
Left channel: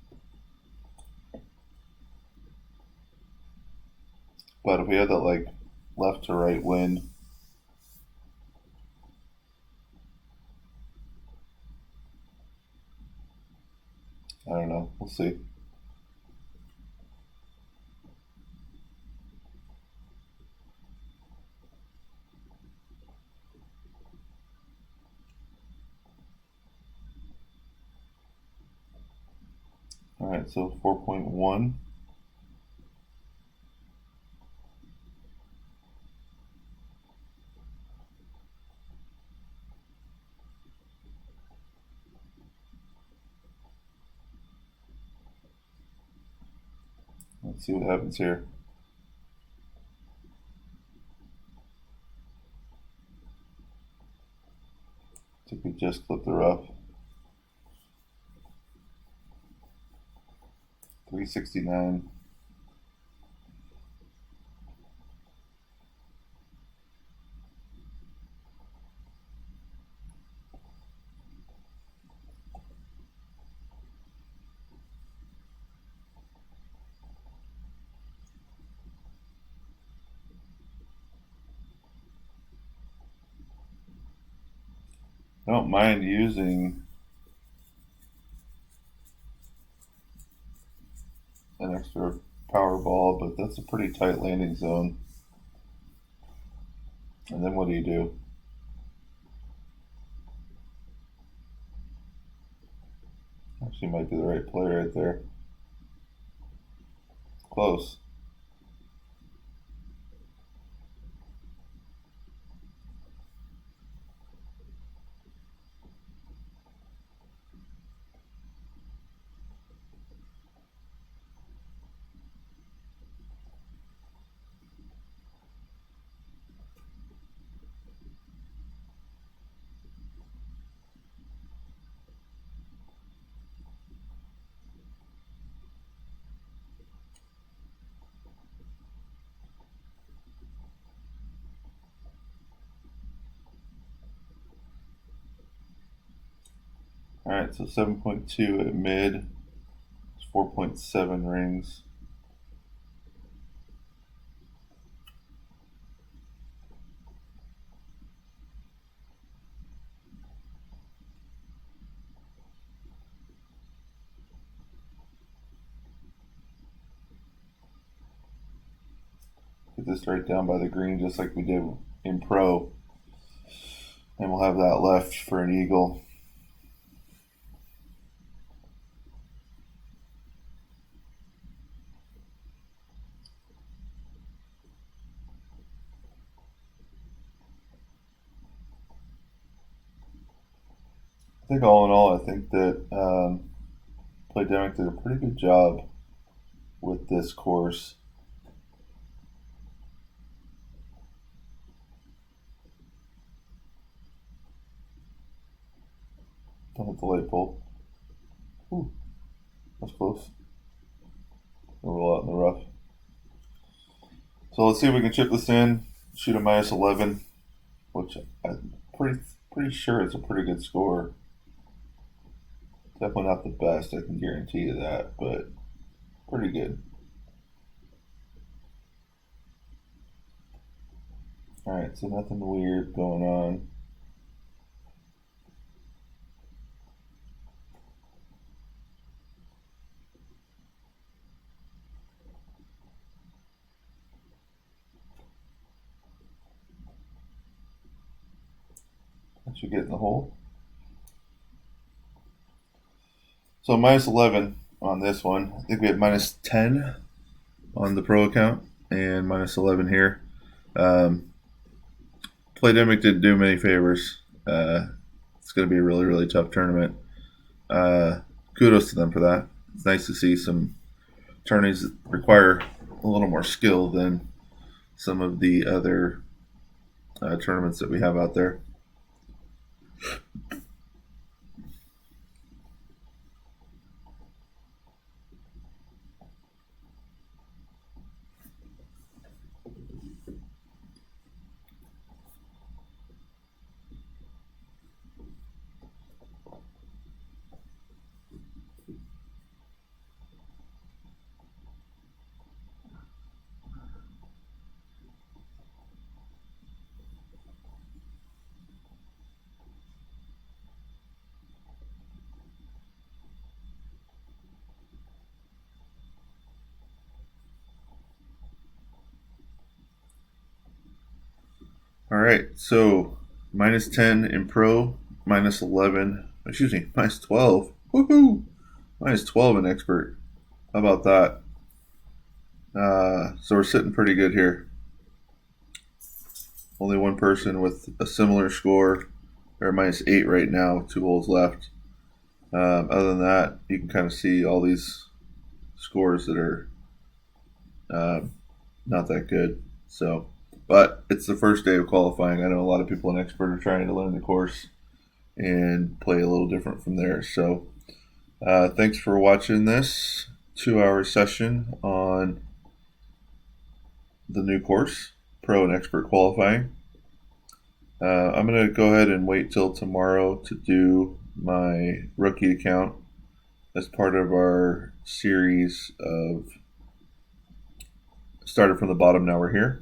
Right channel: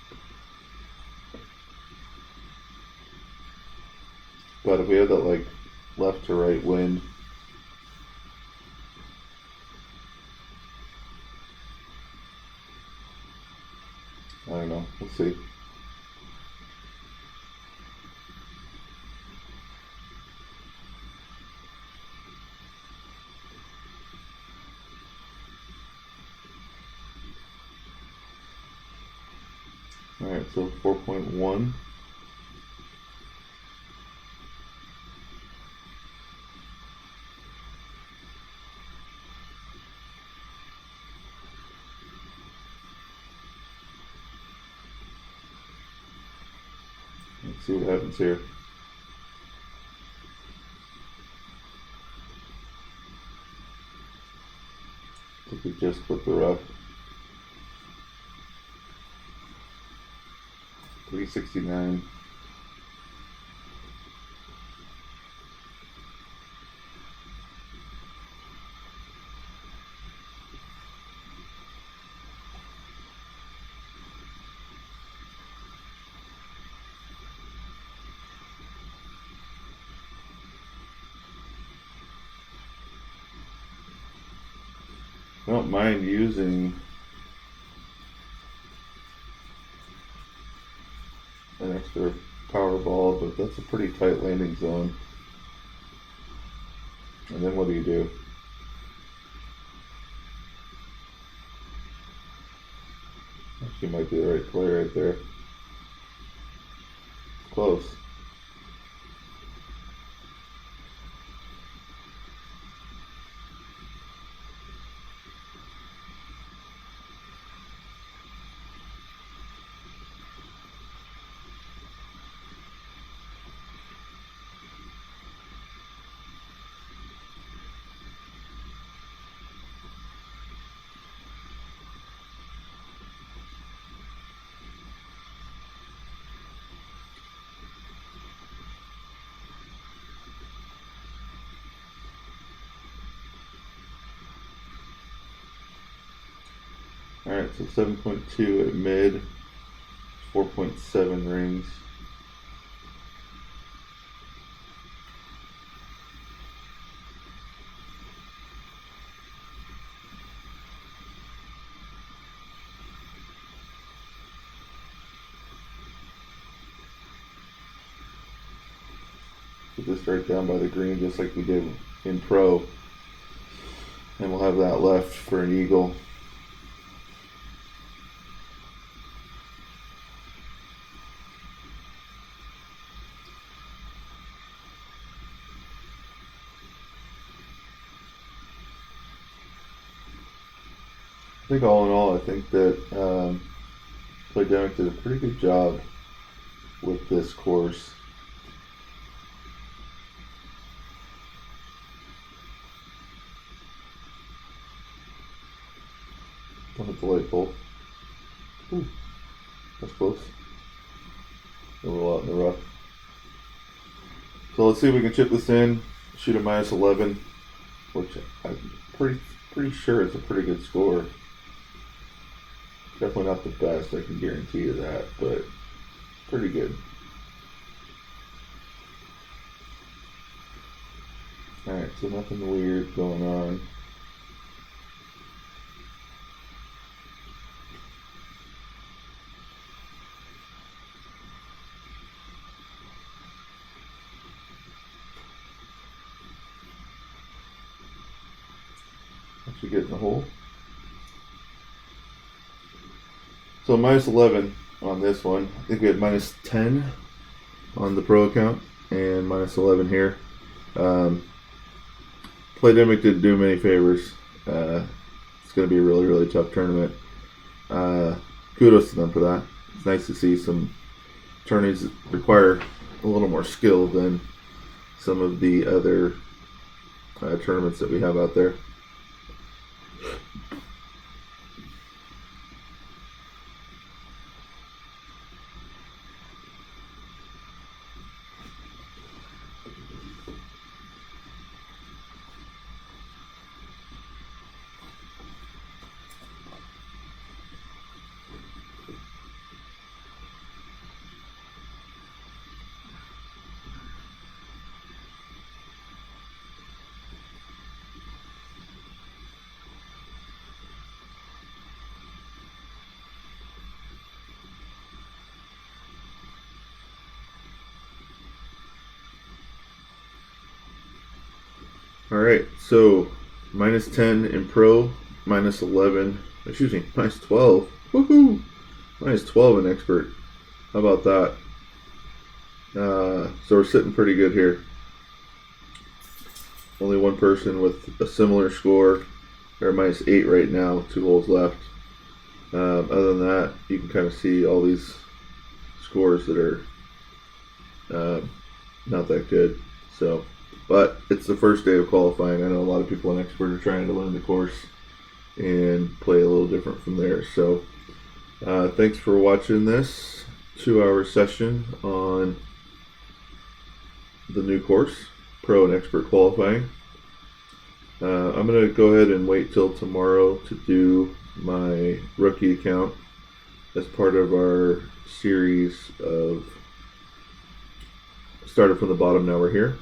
But if we had that like left to right wind, I don't know. We'll see. Alright, so 4.1. Let's see what happens here. I think we just clipped the rough. 369. I don't mind using an extra power ball, but that's a pretty tight landing zone. And then what do you do? She might be the right player right there. Close. Alright, so 7.2 at mid, 4.7 rings. Put this right down by the green just like we did in pro. And we'll have that left for an eagle. I think all in all, I think that Playdemic did a pretty good job with this course. Don't hit the light pole. Ooh, that's close. A little out in the rough. So let's see if we can chip this in. Shoot a -11, which I'm pretty sure is a pretty good score. Definitely not the best, I can guarantee you that, but pretty good. Alright, so nothing weird going on. Once you get in the hole. So -11 on this one. I think we had -10 on the pro account and -11 here. Playdemic didn't do many favors. It's going to be a really, really tough tournament. Kudos to them for that. It's nice to see some tourneys that require a little more skill than some of the other tournaments that we have out there. All right, so -10 in pro, -11, excuse me, -12. Woohoo! -12 in expert. How about that? So we're sitting pretty good here. Only one person with a similar score. They're -8 right now, 2 holes left. Other than that, you can kind of see all these scores that are not that good. So, but it's the first day of qualifying. I know a lot of people in expert are trying to learn the course and play a little different from there. So, thanks for watching this 2-hour session on the new course, pro and expert qualifying. I'm going to go ahead and wait till tomorrow to do my rookie account as part of our series of started from the bottom, now we're here,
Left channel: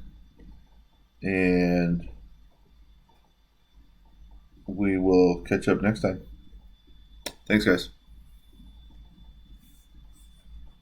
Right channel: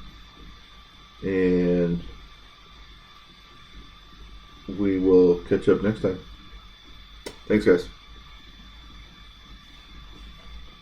and we will catch up next time. Thanks, guys.